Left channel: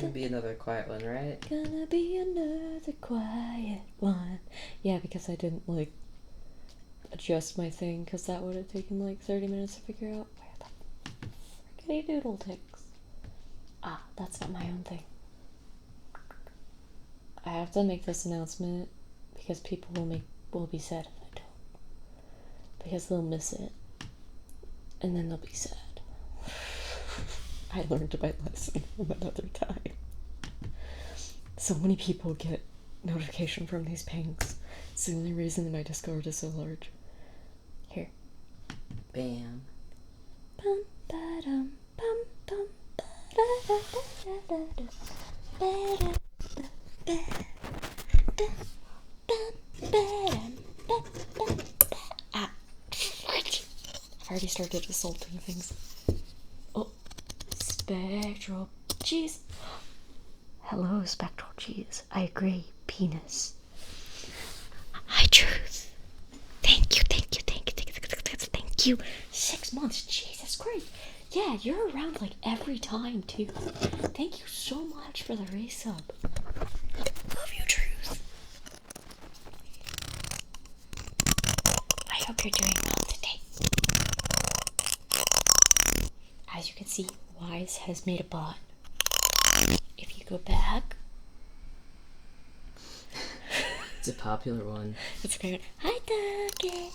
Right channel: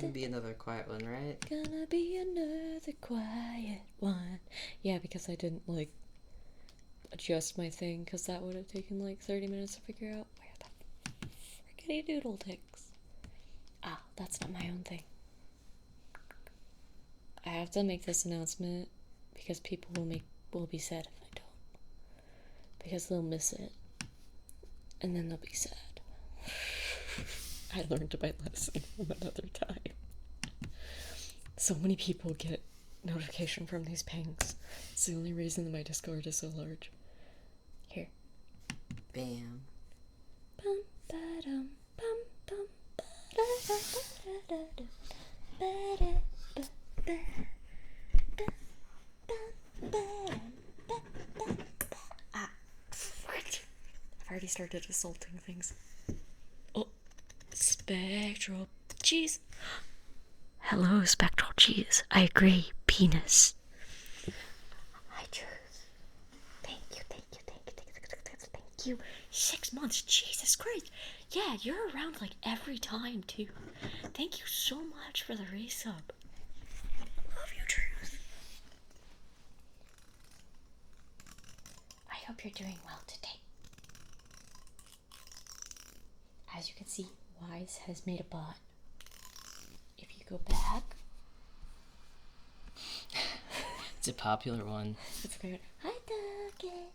gonna be another quiet one, right? Gonna be another quiet one. Yeah, because I didn't, like, adjust my thing, because that would have taken, like, 30 minutes to figure out where the frickety doodle ticks. Ah, that's not my own thing. I have to make this announcement, because people will be sad if I don't. Because they'll miss it. And then they'll be sad. I learned my lesson another time. So many people get notification from these pings. It's the only reason my Discord is so large. Here. Bam. Bum, ba-dum, bum, bum, ba-da-da-da-da-da. Ba-da-ba-ba. Ah. I've already started assaulting things. Oh. Spectral cheese. Hello, spectral cheese. I agree. Penis. Hi, truth. Thank you. 6 months. Jesus Christ. Yeah, you're around like every time too. Thank you so much for the resub. Love you, truth. I hope you're doing well today. As you can see, Wise has made a bot. If you go back, It's a popular one. it's great. Hi, Dougie.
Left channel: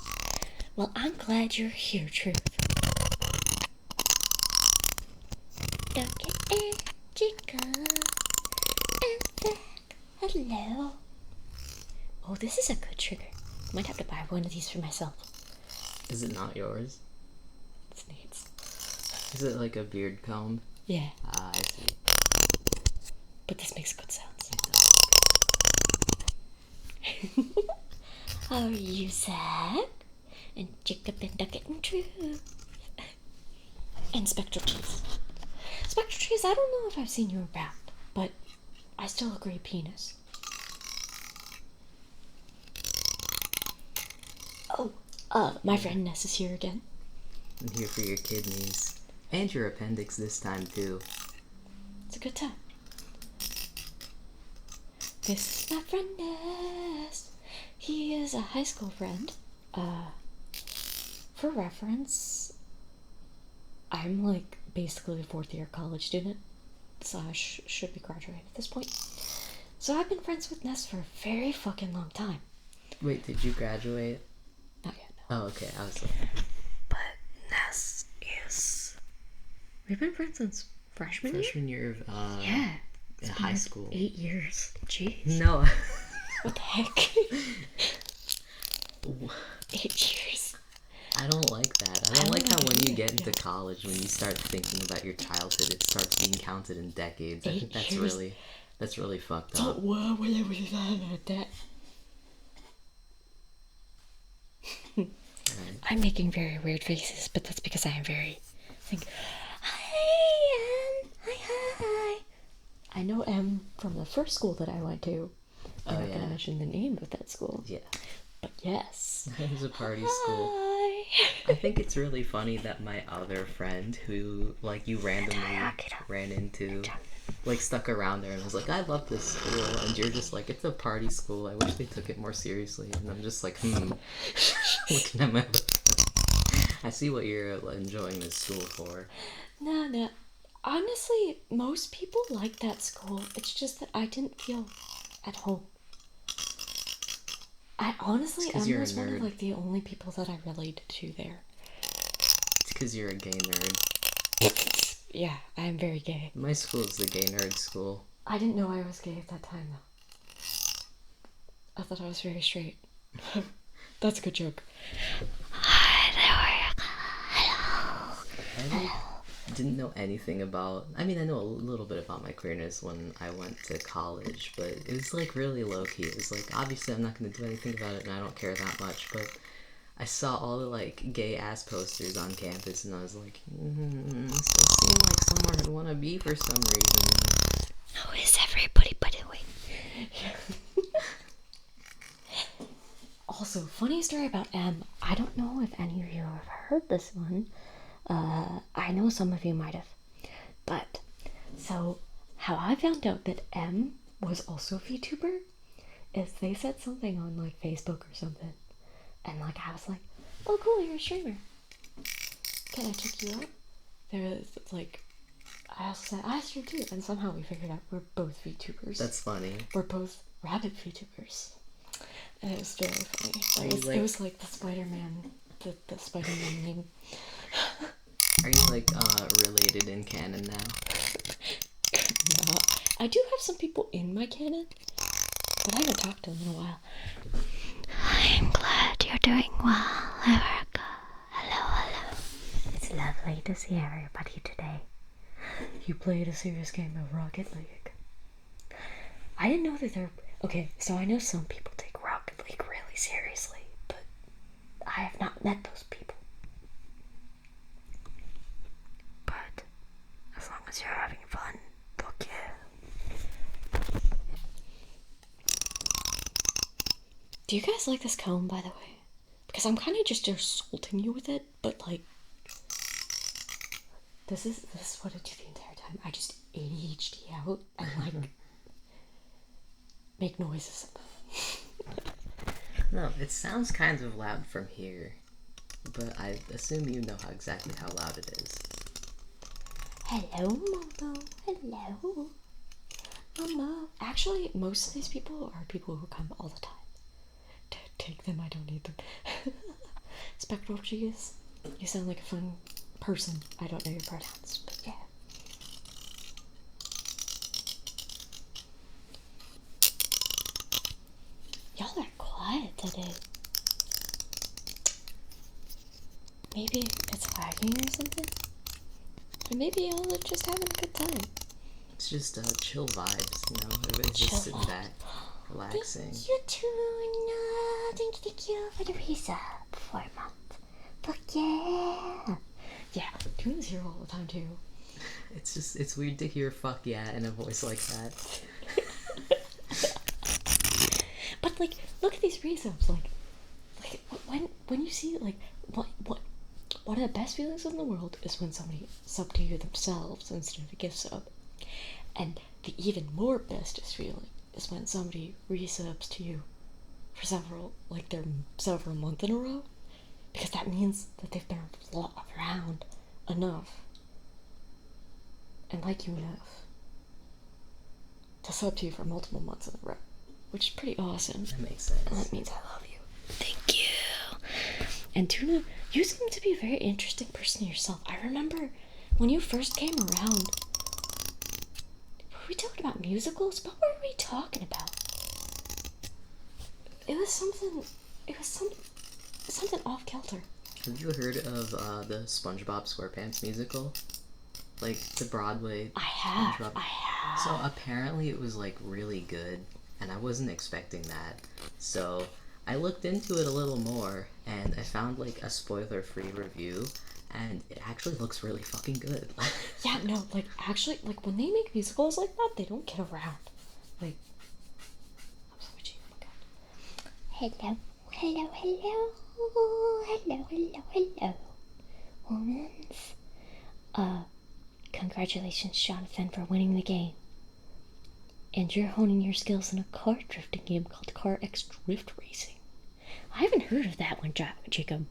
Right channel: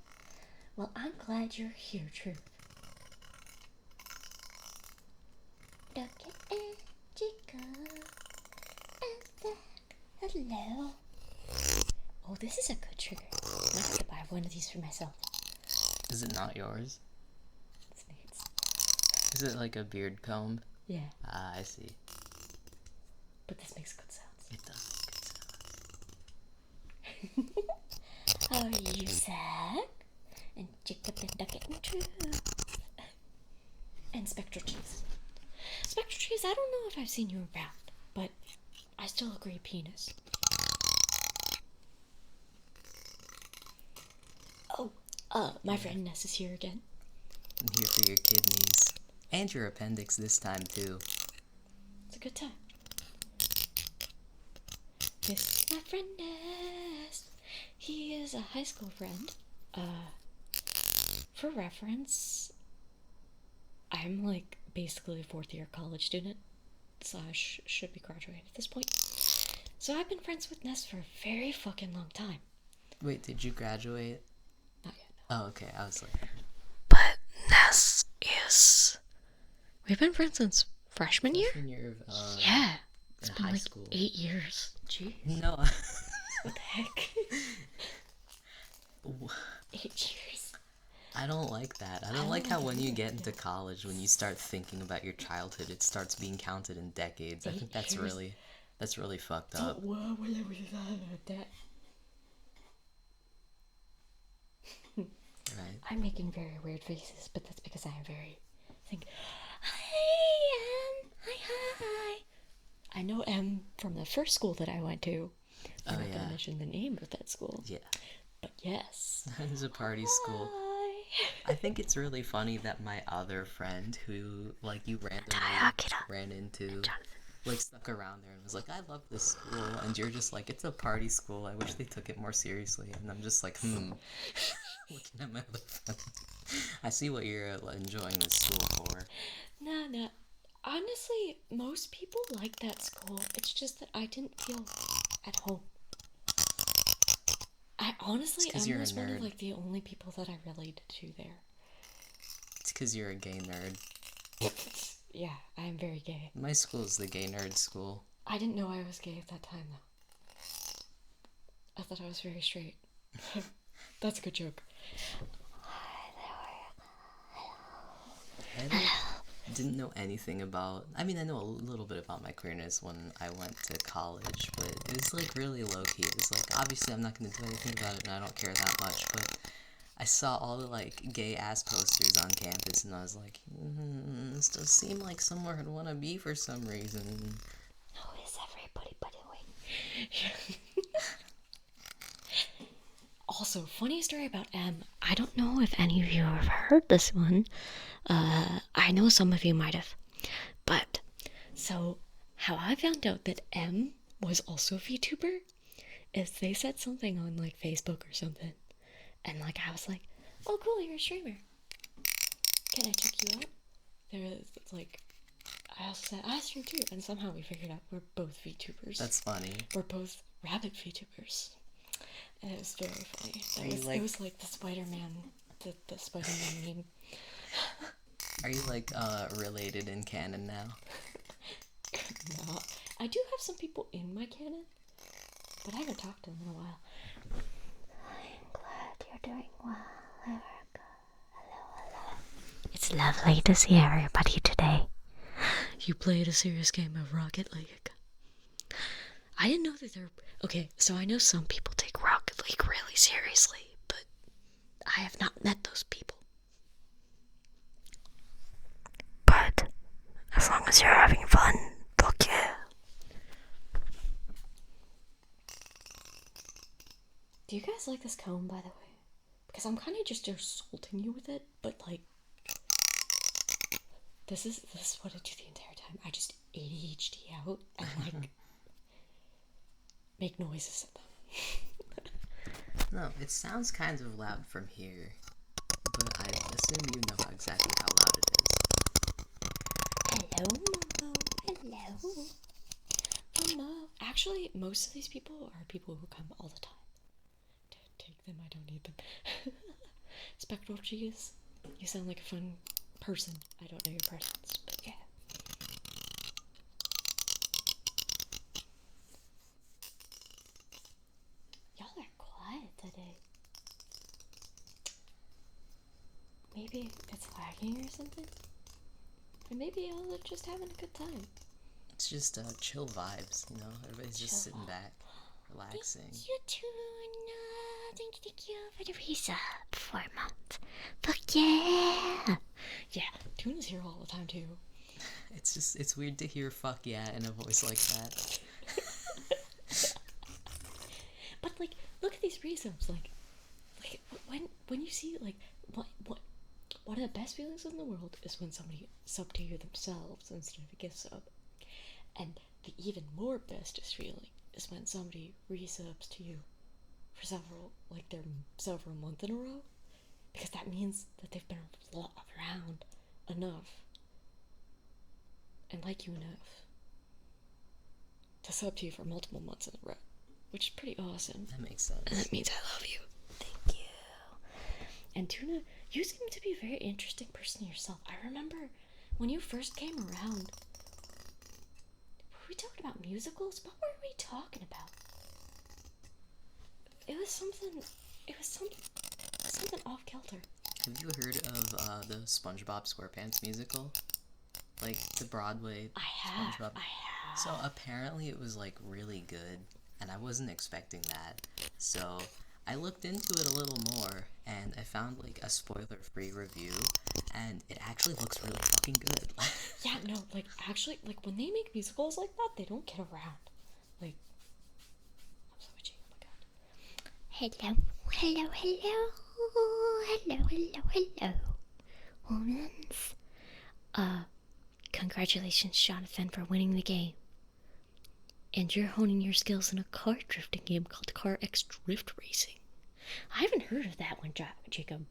Well, I'm glad you're here, Truth. Dougie and Chica is back. Hello. Oh, this is a good trigger. Might have to buy one of these for myself. Is it not yours? It's Nate's. Is it like a beard comb? Yeah, Ah, I see. but this makes good sounds. It does. How are you, Zach? And Jacob and Ducket and Truth. And Spectral Cheese. Spectral Cheese, I don't know if I've seen you around, but I still agree penis. Oh, my friend Ness is here again. I'm here for your kidneys. And your appendix this time, too. It's a good time. This is my friend Ness. He is a high school friend. For reference, I'm like basically a 4th year college student, so I should be graduated at this point. So I've been friends with Ness for a very fucking long time. Wait, did you graduate? Not yet, no. Oh, okay. I was like... But Ness is... We've been friends since freshman year? Freshman year of, Yeah. in high school. 8 years. Jeez. No. What the heck? 8 years. I don't like that. I don't like how when you get into college, when you start thinking about your childhood, it starts being counted in decades. I think that's really fucked up. Whoa, that. I'm making very weird faces, but that's because I am very... Hi, Em. Hi. I know Em from the first school that I went to. I'm not going to mention the name of that school. Yeah. But yes. It was a party school. I think it's really funny that my other friend who, like, you randomly ran into, like, stuck around there and was like, I love this school. And you're just like, it's a party school. I wish they took it more seriously. And I'm just like, looking at my... I see what you're enjoying this school for. No. Honestly, most people like that school. It's just that I didn't feel at home. I honestly am one of like the only people that I related to there. It's because you're a gay nerd. Yeah, I am very gay. My school is the gay nerd school. I didn't know I was gay at that time though. I thought I was very straight. That's a good joke. Hello. I didn't know anything about... I mean, I know a little bit about my queerness when I went to college, but it was, like, really low-key. It was, like, obviously I'm not going to do anything about it, and I don't care that much, but I saw all the, like, gay-ass posters on campus, and I was like, this does seem like somewhere I'd want to be for some reason. Who is everybody, by the way? Also, funny story about Em. I don't know if any of you have heard this one. I know some of you might have. But, so, how I found out that M was also a VTuber is they said something on like Facebook or something, and like I was like, oh cool, you're a streamer, can I check you out? They're like, I said I stream too, and somehow we figured out we're both VTubers. That's funny. We're both rabbit VTubers, and it was very funny. It was like the Spider-Man, the Spider-Man meme. Are you like related in canon now? No, I do have some people in my canon, but I haven't talked to them in a while. I'm glad you're doing well, Erica. Hello. It's lovely to see everybody today. You played a serious game of Rocket League. I didn't know that there... Okay, so I know some people take Rocket League really seriously, but I have not met those people. But as long as you're having fun, fuck yeah. Do you guys like this comb, by the way? Because I'm kind of just assaulting you with it, but like... This is what I do the entire time. I just ADHD out and like make noises at them. No, it sounds kind of loud from here, but I assume you know exactly how loud it is. Hello, Momo. Hello. Momo. Actually, most of these people are people who come all the time. Take them, I don't need them. Spectral cheese. You sound like a fun person. I don't know your pronouns, but yeah. Y'all are quiet today. Maybe it's lagging or something? Or maybe y'all are just having a good time. It's just chill vibes, you know? Everybody's just sitting back, relaxing. Thank you, Tuna. Thank you for the resub for a month. Fuck yeah. Yeah, Tuna's here all the time too. It's weird to hear fuck yeah in a voice like that. But like, look at these resubs. Like when you see like what one of the best feelings in the world is when somebody sub to you themselves instead of a gift sub, and the even more bestest feeling is when somebody resubs to you for several months in a row, because that means that they've been around enough and like you enough to sub to you for multiple months in a row, which is pretty awesome. That makes sense. And that means I love you. Thank you. And Tuna, you seem to be a very interesting person yourself. I remember when you first came around, were we talking about musicals? What were we talking about? It was something off kilter. Have you heard of the SpongeBob SquarePants musical? Like the Broadway. I have. So apparently it was like really good, and I wasn't expecting that. So I looked into it a little more, and I found like a spoiler-free review, and it actually looks really fucking good. Yeah, no, like actually, like when they make musicals like that, they don't get around. Like, I'm so itchy. Oh my god. Hello. Humans. Congratulations, Jonathan, for winning the game. And you're honing your skills in a car drifting game called Car X Drift Racing. I haven't heard of that one, Jacob.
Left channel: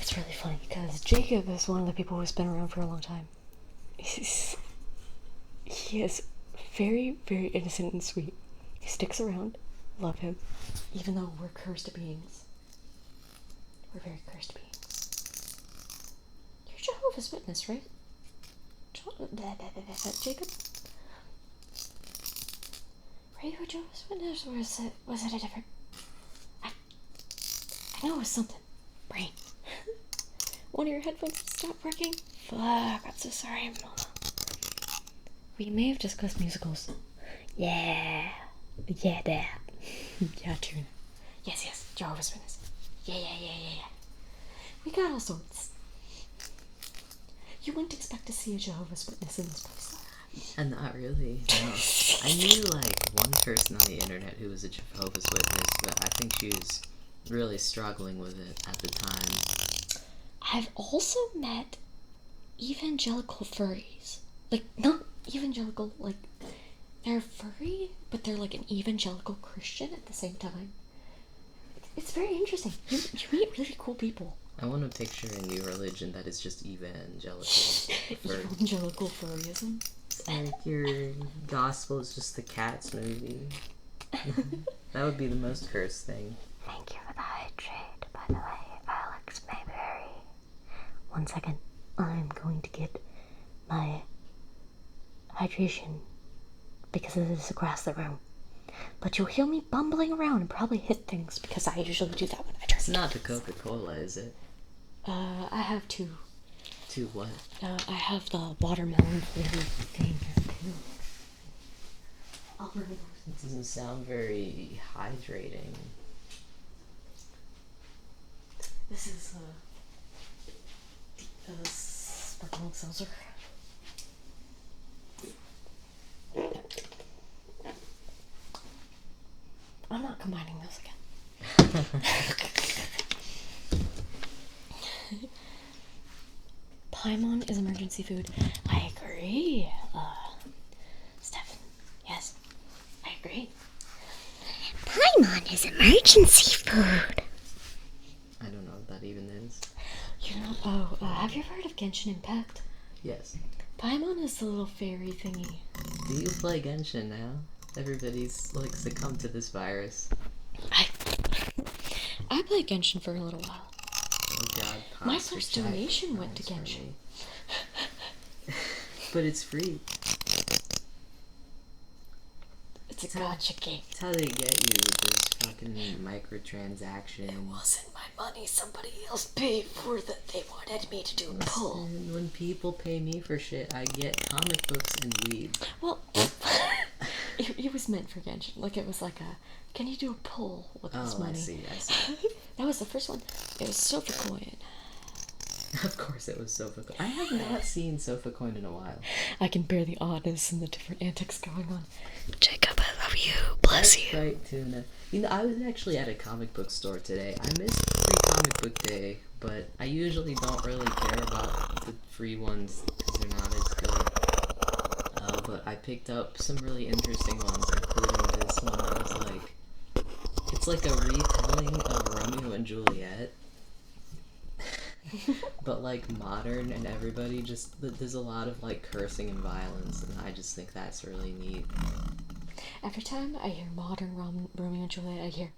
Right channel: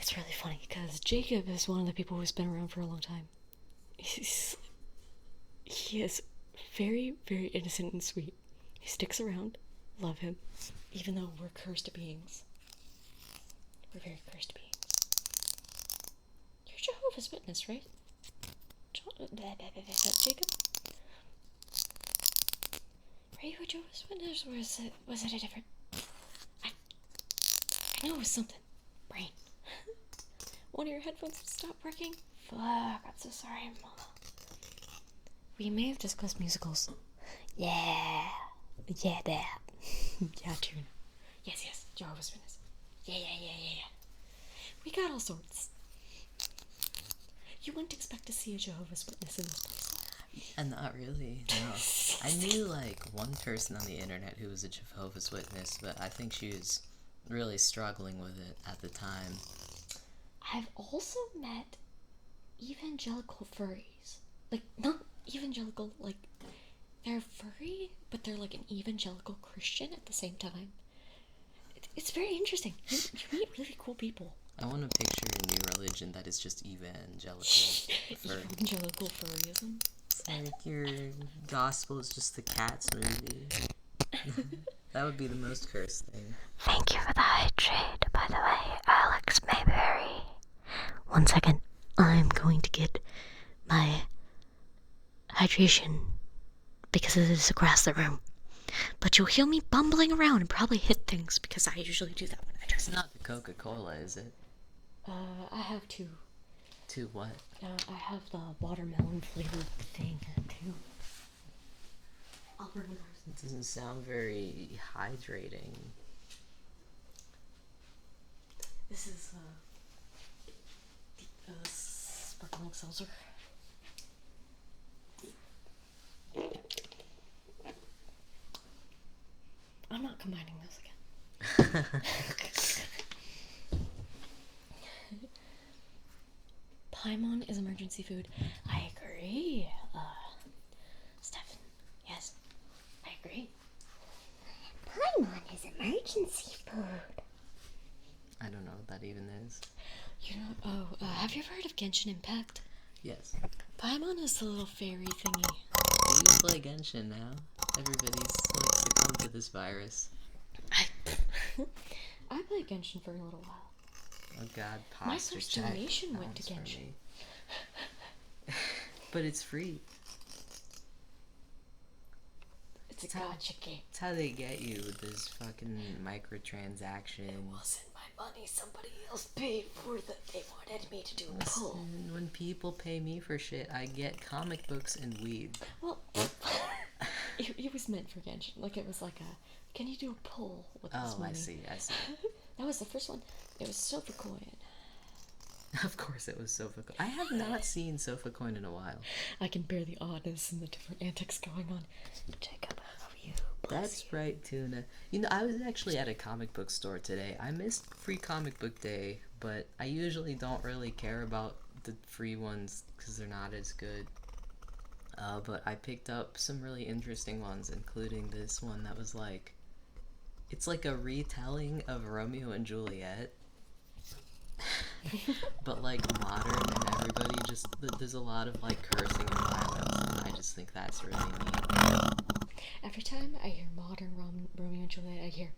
It's really funny because Jacob is one of the people who's been around for a long time. He is very, very innocent and sweet. He sticks around. Love him. Even though we're cursed beings. We're very cursed beings. You're Jehovah's Witness, right? Jacob? Were you a Jehovah's Witness, or was it a different... I know it was something. Brain. One of your headphones stopped working? Fuck, I'm so sorry, Mama. We may have discussed musicals. Yeah, that. Yeah, Tuna. Yes, Jehovah's Witness. Yeah. We got all sorts. You wouldn't expect to see a Jehovah's Witness in this place. And not really, no. I knew like one person on the internet who was a Jehovah's Witness, but I think she was really struggling with it at the time. I've also met evangelical furries. like, not evangelical, like, they're furry, but they're like an evangelical Christian at the same time. It's very interesting. You meet really cool people. I want to picture a new religion that is just evangelical. Evangelical furryism. It's like your gospel is just the Cats movie. That would be the most cursed thing. Thank you for the hydrate, by the way, Alex Mayberry. 1 second. I'm going to get my hydration because it is across the room. But you'll hear me bumbling around and probably hit things because I usually do that when I dress. It's not the Coca-Cola, is it? I have two. Two what? I have the watermelon flavored thing here too. I'll bring it. It doesn't sound very hydrating. This is sparkling seltzer. I'm not combining those again. Paimon is emergency food. I agree. Stefan, yes, I agree. Paimon is emergency food. I don't know what that even is. You know, have you ever heard of Genshin Impact? Yes. Paimon is the little fairy thingy. Do you play Genshin now? Everybody's like succumbed to this virus. I played Genshin for a little while. Oh god, my first donation went to Genshin. But it's free. It's a gacha game. It's how they get you with this fucking microtransaction. It wasn't my money. Somebody else paid for that. They wanted me to do a pull. When people pay me for shit, I get comic books and weed. Well, it was meant for Genshin. Like, it was like a, can you do a pull with this money? I see. That was the first one. It was Sofa Coin. Of course it was Sofa Coin. I have not seen Sofa Coin in a while. I can bear the oddness and the different antics going on. Jacob, I love you. Bless you. That's right, Tuna. You know, I was actually at a comic book store today. I missed free comic book day, but I usually don't really care about the free ones because they're not as good. But I picked up some really interesting ones, including this one that was like, it's like a retelling of Romeo and Juliet. But like modern, and everybody just, there's a lot of like cursing and violence, and I just think that's really neat. Every time I hear modern Romeo and Juliet, I hear,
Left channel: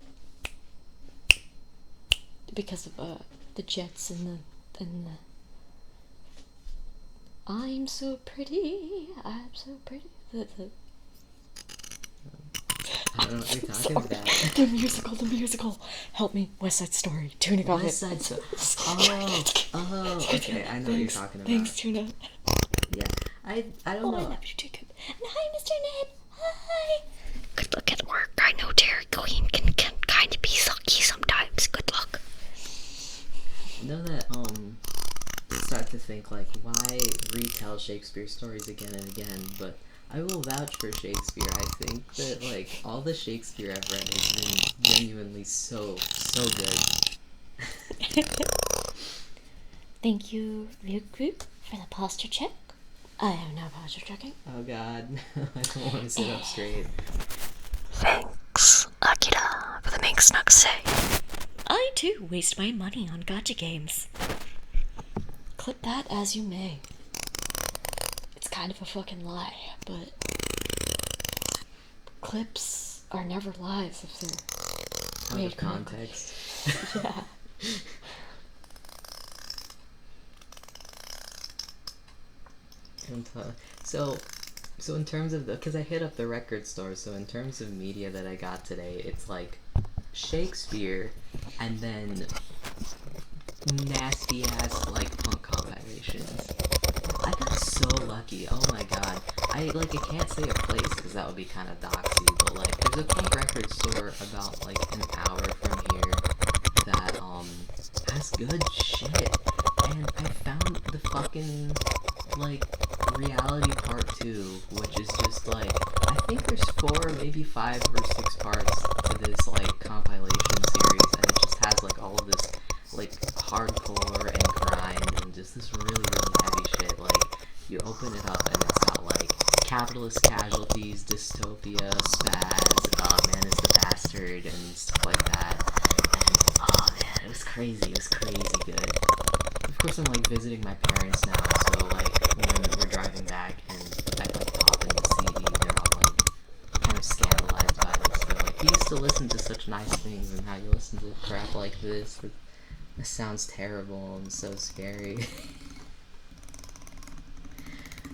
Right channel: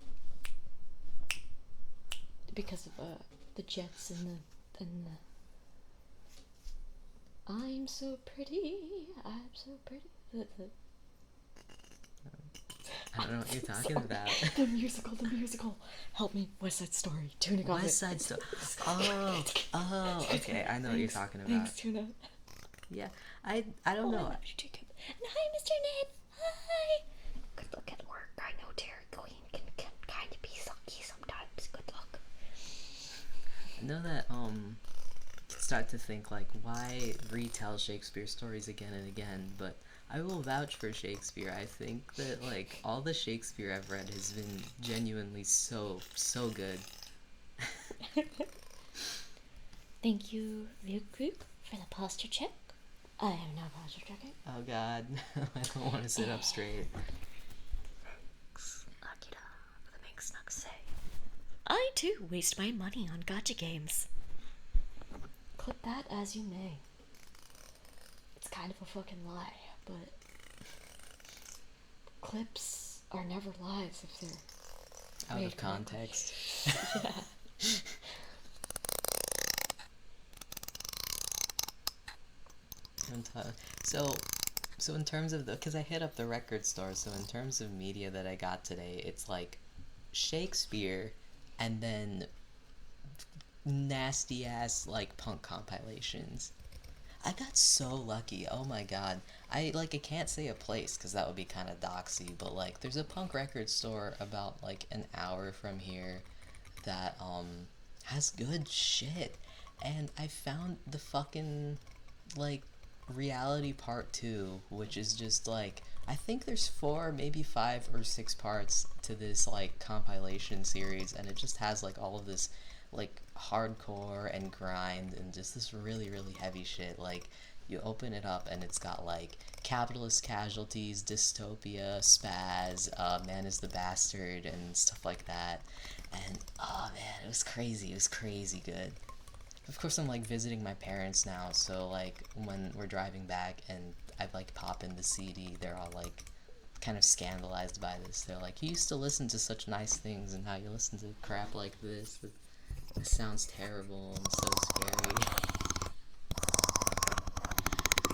because of the jets and the I'm so pretty, I'm so pretty. I don't know what you're talking about. The musical. Help me, West Side Story. Tuna got West Side Story. Oh, okay, I know what you're talking about. Thanks, Tuna. Yeah, I don't know. I love you, Jacob. And hi, Mr. Ned. Hi. Good luck at work. I know Dairy Queen can kind of be sucky sometimes. Good luck. You know that, start to think, like, why retell Shakespeare stories again and again, but I will vouch for Shakespeare. I think that, like, all the Shakespeare I've read has been genuinely so good. Thank you, Ryuk, for the posture check. I am now posture checking. Oh god, I don't want to sit up straight. Thanks, Akira, for the Mink Snug say. I too waste my money on gacha games. Clip that as you may. It's kind of a fucking lie, but clips are never lies if they're Out made of context. Yeah. So in terms of because I hit up the record store, so in terms of media that I got today, it's like Shakespeare and then nasty ass like punk compilations. I got so lucky. Oh my god. I can't say a place because that would be kind of doxy, but like there's a punk record store about like an hour from here that has good shit. And I found the fucking like Reality Part 2, which is just like, I think there's 4, maybe 5 or 6 parts to this like compilation series, and it just has like all of this like hardcore and grind and just this really heavy shit. Like you open it up and it's capitalist casualties, dystopia, spaz, man is the bastard, and stuff like that. And oh man, it was crazy. It was crazy good. Of course, I'm like visiting my parents now, so like when we're driving back and I like pop in the CD, they're all like kind of scandalized by this. They're like, "You used to listen to such nice things, and now you listen to crap like this. It sounds terrible and so scary."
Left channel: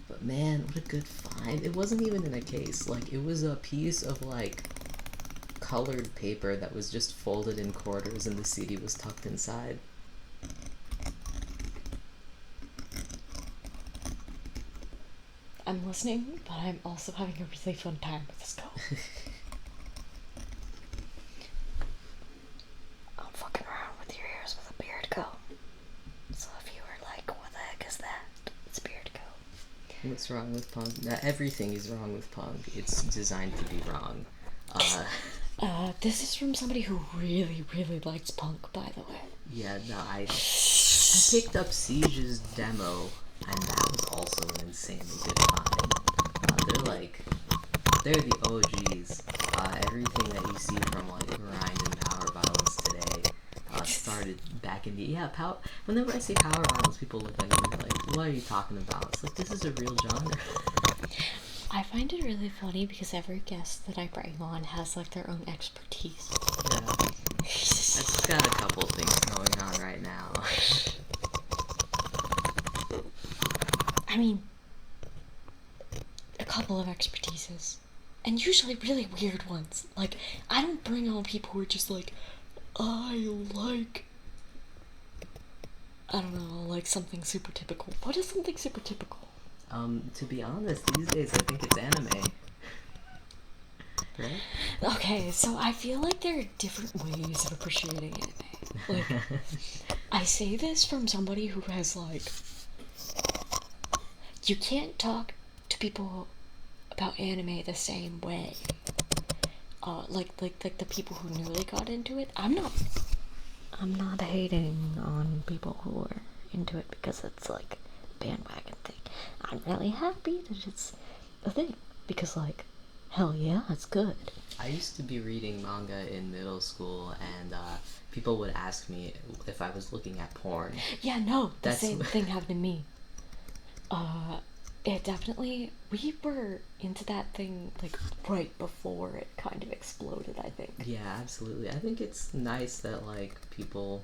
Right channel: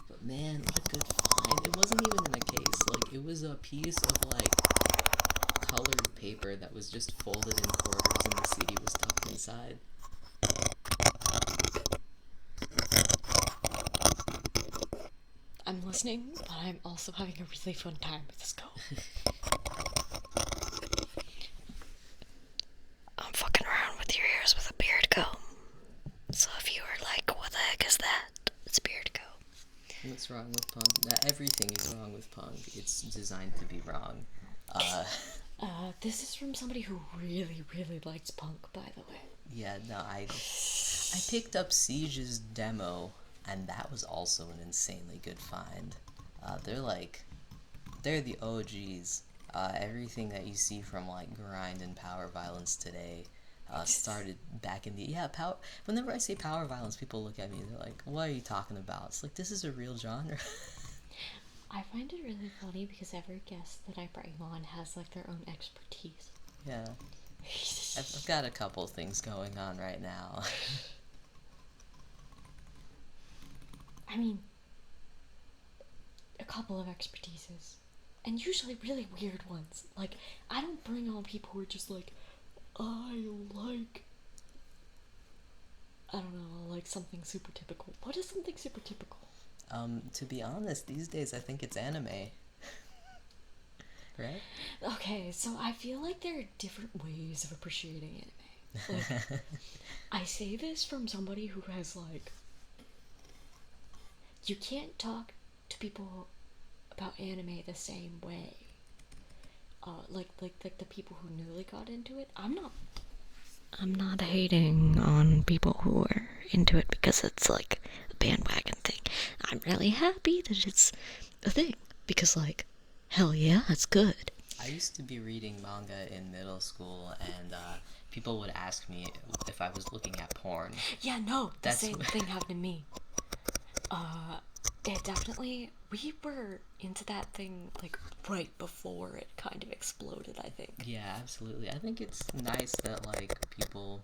But man, what a good find. It wasn't even in a case. Like, it was a piece of, like, colored paper that was just folded in quarters and the CD was tucked inside. I'm listening, but I'm also having a really fun time with this go. I'm fucking around with your ears with a beard comb. So if you were like, what the heck is that? It's beard comb. What's wrong with punk? Everything is wrong with punk. It's designed to be wrong. This is from somebody who really, really likes punk, by the way. Yeah, no, I picked up Siege's demo, and that was also an insanely good find. They're the OGs. Everything that you see from like grind and power violence today started back in the power. Whenever I say power violence, people look at me like, "What are you talking about?" It's like, this is a real genre. I find it really funny because every guest that I bring on has like their own expertise. Yeah, I've got a couple things going on right now. I mean, a couple of expertises. And usually really weird ones. Like, I don't bring on people who are just like, I don't know, like something super typical. What is something super typical? To be honest, these days I think it's anime. Right? Okay, so I feel like there are different ways of appreciating anime. Like, I say this from somebody who has, like, you can't talk to people about anime the same way. Like the people who newly got into it. I'm not hating on people who are into it because it's like a bandwagon thing. I'm really happy that it's a thing because, like, hell yeah, it's good. I used to be reading manga in middle school, and people would ask me if I was looking at porn. Yeah, no, the same thing happened to me. It definitely, we were into that thing, like, right before it kind of exploded, I think. Yeah, absolutely. I think it's nice that, like, people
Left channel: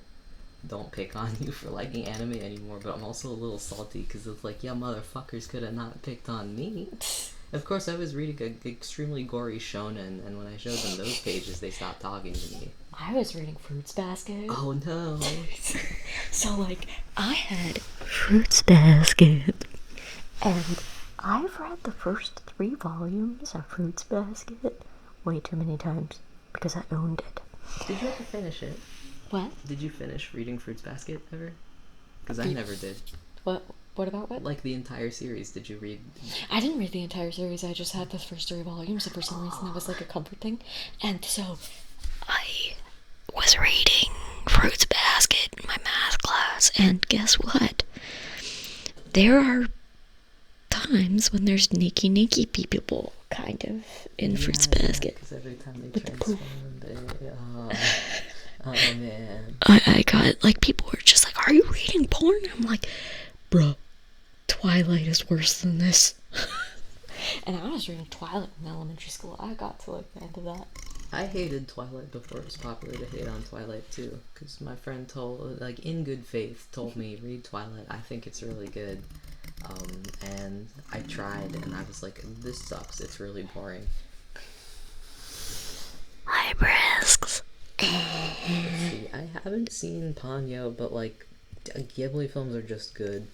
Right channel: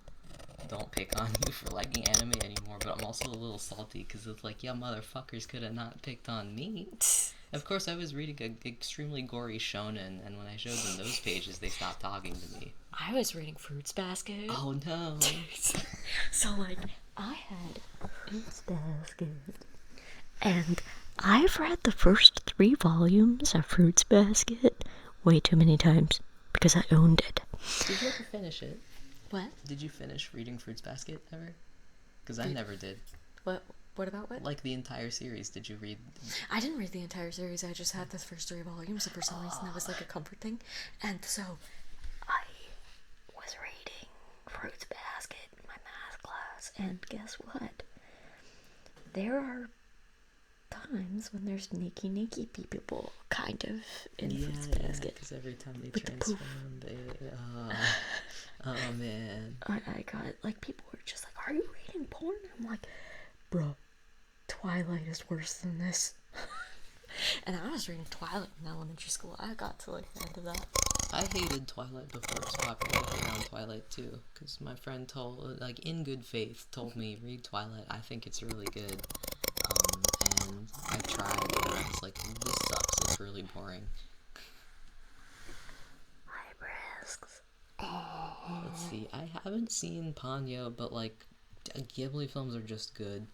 don't pick on you for liking anime anymore, but I'm also a little salty, because it's like, yeah, motherfuckers could have not picked on me. Of course, I was reading an extremely gory shonen, and when I showed them those pages, they stopped talking to me. I was reading Fruits Basket. Oh, no. So, like, I had Fruits Basket, and I've read the first 3 volumes of Fruits Basket way too many times because I owned it. Did you ever finish it? What? Did you finish reading Fruits Basket ever? Because I never did. What about what? Like the entire series, did you read? I didn't read the entire series, I just had the first 3 volumes, and for some reason that was like a comfort thing. And so, I was reading Fruits Basket in my math class, and guess what? There are times when there's naked people, kind of, in Fruits Basket. Because every time they transform, oh man. I got, like, people were just like, are you reading porn? I'm like, bruh, Twilight is worse than this. And I was reading Twilight in elementary school. I got to, like, the end of that. I hated Twilight before it was popular to hate on Twilight too, because my friend told, like, in good faith, told me, read Twilight, I think it's really good. And I tried, and I was like, this sucks, it's really boring. High risks. Let's see, I haven't seen Ponyo, but, like, Ghibli films are just good.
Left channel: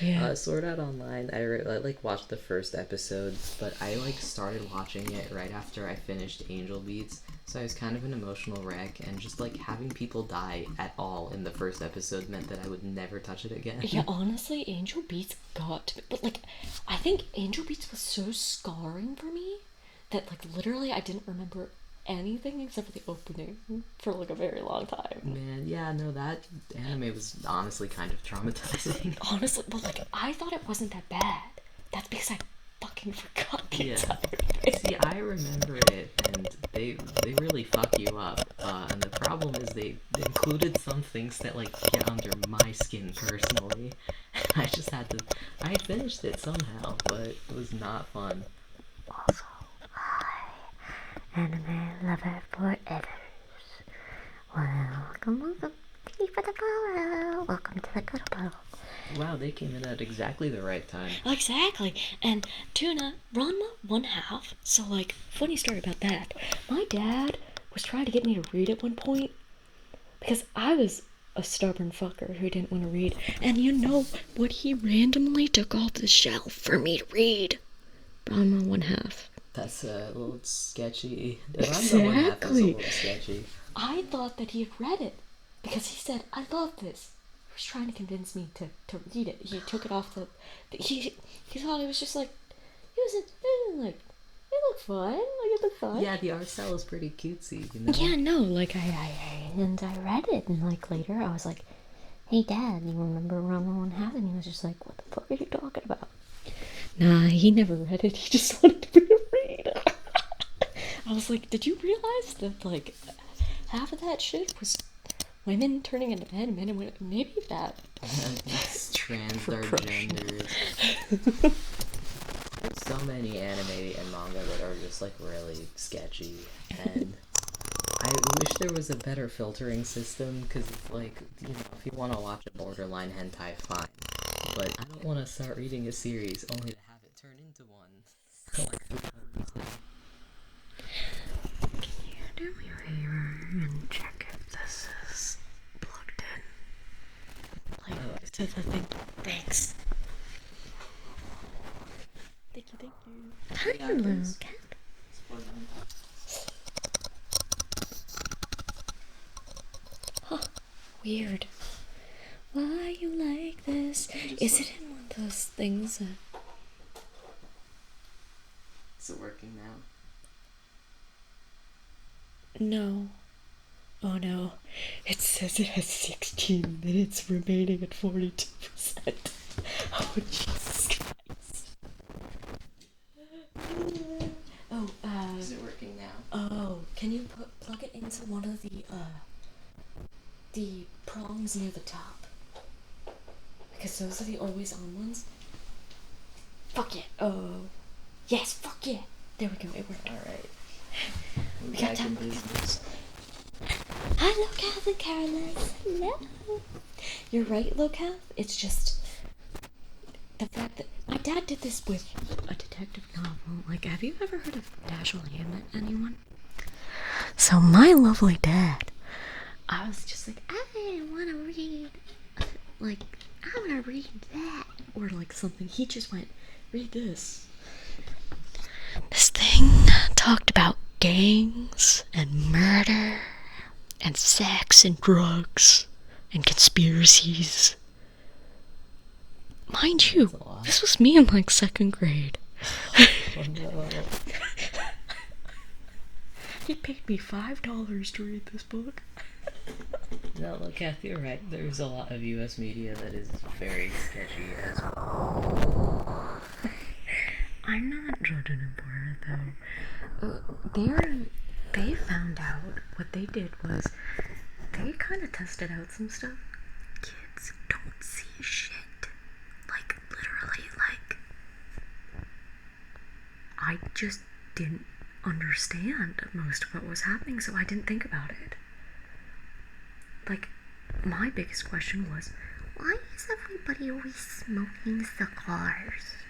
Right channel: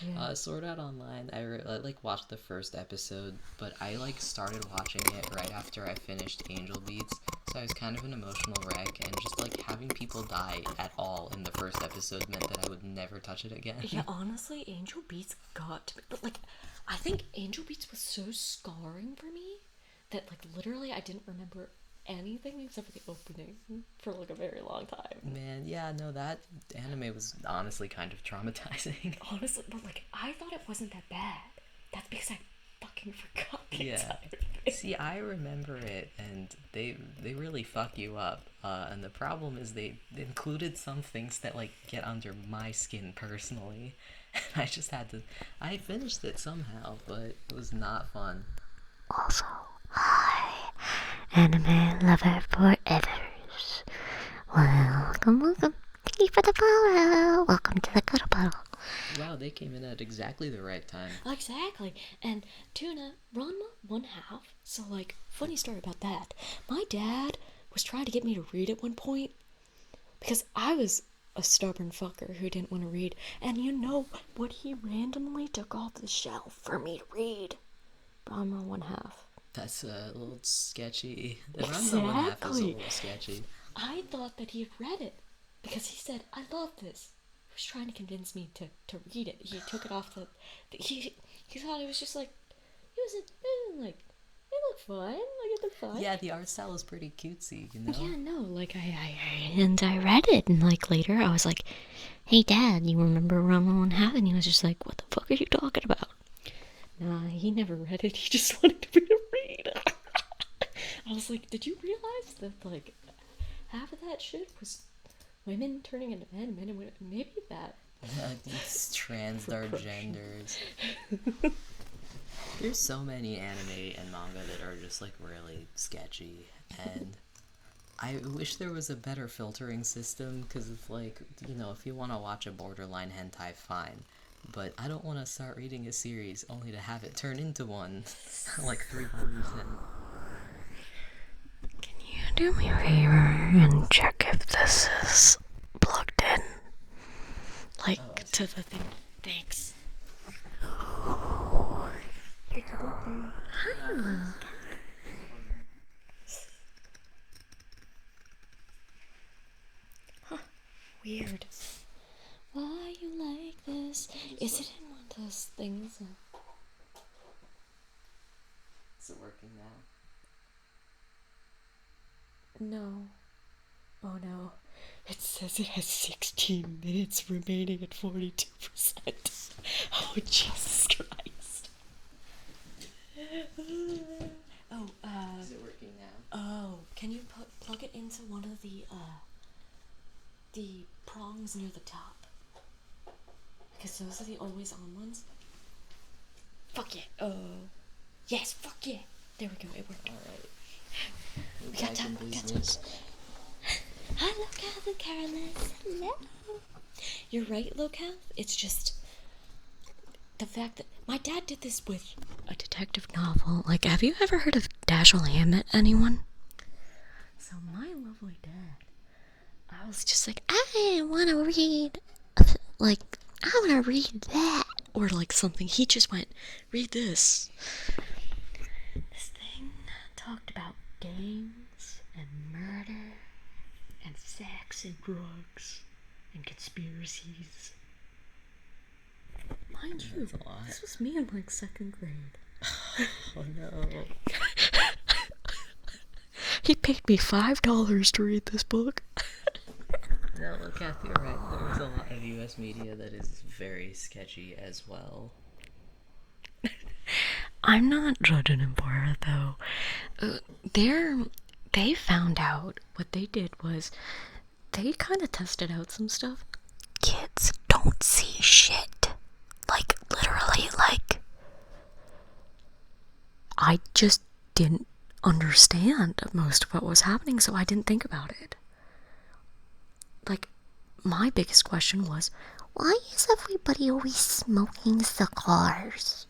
Yeah. Sword Art Online, I like watched the first episode, but I like started watching it right after I finished Angel Beats, so I was kind of an emotional wreck, and just like having people die at all in the first episode meant that I would never touch it again. Yeah, honestly, Angel Beats got to me, but like, I think Angel Beats was so scarring for me that, like, literally I didn't remember anything except for the opening for like a very long time. Man, yeah, no, that anime was honestly kind of traumatizing. Honestly, but like, I thought it wasn't that bad. That's because I fucking forgot the Yeah. entire thing. See, I remember it, and they really fuck you up. And the problem is they included some things that like get under my skin personally. I just had to. I finished it somehow, but it was not fun. Also, hi, anime lover forevers. Welcome. Thank you for the follow. Welcome to the cuddle puddle. Wow, they came in at exactly the right time. Exactly. And Tuna, Ranma 1/2. So, like, funny story about that. My dad was trying to get me to read at one point because I was a stubborn fucker who didn't want to read. And you know what? He randomly took off the shelf for me to read. Ranma 1/2. That's a little sketchy. The Ranma 1/2 is a little sketchy. I thought that he had read it because he said, I love this. He was trying to convince me to read it. He took it off he thought it was just like, it looked fun. Like, it looked fun. Yeah, the art style is pretty cutesy, you know? Yeah, no, like, I read it, and, like, later I was like, hey, Dad, you remember Ranma 1/2? And he was just like, what the fuck are you talking about? Nah, he never read it. He just wanted me to read. I was like, did you realize that, like, half of that shit was women turning into men, men and women? Maybe that. It's transgender genders. There's so many anime and manga that are just like really sketchy, and I wish there was a better filtering system, because it's like, you know, if you want to watch a borderline hentai, fine, but I don't want to start reading a series only to have it turn into one like 3 hours in. Can you do me a favor and check if this is plugged in? Like, to the thing. Thanks. Hi, Luke. Huh. Weird. Why you like this? Is it in one of those things that... Is it working now? No. Oh no. It says it has 16 minutes remaining at 42%. Oh, Jesus Christ. Oh, Is it working now? Oh, can you plug it into one of the prongs near the top? Because those are the always on ones. Fuck yeah. Oh. Yes, fuck yeah. There we go, it worked. Alright. We got time. Hi, Locath and Carolus. Hello. You're right, Locath. It's just the fact that my dad did this with a detective novel. Like, have you ever heard of Dashiell Hammett, anyone? So my lovely dad, I was just like, I want to read, like, I want to read that. Or like something. He just went, read this. This thing talked about gangs and murder and sex and drugs and conspiracies. Mind you, this was me in like 2nd grade. Oh no. He paid me $5 to read this book. No, look, Kathy, you're right. There's a lot of US media that is very sketchy as well. I'm not judging him for it, though. They found out, what they did was, they kind of tested out some stuff. Kids don't see shit. Like, literally, like, I just didn't understand most of what was happening, so I didn't think about it. Like, my biggest question was, why is everybody always smoking cigars?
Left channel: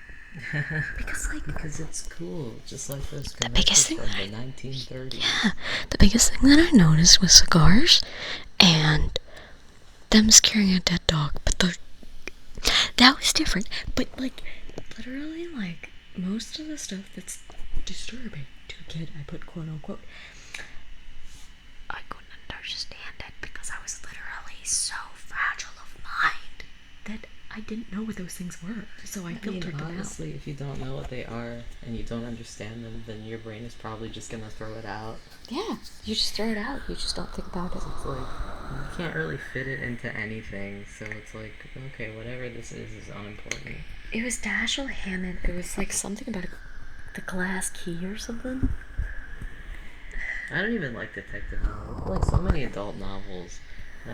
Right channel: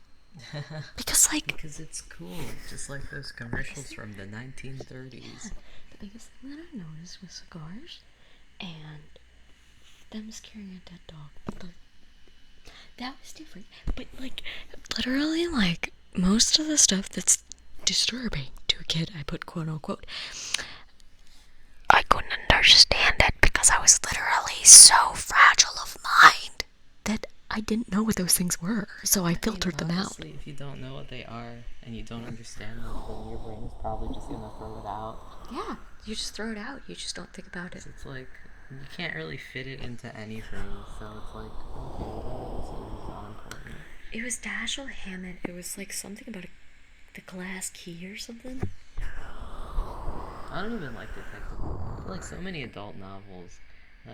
Because it's cool, just like those commercials from the 1930s. Yeah, the biggest thing that I noticed was cigars and them scaring a dead dog. But that was different. But, like, literally, like, most of the stuff that's disturbing to a kid, I put quote unquote, I couldn't understand it because I was literally so fragile of mind that I didn't know what those things were, so I filtered them out. Honestly, if you don't know what they are and you don't understand them, then your brain is probably just gonna throw it out. Yeah, you just throw it out. You just don't think about it. So it's like, you can't really fit it into anything, so it's like, okay, whatever this is unimportant. It was Dashiell Hammett. It was like something about the glass key or something. I don't even like detective novels. I feel like so many adult novels.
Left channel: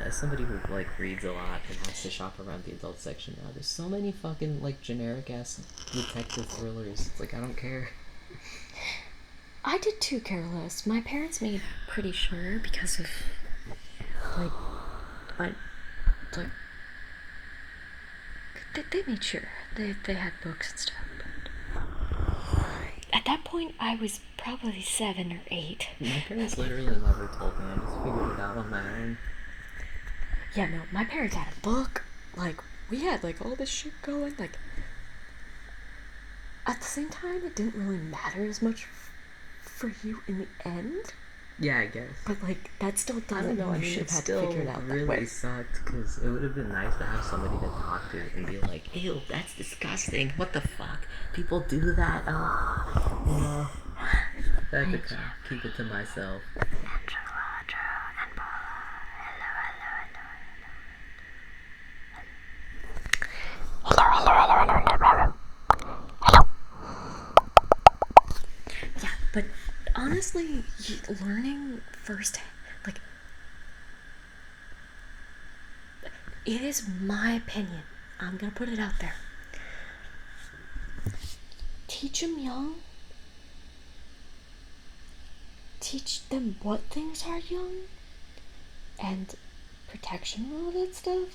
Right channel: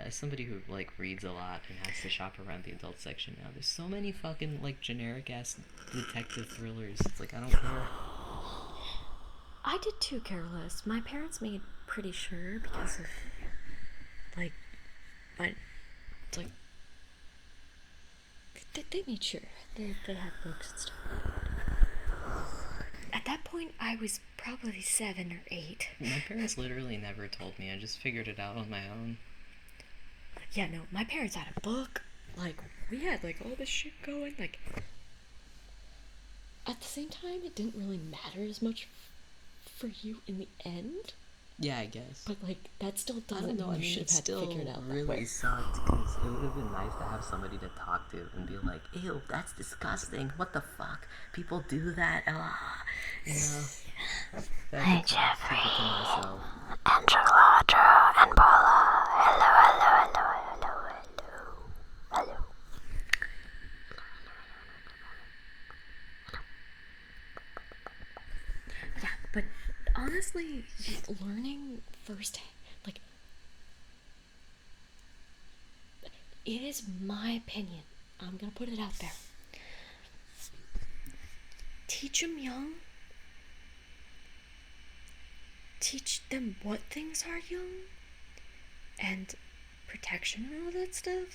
As somebody who like reads a lot and likes to shop around the adult section now, there's so many fucking like generic ass detective thrillers. It's like I don't care. I did too, careless. My parents made pretty sure because of like they made sure they had books and stuff. At that point, I was probably 7 or 8. My parents literally never told me. I just figured it out on my own. Yeah, no, my parents had a book. Like, we had like all this shit going. Like, at the same time, it didn't really matter as much for you in the end. Yeah, I guess. But like, that still doesn't. I don't know. I mean, should it have had still to figure it out really that way. sucked because it would have been nice to have somebody to talk to and be like, "Ew, that's disgusting. What the fuck? People do that." You know. But I could keep it to myself. Andrew, Audra, and Paula. Hello, hello, hello, hello, hello, hello, hello, hello, hello, hello, hello. Yeah, but honestly, learning first, like, it is my opinion. I'm gonna put it out there. Teach them young. Teach them what things are young and protection and all that stuff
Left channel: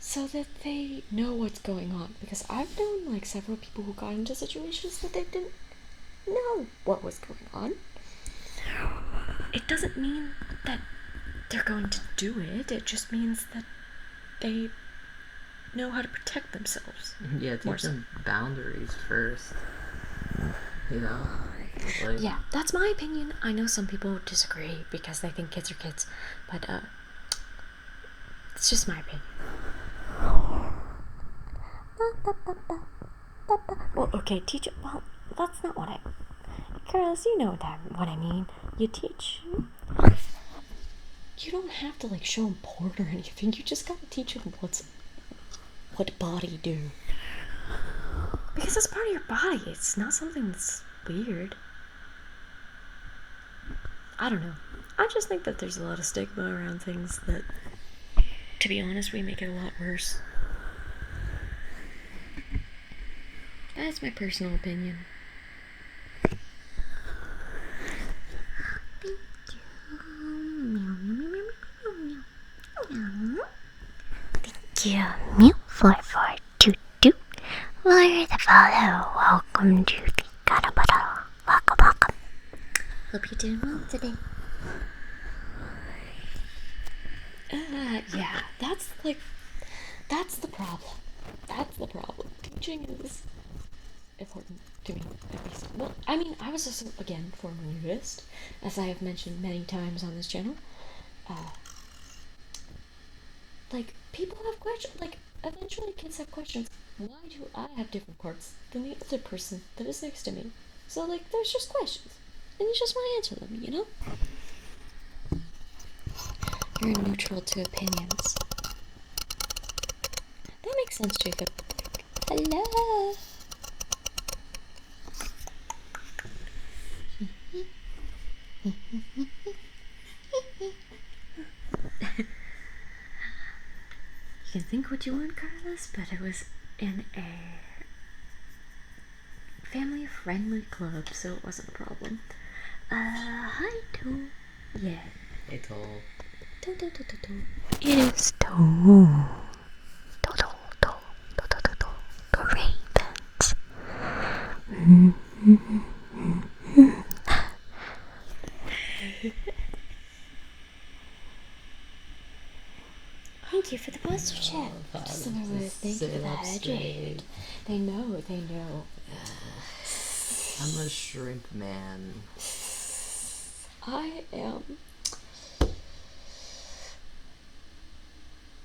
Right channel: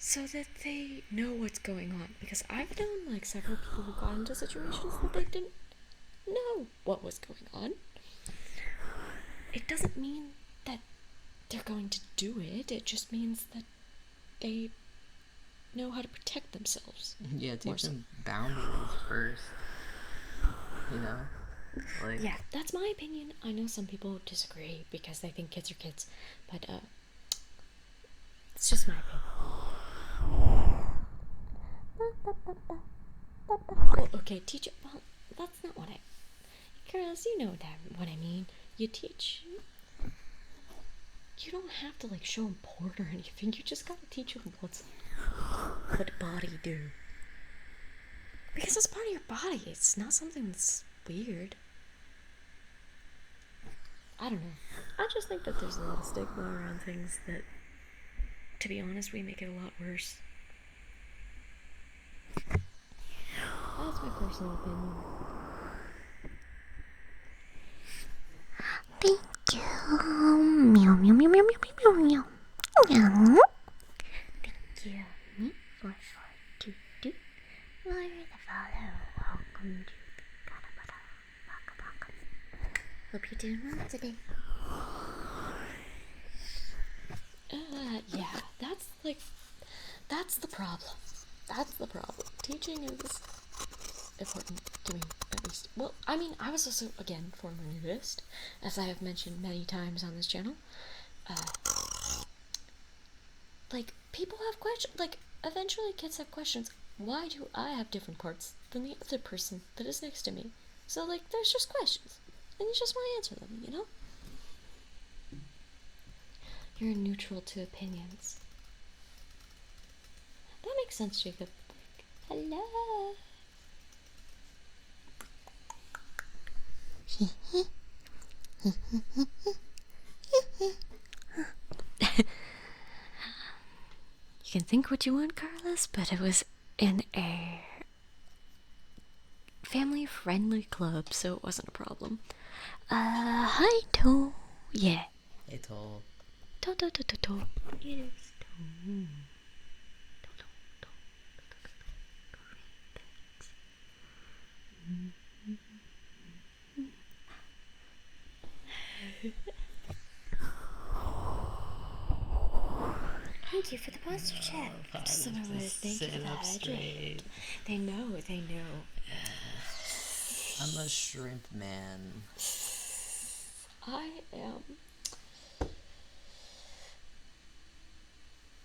so that they know what's going on. Because I've known like several people who got into situations that they didn't know what was going on. It doesn't mean that they're going to do it. It just means that they know how to protect themselves. Yeah, teach them boundaries first. You know? Like, yeah, that's my opinion. I know some people disagree because they think kids are kids, but it's just my opinion. Well, okay, teach it. Well, that's not what I. Girls, you know what I mean. You teach. You don't have to like show them porn or anything. You just gotta teach them what body do. Because it's part of your body. It's not something that's weird. I don't know. I just think that there's a lot of stigma around things that, to be honest, we make it a lot worse. That's my personal opinion. Thank you. Meow, meow, meow, meow, meow, meow, meow. Thank you. Meow, 4422. For the follow. Welcome to the Garabara. Welcome, welcome. Hope you're doing well today. Yeah, that's the problem. That's the problem. Teaching is important to me, at least. Well, I mean, I was also, again, former nudist, as I have mentioned many times on this channel. Like, people have questions. Like, eventually kids have questions. Why do I have different parts than the other person that is next to me? So, like, there's just questions. And you just want to answer them, you know? You're neutral to opinions. That makes sense, Jacob. Hello. You can think what you want, Carlos, but it was in a family-friendly club, so it wasn't a problem. Hi, To. Yeah. hey, Toll. To. It is To. To. Ravens. Thank you for the booster chat. Thank you for the hydrate. They know. I'm a shrimp man. I am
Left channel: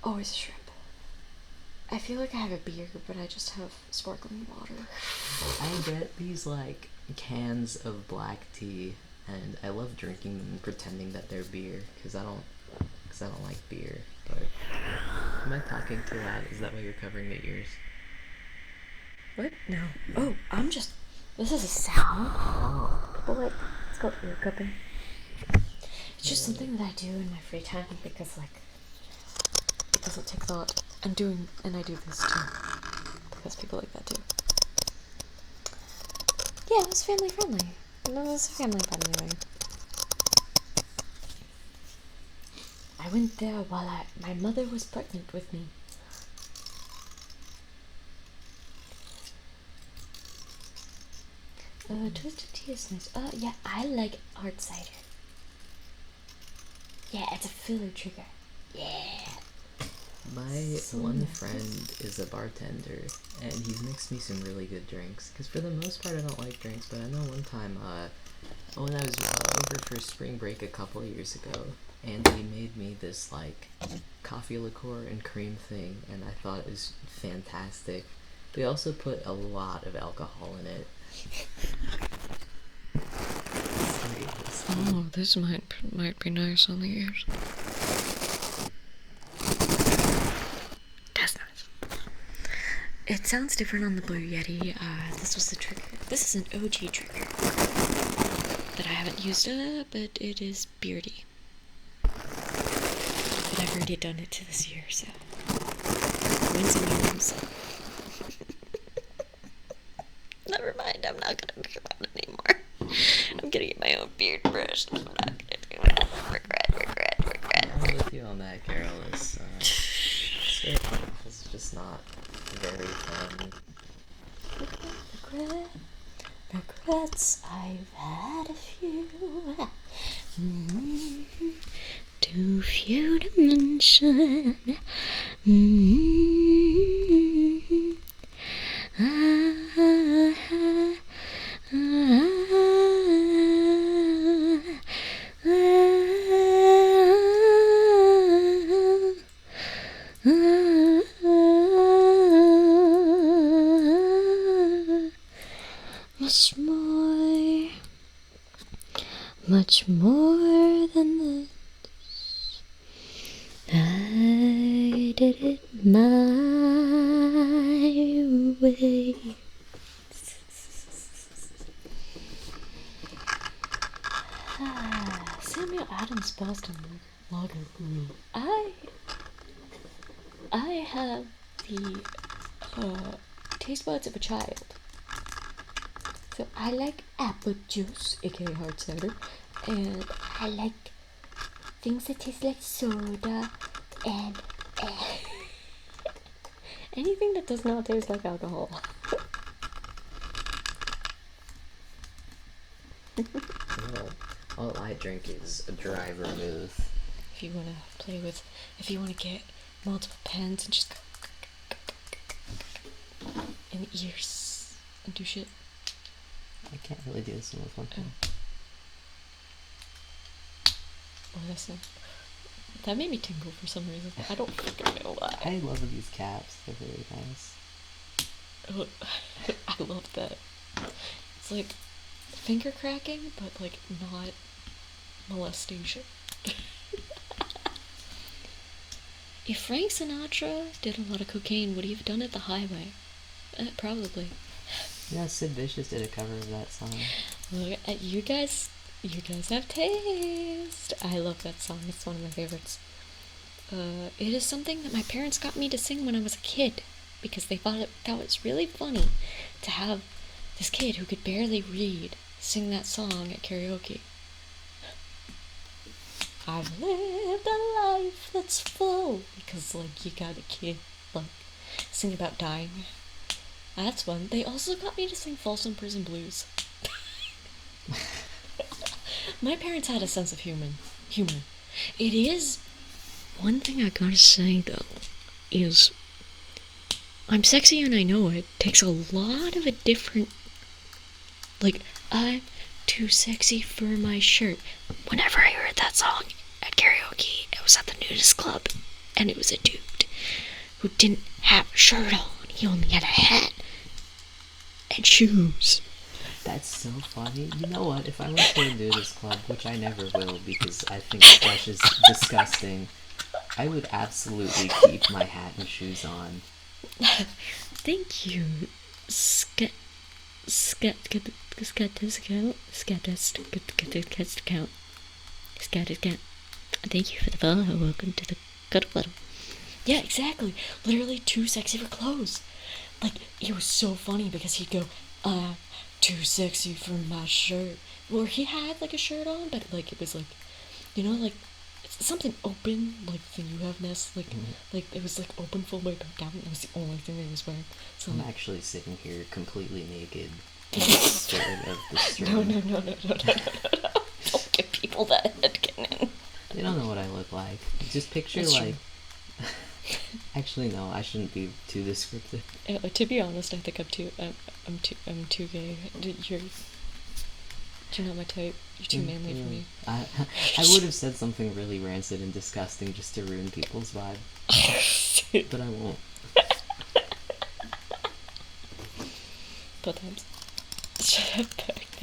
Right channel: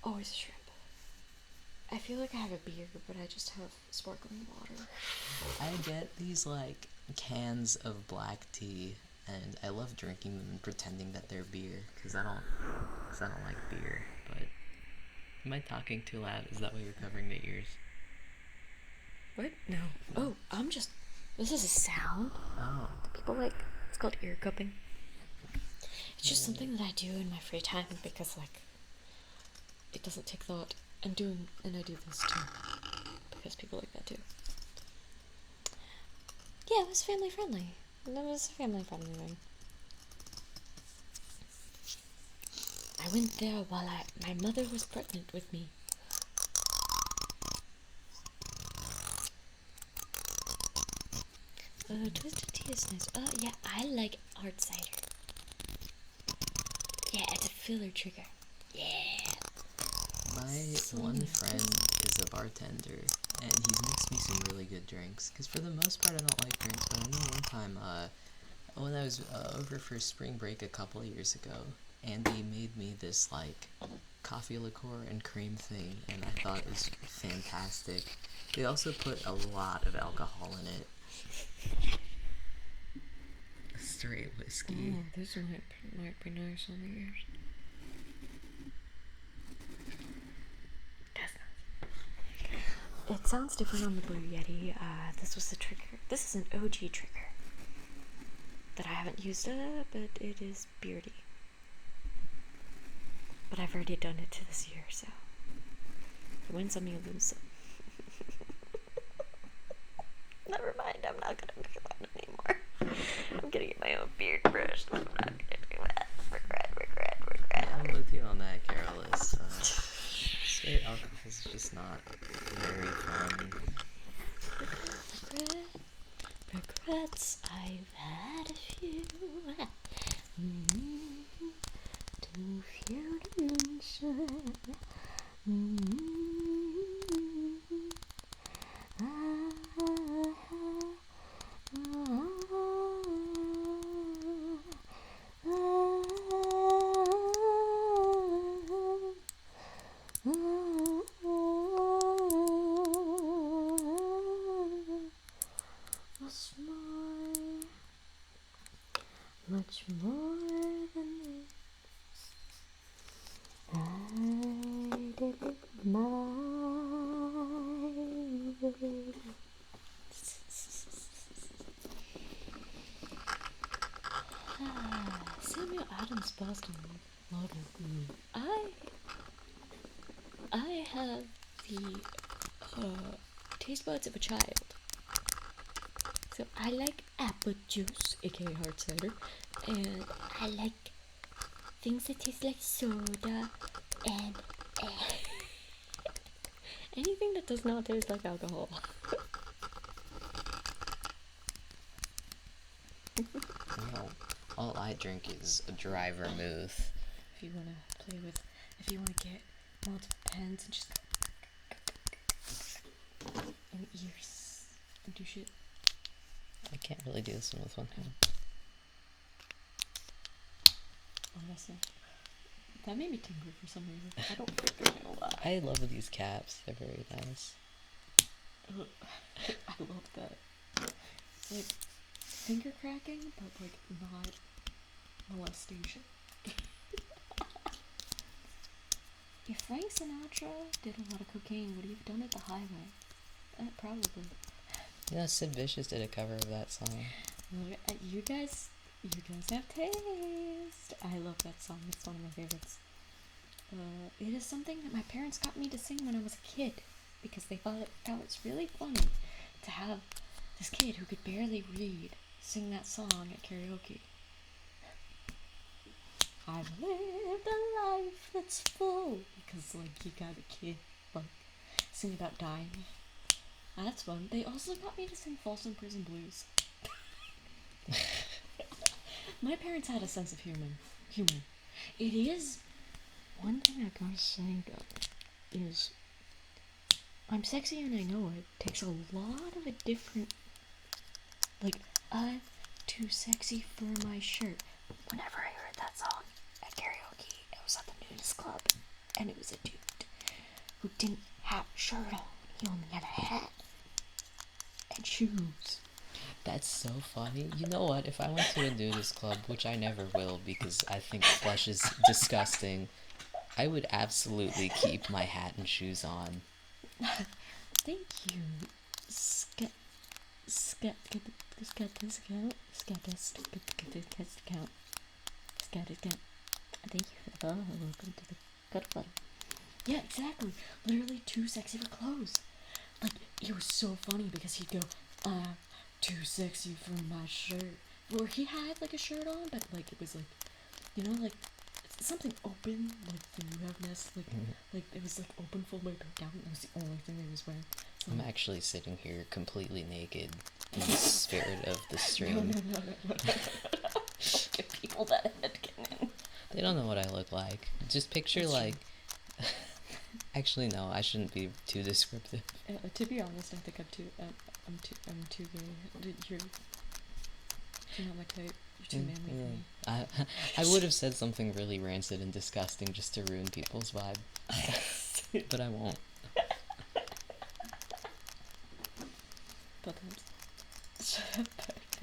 always a shrimp. I feel like I have a beer, but I just have sparkling water. I get these like cans of black tea, and I love drinking them and pretending that they're beer because I don't like beer. But am I talking too loud? Is that why you're covering my ears? What? No. Oh, this is a sound. Oh. People like, it's called ear cupping. It's just something that I do in my free time because, like, it doesn't take thought. And I do this too. Because people like that too. Yeah, it was family friendly. It was a family friendly way. I went there while my mother was pregnant with me. Twisted tea is nice. Yeah, I like hard cider. Yeah, it's a filler trigger. Yeah. My one friend is a bartender, and he's mixed me some really good drinks. Because for the most part, I don't like drinks, but I know one time, when I was over for spring break a couple of years ago, Andy made me this, like, coffee liqueur and cream thing, and I thought it was fantastic. They also put a lot of alcohol in it. Oh, this might be nice on the ears. That's nice. It sounds different on the Blue Yeti. This was the trigger. This is an OG trigger that I haven't used, but it is beardy. But I've already done it to this year, so wins and means. Never mind, I'm not gonna do that anymore. I'm gonna get my own beard brush. I'm not gonna do that. Regret. I'm with you on that, Carol. Straight alcohol is just not very fun. Regrets, I've had a few. Too few to mention. Much more than this. I did it my way. Samuel Adams Boston Lager Brew. I have the taste buds of a child. So I like apple juice, aka hard cider, and I like things that taste like soda and anything that does not taste like alcohol. Well, all I drink is a dry vermouth. If you want to get multiple pens and just go in ears and do shit. I can't really do this one with one pen. Oh, that's not. That made me tingle for some reason. I don't fucking know why. I love these caps. They're very nice. I love that. It's like finger cracking, but like not molestation. If Frank Sinatra did a lot of cocaine, would he have done it the highway? Probably. Yeah, Sid Vicious did a cover of that song. Look at you guys have taste. I love that song. It's one of my favorites. It is something that my parents got me to sing when I was a kid because they thought it was really funny to have this kid who could barely read sing that song at karaoke. I've lived a life that's full because, like, you got a kid, like, sing about dying. That's fun. They also got me to sing Folsom Prison Blues. My parents had a sense of humor. It is one thing I gotta say though is I'm sexy and I know it takes a lot of a different, like, I'm too sexy for my shirt. Whenever I heard that song at karaoke, it was at the nudist club and it was a dude who didn't have a shirt on. He only had a hat and shoes. That's so funny. You know what? If I went to a nudist club, which I never will because I think flesh is disgusting, I would absolutely keep my hat and shoes on. Thank you. scat discount. Thank you for the follow. Welcome to the cuddle club. Yeah, exactly. Literally too sexy for clothes. Like, it was so funny because he'd go, too sexy for my shirt. Or he had like a shirt on, but like it was like, you know, like it's something open, like the you have nest, like it was like open full way back down. It was the only thing that he was wearing. So I'm actually sitting here completely naked, scared of the stream. No. Don't give people that head cannon. They don't know what I look like. Just picture That's like. Actually, no. I shouldn't be too descriptive. To be honest, I think I'm too gay. You're not my type. You're too manly for me. I would have said something really rancid and disgusting just to ruin people's vibe, but I won't. But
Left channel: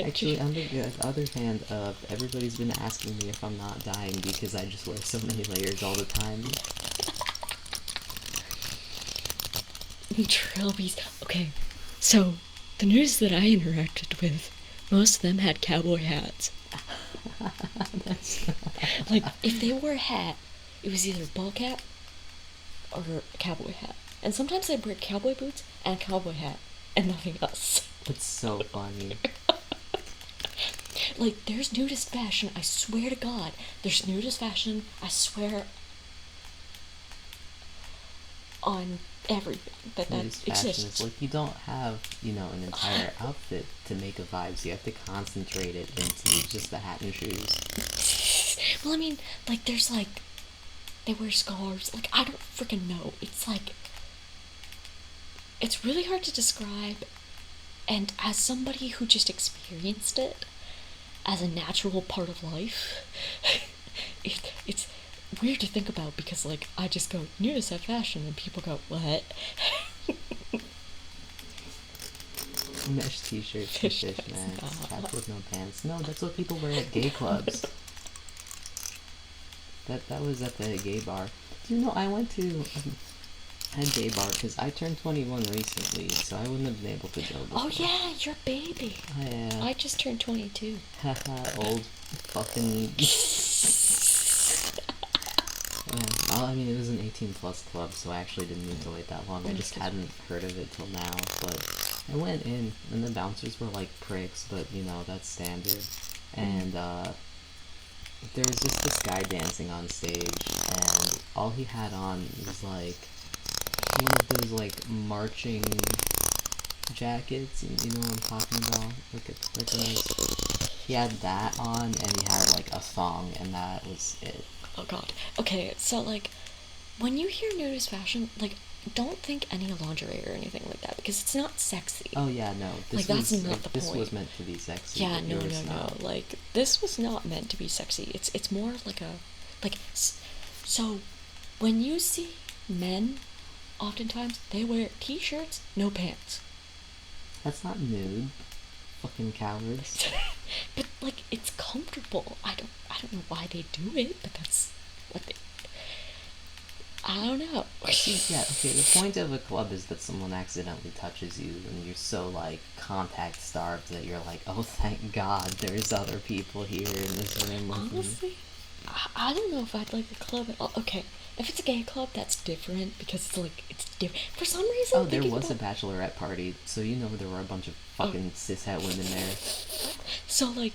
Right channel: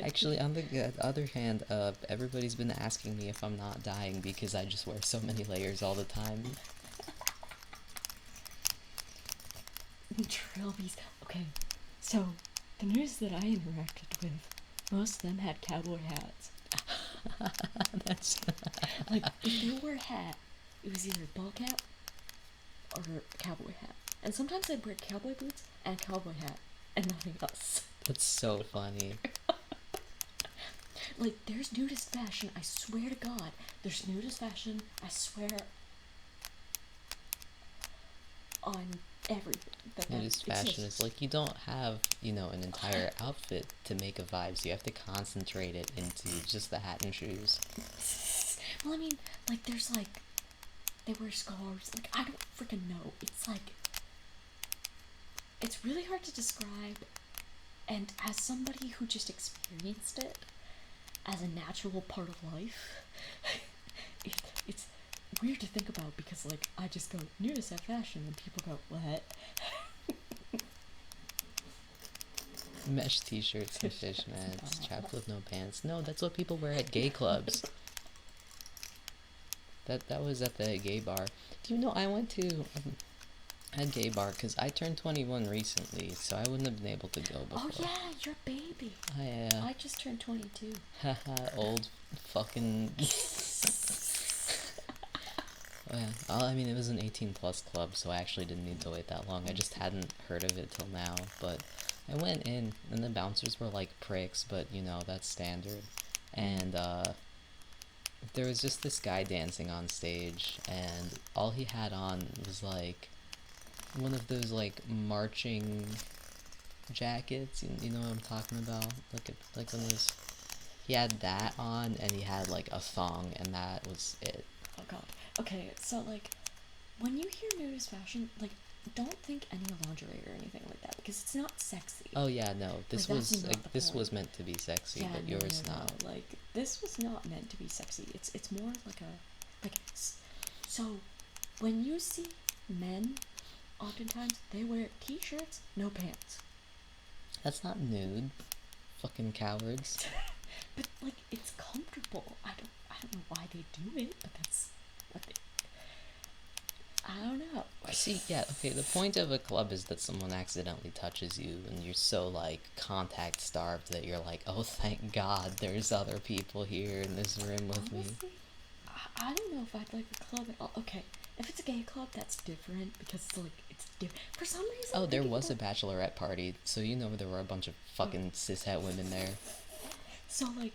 Actually, on the other hand, everybody's been asking me if I'm not dying because I just wear so many layers all the time. Trilbies. Okay, so the news that I interacted with, most of them had cowboy hats. That's like, if they wore a hat, it was either a ball cap or a cowboy hat. And sometimes they'd wear cowboy boots and a cowboy hat and nothing else. That's so funny. Like, there's nudist fashion, I swear to God. There's nudist fashion, I swear, on everything that Nudist fashion exists. is like you don't have, an entire outfit to make a vibe, so you have to concentrate it into just the hat and shoes. Well, I mean, like, there's like, they wear scarves. Like, I don't freaking know. It's like, it's really hard to describe. And as somebody who just experienced it as a natural part of life, it's weird to think about because, like, I just go, nudist at fashion, and people go, what? Mesh t-shirts and fishnets, cap with no pants. No, that's what people wear at gay clubs. That was at the gay bar. Do you know, I went to a gay bar because I turned 21 recently, so I wouldn't have been able to go before. Oh yeah, you're a baby. Yeah. I just turned 22. Haha, old fucking... Well, I mean, it was an 18-plus club, so I actually didn't need to wait that long. I just hadn't heard of it till now, but I went in, and the bouncers were like pricks, but, that's standard. And, there was just this guy dancing on stage, and all he had on was, like, one of those, like, marching jackets, you know what I'm talking about? Like those. He had that on, and he had, like, a thong, and that was it. Oh god. Okay, so, like, when you hear nudist fashion, like, don't think any lingerie or anything like that, because it's not sexy. Oh yeah, no. This like, was that's not the this point. was meant to be sexy. Yeah, but no. not. Like, this was not meant to be sexy. It's more like a, like, so when you see men, oftentimes they wear t-shirts, no pants. That's not nude. Fucking cowards. But, like, it's comfortable. I don't know why they do it, but that's what they... I don't know. See, yeah, okay, the point of a club is that someone accidentally touches you, and you're so, like, contact-starved that you're like, oh, thank God, there's other people here in this room with me. Honestly, I don't know if I'd like a club at all. Okay, if it's a gay club, that's different, because it's, like, it's different. For some reason... Oh, there was a bachelorette party, so there were a bunch of fucking cishet women there. So, like,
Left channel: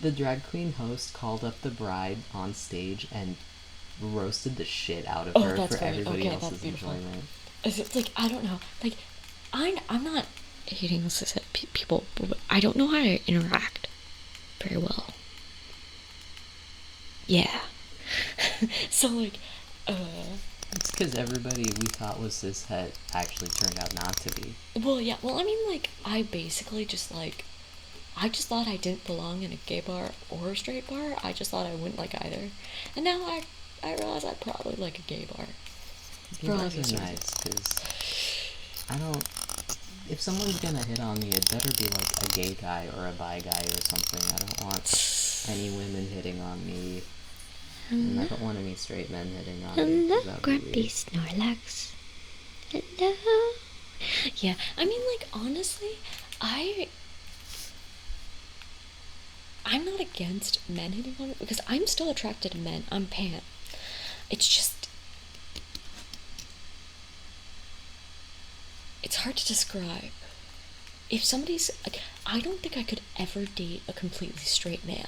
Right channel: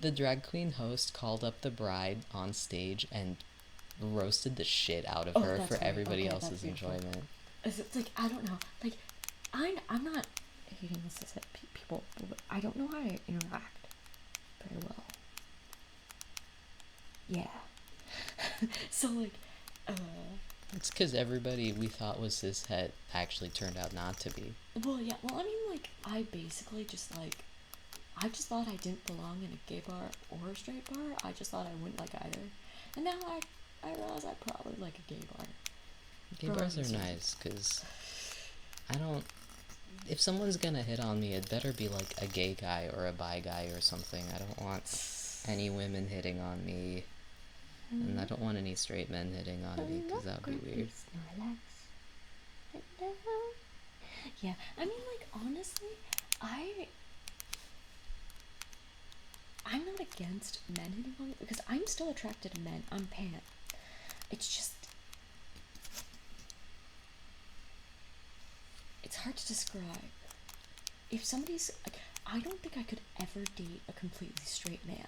The drag queen host called up the bride on stage and roasted the shit out of her for everybody else's enjoyment. It's like, I don't know. Like, I'm not hating on cishet people, but I don't know how to interact very well. Yeah. So, like, It's because everybody we thought was cishet actually turned out not to be. Well, yeah. Well, I mean, like, I basically just, like, I just thought I didn't belong in a gay bar or a straight bar. I just thought I wouldn't like either. And now I realize I'd probably like a gay bar. Gay bars are nice, because I don't... If someone's gonna hit on me, it better be like a gay guy or a bi guy or something. I don't want any women hitting on me. And I don't want any straight men hitting on me. Hello, Grumpy Snorlax. Hello. Yeah, I mean, like, honestly, I'm not against men hitting on it because I'm still attracted to men. I'm pan. It's just, it's hard to describe. If somebody's like, I don't think I could ever date a completely straight man.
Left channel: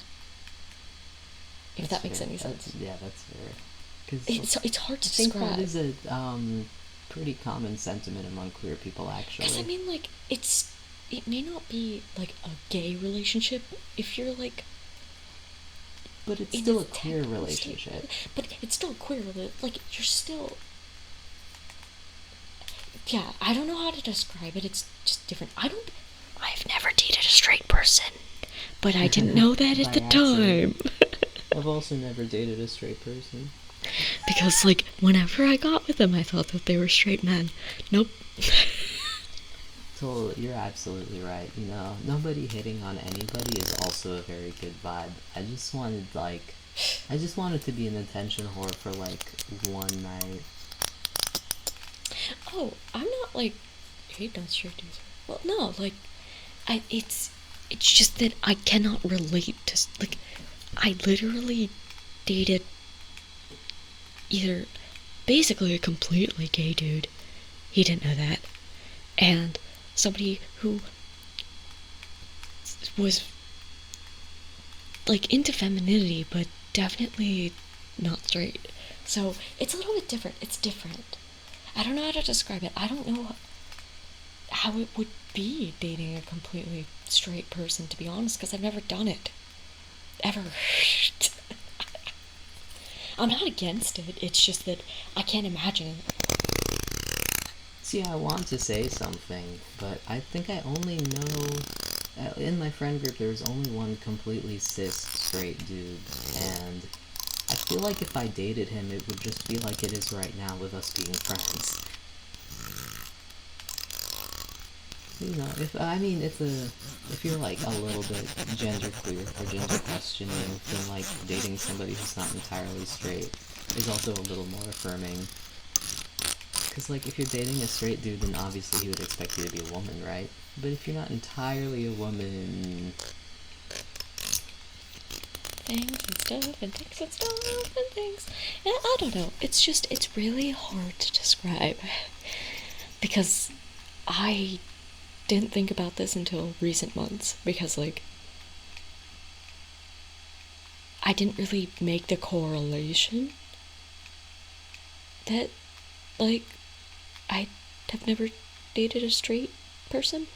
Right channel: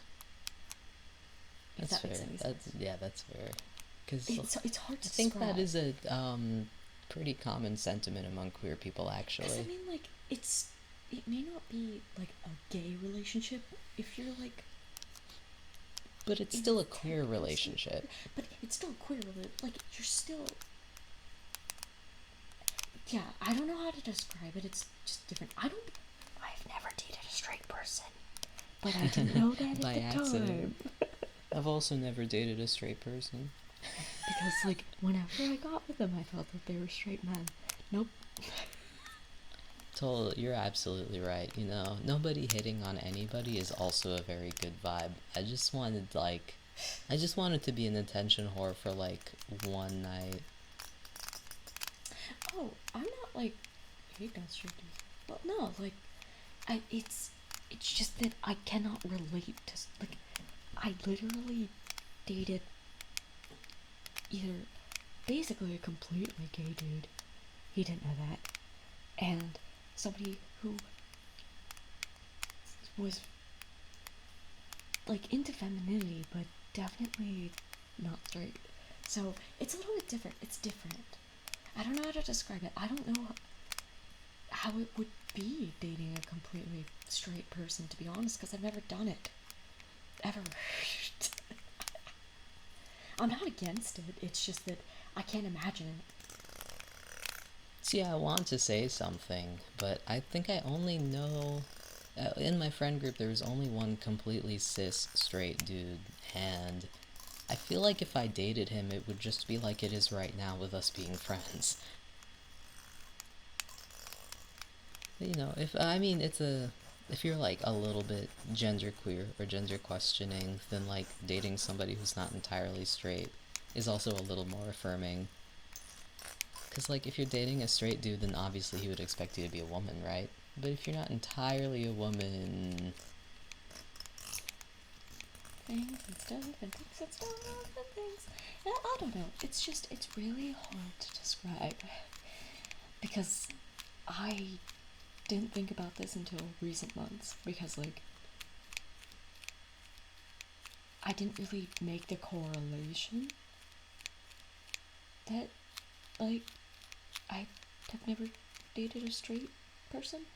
If that makes any sense. Yeah, that's fair. Cause it's hard to I think describe. that is a pretty common sentiment among queer people, actually. Because I mean, like, it may not be like a gay relationship if you're like. But it's still a queer relationship. But it's still queer. Like, you're still. Yeah, I don't know how to describe it. It's just different. I've never dated a straight person, but I didn't know that at the time. I've also never dated a straight person. Because, like, whenever I got with them, I thought that they were straight men. Nope. Totally, you're absolutely right. You know, nobody hitting on anybody is also a very good vibe. I just wanted to be an attention whore for like one night. Oh, I'm not like hate on straight dudes. Well, no, like, it's just that I cannot relate to, like, I literally dated either basically a completely gay dude. He didn't know that. And somebody who was like into femininity but definitely not straight. So it's a little bit different. It's different. I don't know how to describe it. I don't know how it would be dating a completely straight person, to be honest, because I've never done it. Ever. I'm not against it. It's just that I can't imagine. See, I want to say something, but I think I only know. In my friend group, there's only one completely cis straight dude, and I feel like if I dated him, it would just be like it is right now with us being friends. You know, if you're like a little bit genderqueer or gender questioning, then like dating somebody who's not entirely straight is also a little more affirming. Because like if you're dating a straight dude, then obviously he would expect you to be a woman, right? But if you're not entirely a woman, Things and stuff and things and stuff and things. And I don't know. It's really hard to describe because I didn't think about this until recent months because, like, I didn't really make the correlation that, like, I have never dated a straight person.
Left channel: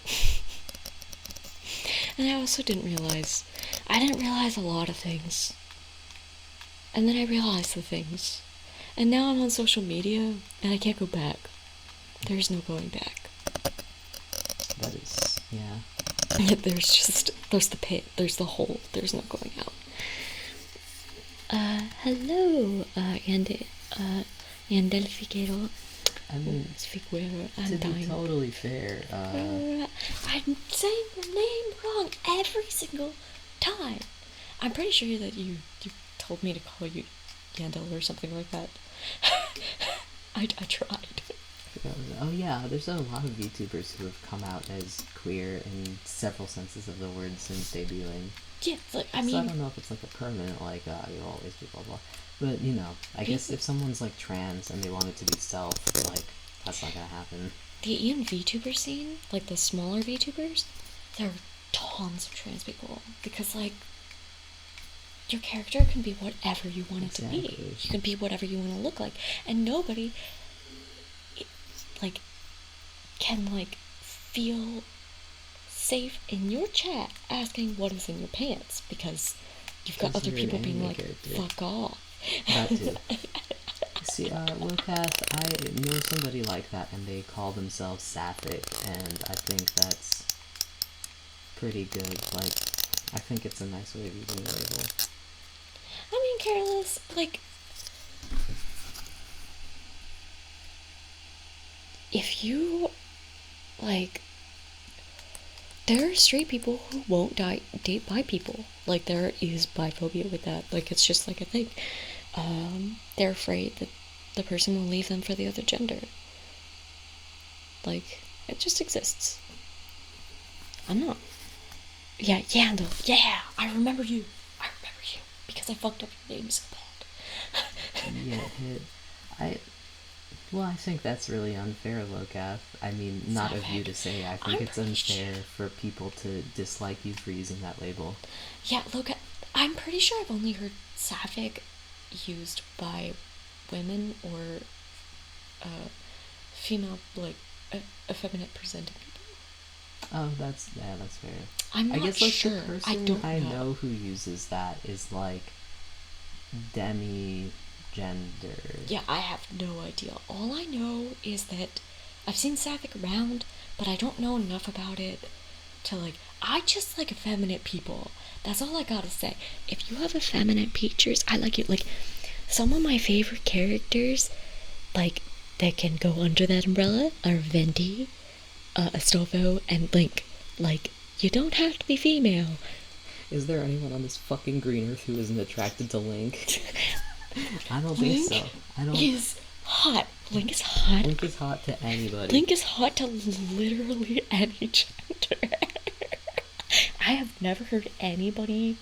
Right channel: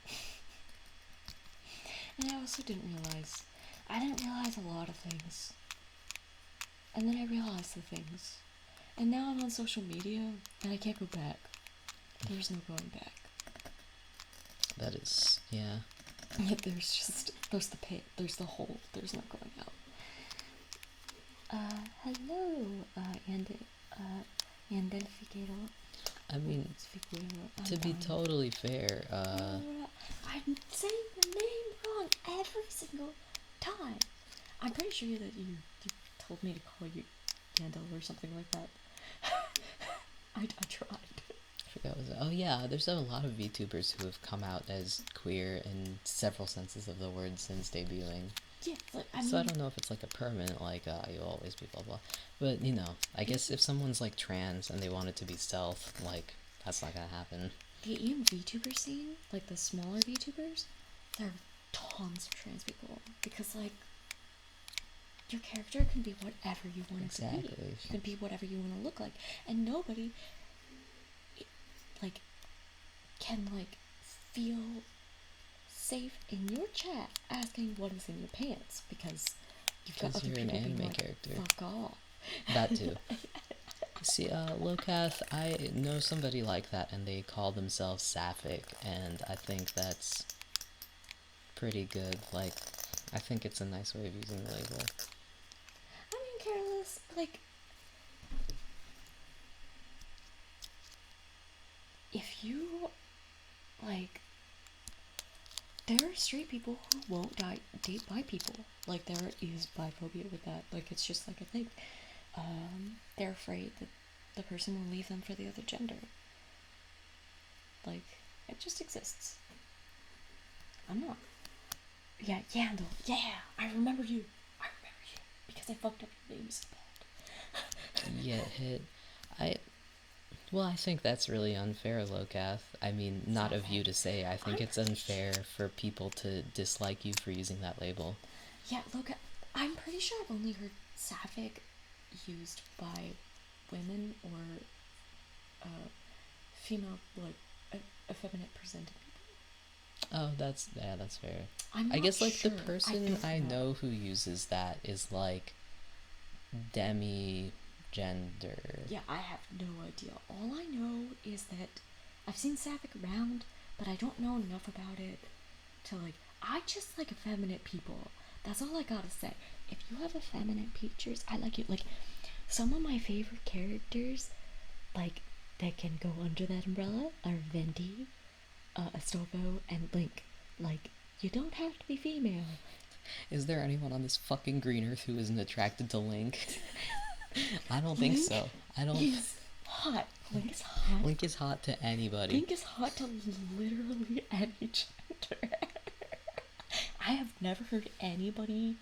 And I also didn't realize a lot of things. And then I realized the things. And now I'm on social media and I can't go back. There's no going back. that is, yeah. There's the pit, there's the hole, there's no going out. Hello, Yandelfiquero. I mean, to be totally fair, I'm saying the name wrong every single time. I'm pretty sure that you told me to call you Yandel or something like that. I tried. oh yeah, there's a lot of VTubers who have come out as queer in several senses of the word since debuting. Yeah, like, I So mean, I don't know if it's like a permanent, like, you'll always be blah blah. But, you know, I guess if someone's like trans and they want it to be self, like, that's not gonna happen. the Ian VTuber scene, like the smaller VTubers, there are tons of trans people because, like, your character can be whatever you want it to be. You can be whatever you want to look like, and nobody, like, can, like, feel safe in your chat asking what is in your pants because you've got other people being like, fuck off. That too. See, Locath, I know somebody like that, and they call themselves sapphic, and I think that's pretty good. Like, I think it's a nice way of using the label. I mean, careless, like, if you, like, there are straight people who won't date bi people. Like, there is biphobia with that. Like, it's just like a thing. They're afraid that the person will leave them for the other gender. Like, it just exists. I know. Yeah, Yandel. Yeah, I remember you. Because I fucked up your name so bad. Yeah, well, I think that's really unfair, Locath. I mean, not of you to say. I think it's unfair for people to dislike you for using that label. Yeah, Locath, I'm pretty sure I've only heard sapphic used by women or female, like, effeminate presenting people. Oh, that's fair. I guess like the person I know who uses that is like demi gender. Yeah, I have no idea. All I know is that I've seen sapphic around, but I don't know enough about it to like. I just like effeminate people. That's all I gotta say. If you have effeminate features, I like it. Like, some of my favorite characters, like, that can go under that umbrella are Venti, Astolfo, and Link. Like, you don't have to be female. Is there anyone on this fucking green earth who isn't attracted to Link? I don't think so. Link is hot. Link is hot. Link is hot to anybody. Link is hot to literally any gender. I have never heard anybody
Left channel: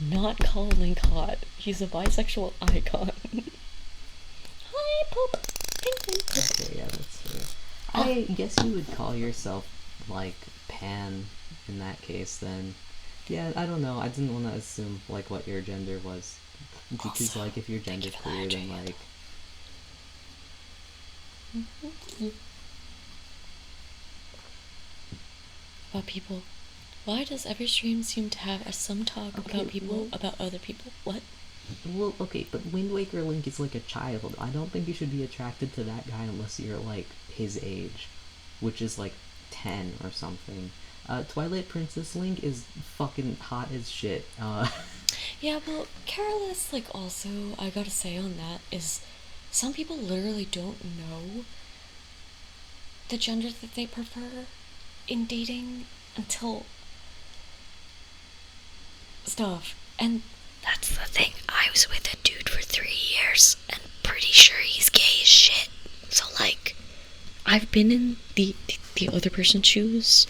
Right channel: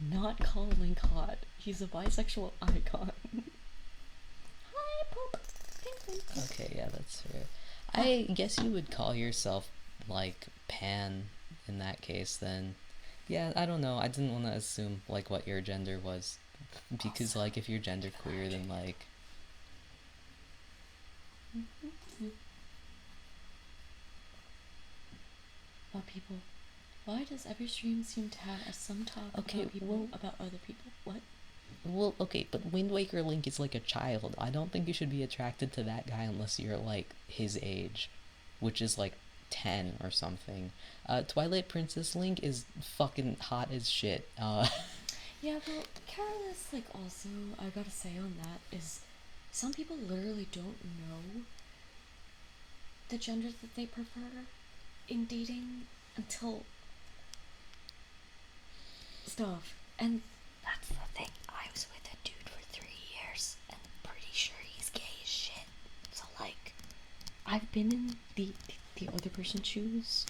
not call Link hot. He's a bisexual icon. Hi, Pope. Okay, yeah, that's fair. I guess you would call yourself, like, pan in that case, then. Yeah, I don't know. I didn't want to assume, like, what your gender was. Because, also, like, if you're genderqueer, then, like... About people. Why does every stream seem to have some talk about people, about other people? What? Well, okay, but Wind Waker Link is like a child. I don't think you should be attracted to that guy unless you're, like, his age. Which is, like, 10 or something. Twilight Princess Link is fucking hot as shit. Yeah, well, Careless, like, also, I gotta say on that, is some people literally don't know the gender that they prefer in dating until stuff. And that's the thing. I was with a dude for 3 years and pretty sure he's gay as shit. So, like, I've been in the other person's shoes.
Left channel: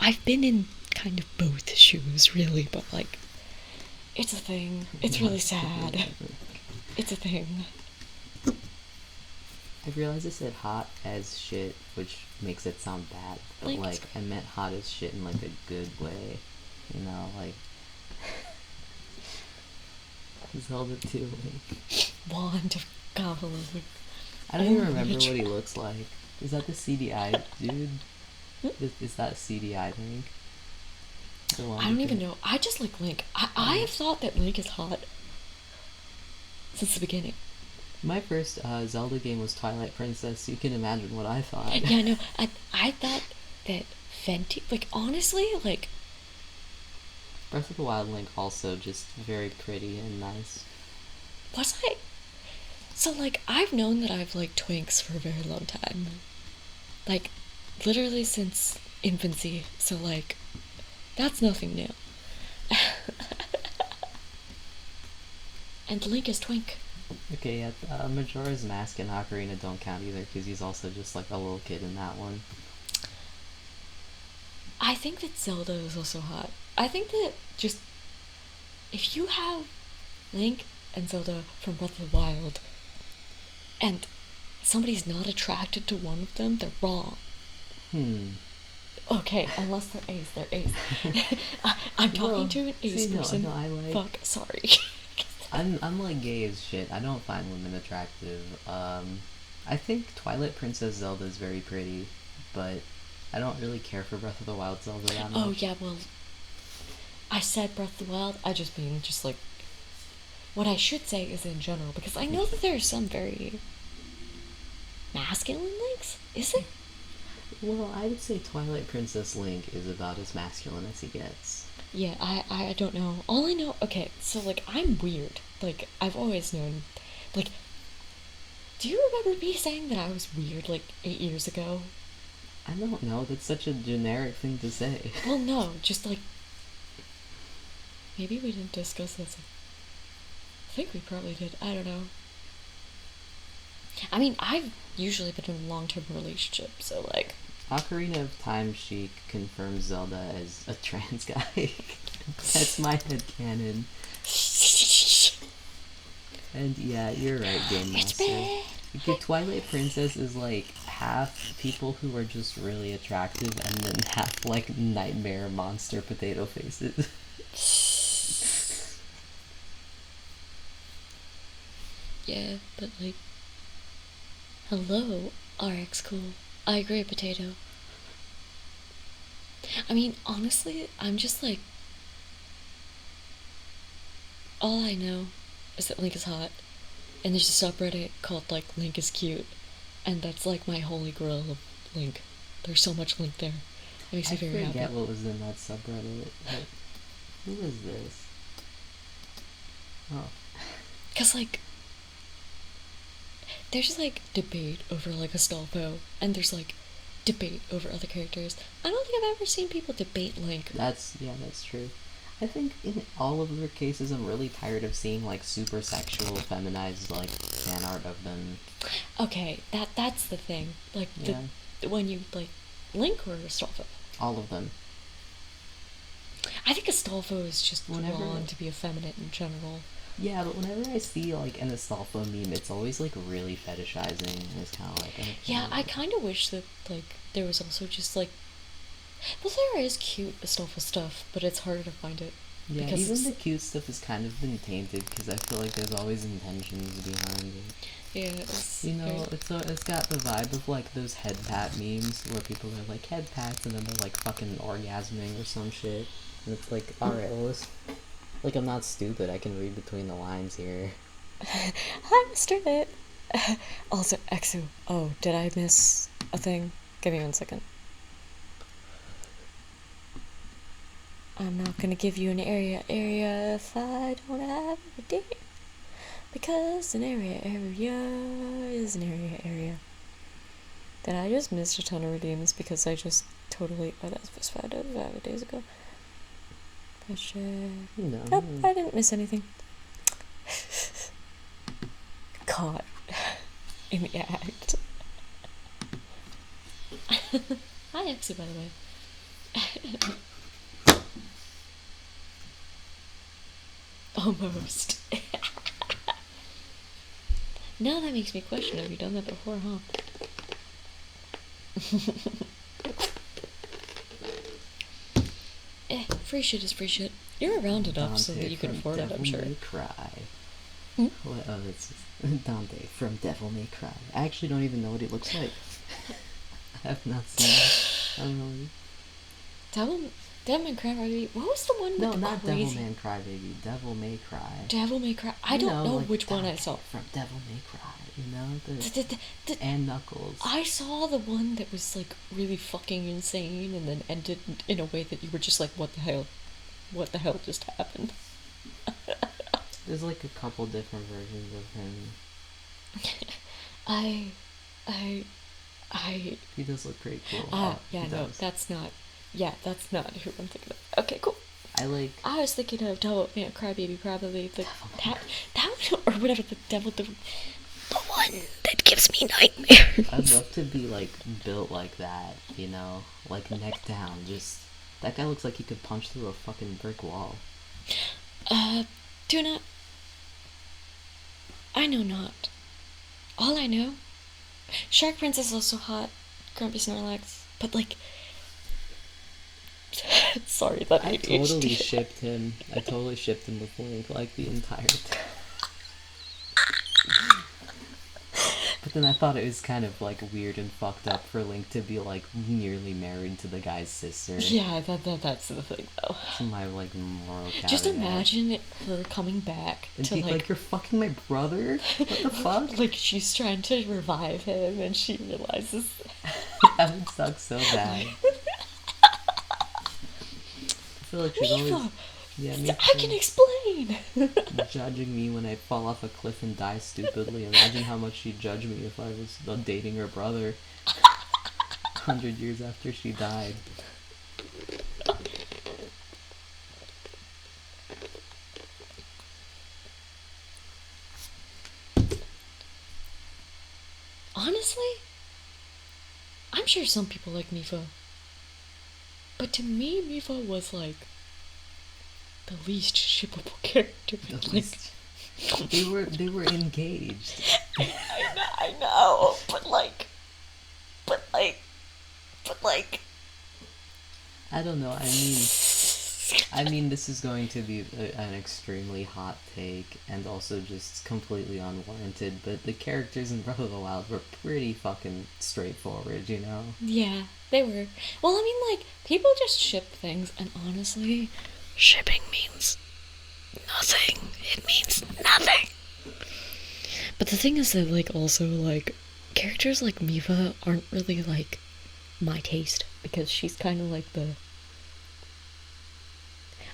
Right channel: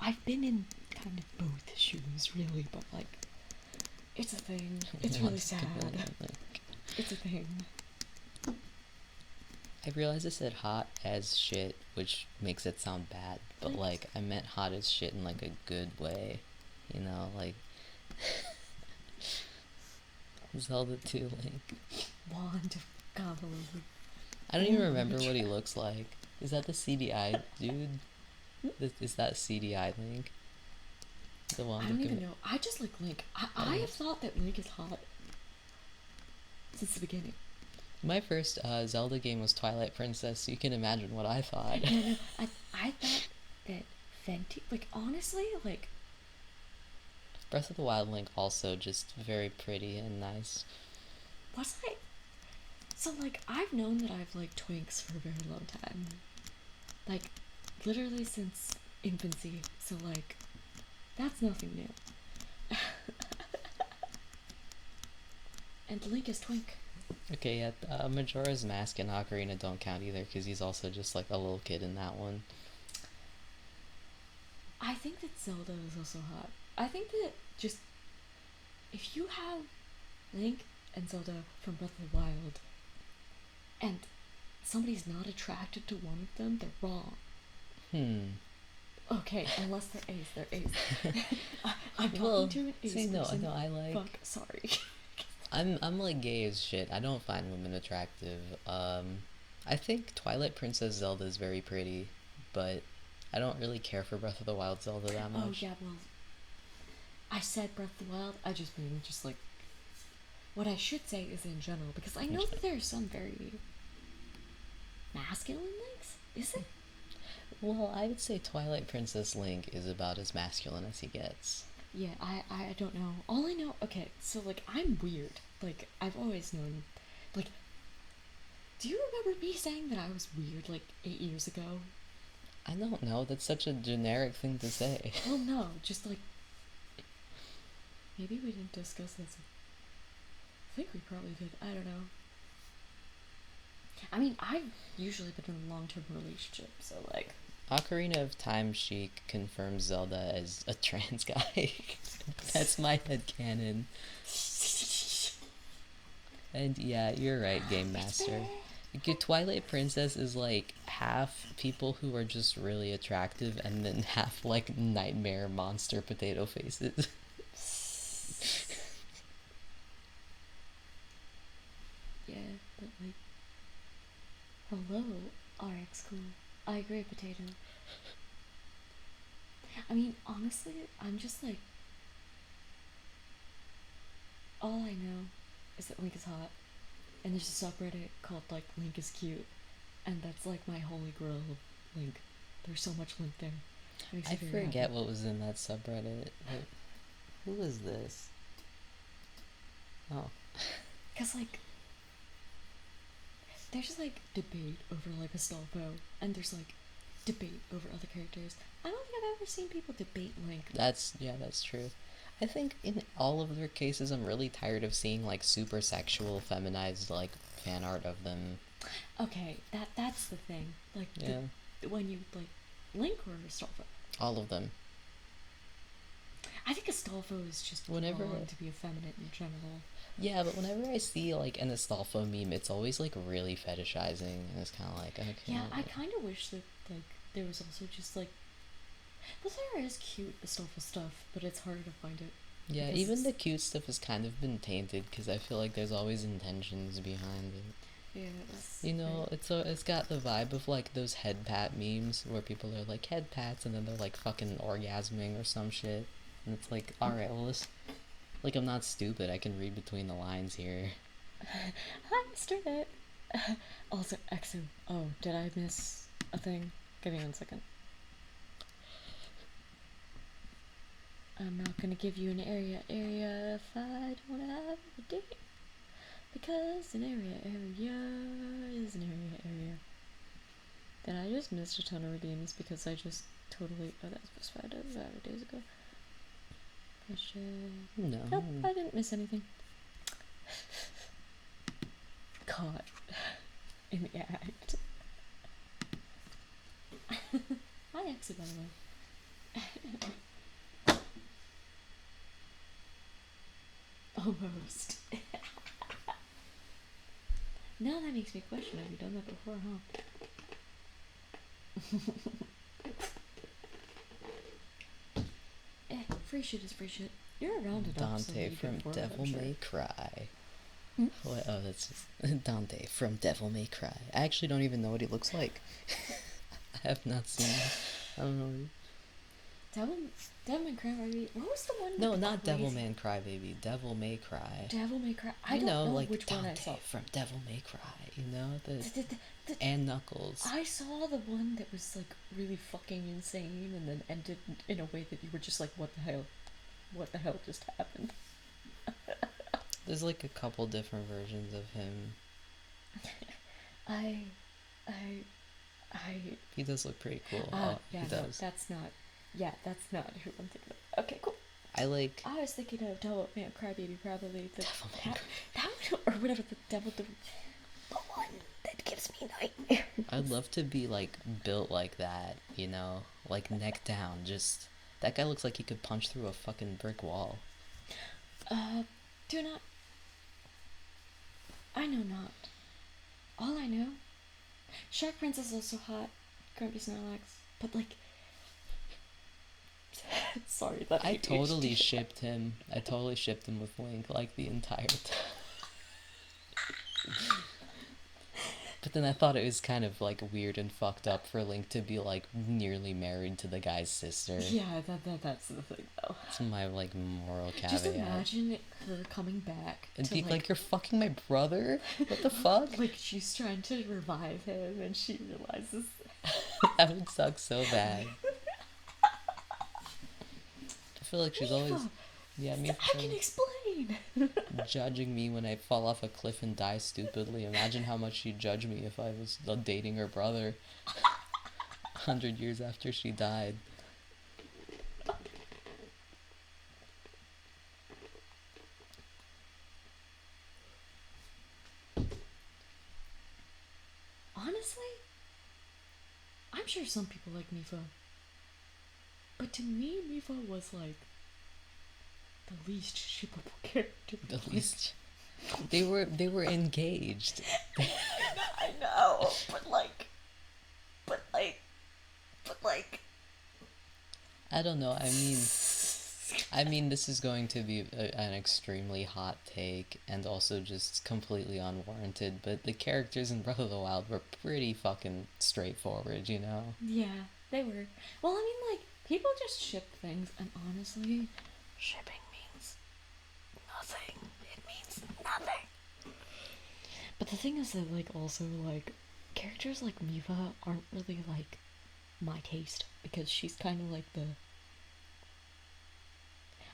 I've been in kind of both shoes, really, but, like, it's a thing. It's really sad. It's a thing. I realized I said hot as shit, which makes it sound bad, but, like, I meant hot as shit in, like, a good way. You know, like... Zelda 2 Link. Wand of Goblin. I don't even remember what he looks like. Is that the CDI dude? Is that CDI Link? I don't even know. I just like Link. I have thought that Link is hot since the beginning. My first Zelda game was Twilight Princess, so you can imagine what I thought. Yeah, no, I thought that Fenty, like, honestly, like... Breath of the Wild Link also just very pretty and nice. Was I? So, like, I've known that I've liked twinks for a very long time. Like, literally since infancy, so, like, that's nothing new. And Link is twink. Okay, yeah, Majora's Mask and Ocarina don't count either, because he's also just, like, a little kid in that one. I think that Zelda is also hot. I think that just... if you have Link and Zelda from Breath of the Wild, and somebody's not attracted to one of them, they're wrong. Okay, unless they're ace, they're ace. I'm talking to an ace person. No, I like... Fuck, sorry. I'm like gay as shit. I don't find women attractive. I think Twilight Princess Zelda is very pretty, but I don't really care for Breath of the Wild Zelda that much. Oh yeah, well, I said Breath of the Wild. I just mean just like what I should say is in general, because I know that there are some very masculine Links. Is it? Well, I would say Twilight Princess Link is about as masculine as he gets. Yeah, I don't know. All I know, okay, so, like, I'm weird. Like, I've always known, like, do you remember me saying that I was weird, like, 8 years ago? I don't know, that's such a generic thing to say. Well, no, just, like, maybe we didn't discuss this. I think we probably did, I don't know. I mean, I've usually been in a long-term relationship, so like. Ocarina of Time, she confirms Zelda as a trans guy. That's my headcanon. And yeah, you're right, Game Master. Twilight Princess is like half people who are just really attractive and then half like nightmare monster potato faces. Yeah, but like, hello, RX Cool. I agree, potato. I mean, honestly, I'm just like, all I know is that Link is hot, and there's a subreddit called like Link is cute, and that's like my holy grail of Link. There's so much Link there. It makes me very happy. I forget what was in that subreddit. Who is this? Oh. Cause like, there's just like debate over like Astolfo, and there's like debate over other characters. I don't think I've ever seen people debate Link. That's true. I think in all of their cases, I'm really tired of seeing like super sexual, feminized like fan art of them. Okay, that's the thing. Like, yeah. When you like Link or Astolfo. All of them. I think Astolfo is just drawn to be effeminate in general. Yeah, but whenever I see like an Astolfo meme, it's always like really fetishizing. It's kind of like yeah, I kind of wish that like there was also just like, well, there is cute Astolfo stuff, but it's harder to find it. Yeah, even the cute stuff has kind of been tainted because I feel like there's always intentions behind it. Yeah, it's got the vibe of like those head pat memes where people are like head pats and then they're like fucking orgasming or some shit. And it's like, alright, well, like, I'm not stupid. I can read between the lines here. Hi, Mr. Bit. Also, Exu. Oh, did I miss a thing? Give me 1 second. I'm not gonna give you an area if I don't have a date. Because an area is an area. Then I just missed a ton of redeems because I just totally. Oh, that was 5 days ago. No. Nope, I didn't miss anything. Caught in the act. Hi, Exy, by the way. Almost. Now that makes me question, have you done that before, huh? Free shit is free shit. You're around enough so that you can afford it, I'm sure. Devil May Cry. What? Oh, that's just Dante from Devil May Cry. I actually don't even know what he looks like. I have not seen it. I don't know. Devil May Cry, baby. What was the one with no, the not crazy... Devil May Cry, baby. Devil May Cry. Devil May Cry. I don't know like which Dante one I saw. From Devil May Cry, you know? And Knuckles. I saw the one that was, like, really fucking insane and then ended in a way that you were just like, what the hell? What the hell just happened? There's, like, a couple different versions of him. He does look pretty cool. Yeah, no, that's not... Yeah, that's not who I'm thinking of. Okay, cool. I was thinking of Devil May Cry Baby, probably the that or whatever the one that gives me nightmares. I'd love to be like built like that, you know, like neck down. Just that guy looks like he could punch through a fucking brick wall. Do not. I know not. All I know, Shark Prince is also hot. Grumpy Snorlax, but like. Sorry, that I totally shipped him. I totally shipped him with Link like the entire time. But then I thought it was kind of like weird and fucked up for Link to be like nearly married to the guy's sister. Yeah, that's the thing though. It's my like moral caveat. Just imagine her coming back and to be like, you're fucking my brother? What the fuck? Like she's trying to revive him and she realizes that would suck so bad. I feel like she's always... Yeah, me too. I can explain! Judging me when I fall off a cliff and die stupidly. Imagine how much she'd judge me if I was dating her brother 100 years after she died. Honestly, sure some people like Mifa. But to me, Mifa was like the least shippable character. At least they were engaged. I know, but like I don't know. I mean, this is going to be an extremely hot take and also just completely unwarranted, but the characters in Breath of the Wild were pretty fucking straightforward, you know? Yeah, they were. Well, I mean, like, people just ship things, and honestly, shipping means nothing. It means nothing. But the thing is that, like, also, like, characters like Mifa aren't really, like, my taste, because she's kind of like the...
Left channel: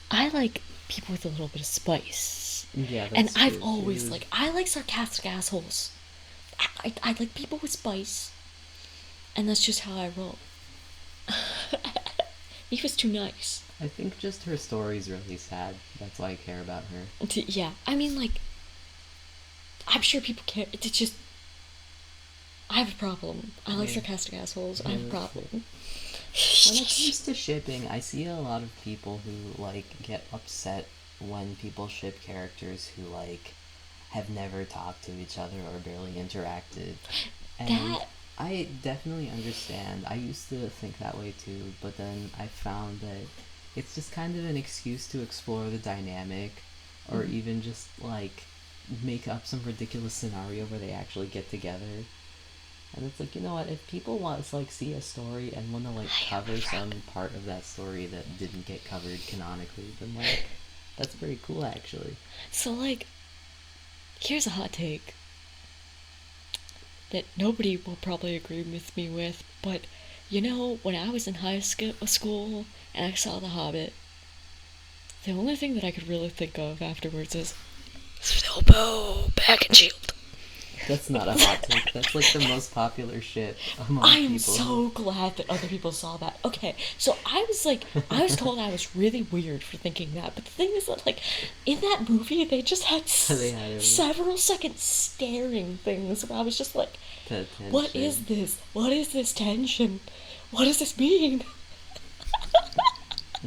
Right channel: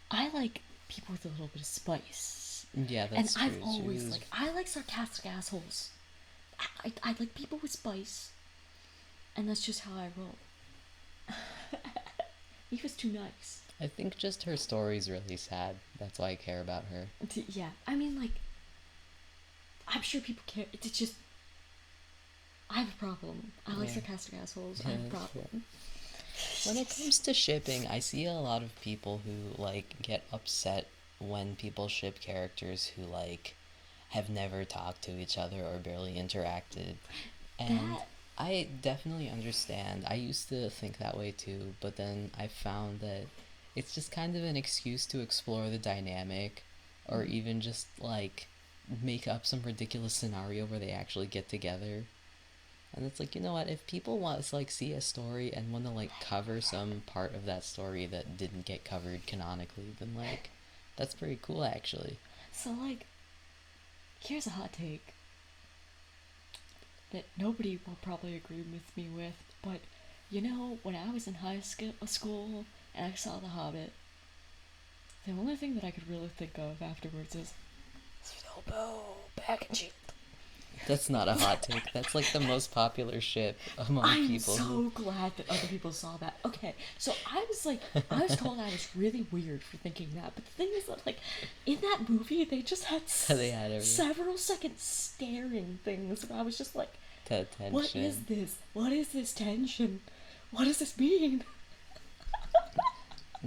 I like people with a little bit of spice. Yeah, and that's I've true. always, like, I like sarcastic assholes. I like people with spice, and that's just how I roll. Mifa's too nice. I think just her story's really sad. That's why I care about her. Yeah, I mean, like, I'm sure people care. It's just, I have a problem. I like sarcastic assholes. I have a problem. When it comes to shipping, I see a lot of people who, like, get upset when people ship characters who, like, have never talked to each other or barely interacted. And I definitely understand. I used to think that way too, but then I found that it's just kind of an excuse to explore the dynamic, or even just, like, make up some ridiculous scenario where they actually get together. And it's like, you know what, if people want to, like, see a story and want to, like, cover some part of that story that didn't get covered canonically, then, like, that's pretty cool, actually. So, like, here's a hot take that nobody will probably agree with me with, but, you know, when I was in high school and I saw The Hobbit, the only thing that I could really think of afterwards is Bilbo back and shield. That's not a hot take. That's, like, the most popular shit among people. I'm so glad that other people saw that. Okay, so I was told I was really weird for thinking that, but the thing is that, like, in that movie, they just had several second staring things where I was just like, what is this? What is this tension? What does this mean?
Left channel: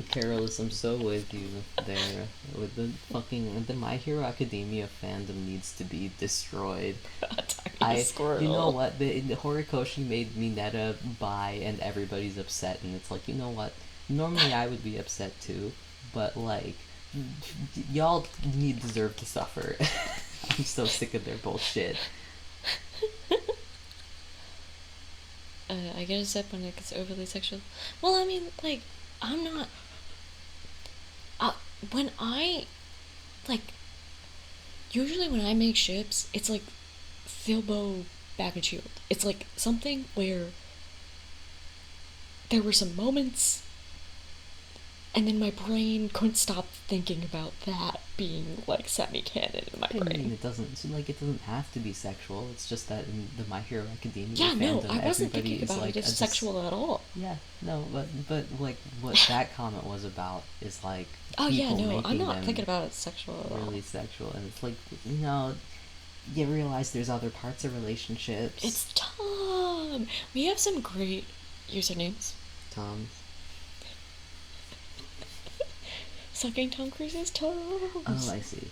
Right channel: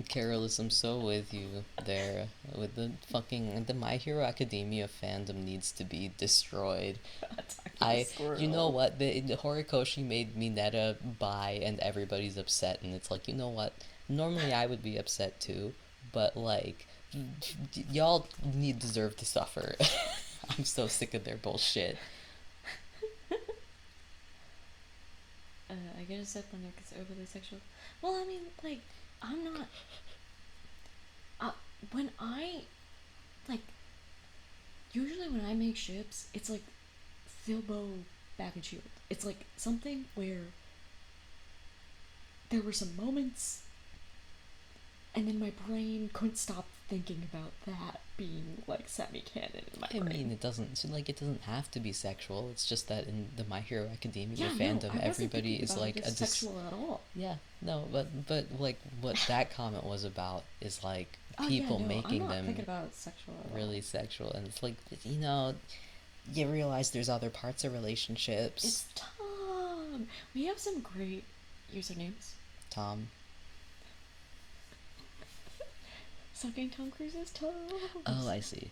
Carolus, I'm so with you there. With the My Hero Academia fandom needs to be destroyed. You know what? The Horikoshi made Mineta buy, and everybody's upset, and it's like, you know what? Normally I would be upset too, but, like, y'all deserve to suffer. I'm so sick of their bullshit. I get upset when it gets overly sexual. Well, I mean, like, I'm not... when I... Like, usually when I make ships, it's like Bilbo back and shield. It's like something where there were some moments, and then my brain couldn't stop thinking about that being, like, semi-canon in my brain. I mean, it doesn't have to be sexual. It's just that in the My Hero Academia fandom, I wasn't everybody thinking is about like it as sexual at all. Yeah, no, but like what that comment was about is, like, I'm making not them thinking about it sexual at all. Really sexual, and it's like, you know, you realize there's other parts of relationships. It's Tom. We have some great usernames. Tom. Sucking Tom Cruise's toes. Oh, I see.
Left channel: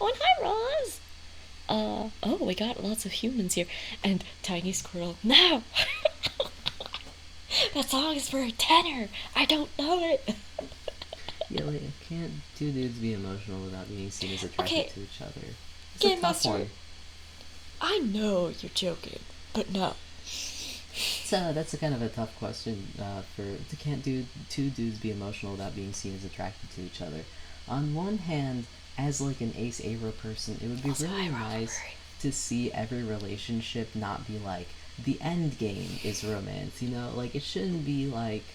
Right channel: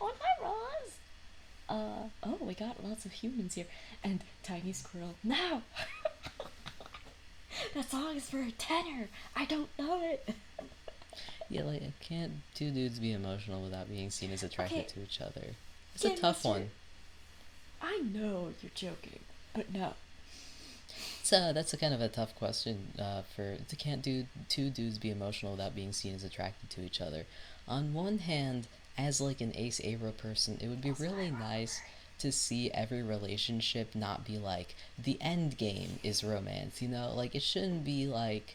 Oh, and hi, Roz. Oh, we got lots of humans here. And Tiny Squirrel. No! That song is for a tenor. I don't know it. Yeah, like, can't two dudes be emotional without being seen as attracted to each other? It's a tough one. I know you're joking, but no. So that's a kind of a tough question. Can't two dudes be emotional without being seen as attracted to each other? On one hand, as, like, an Ace Aero person, it would be really nice to see every relationship not be like, the end game is romance, you know? Like, it shouldn't be like,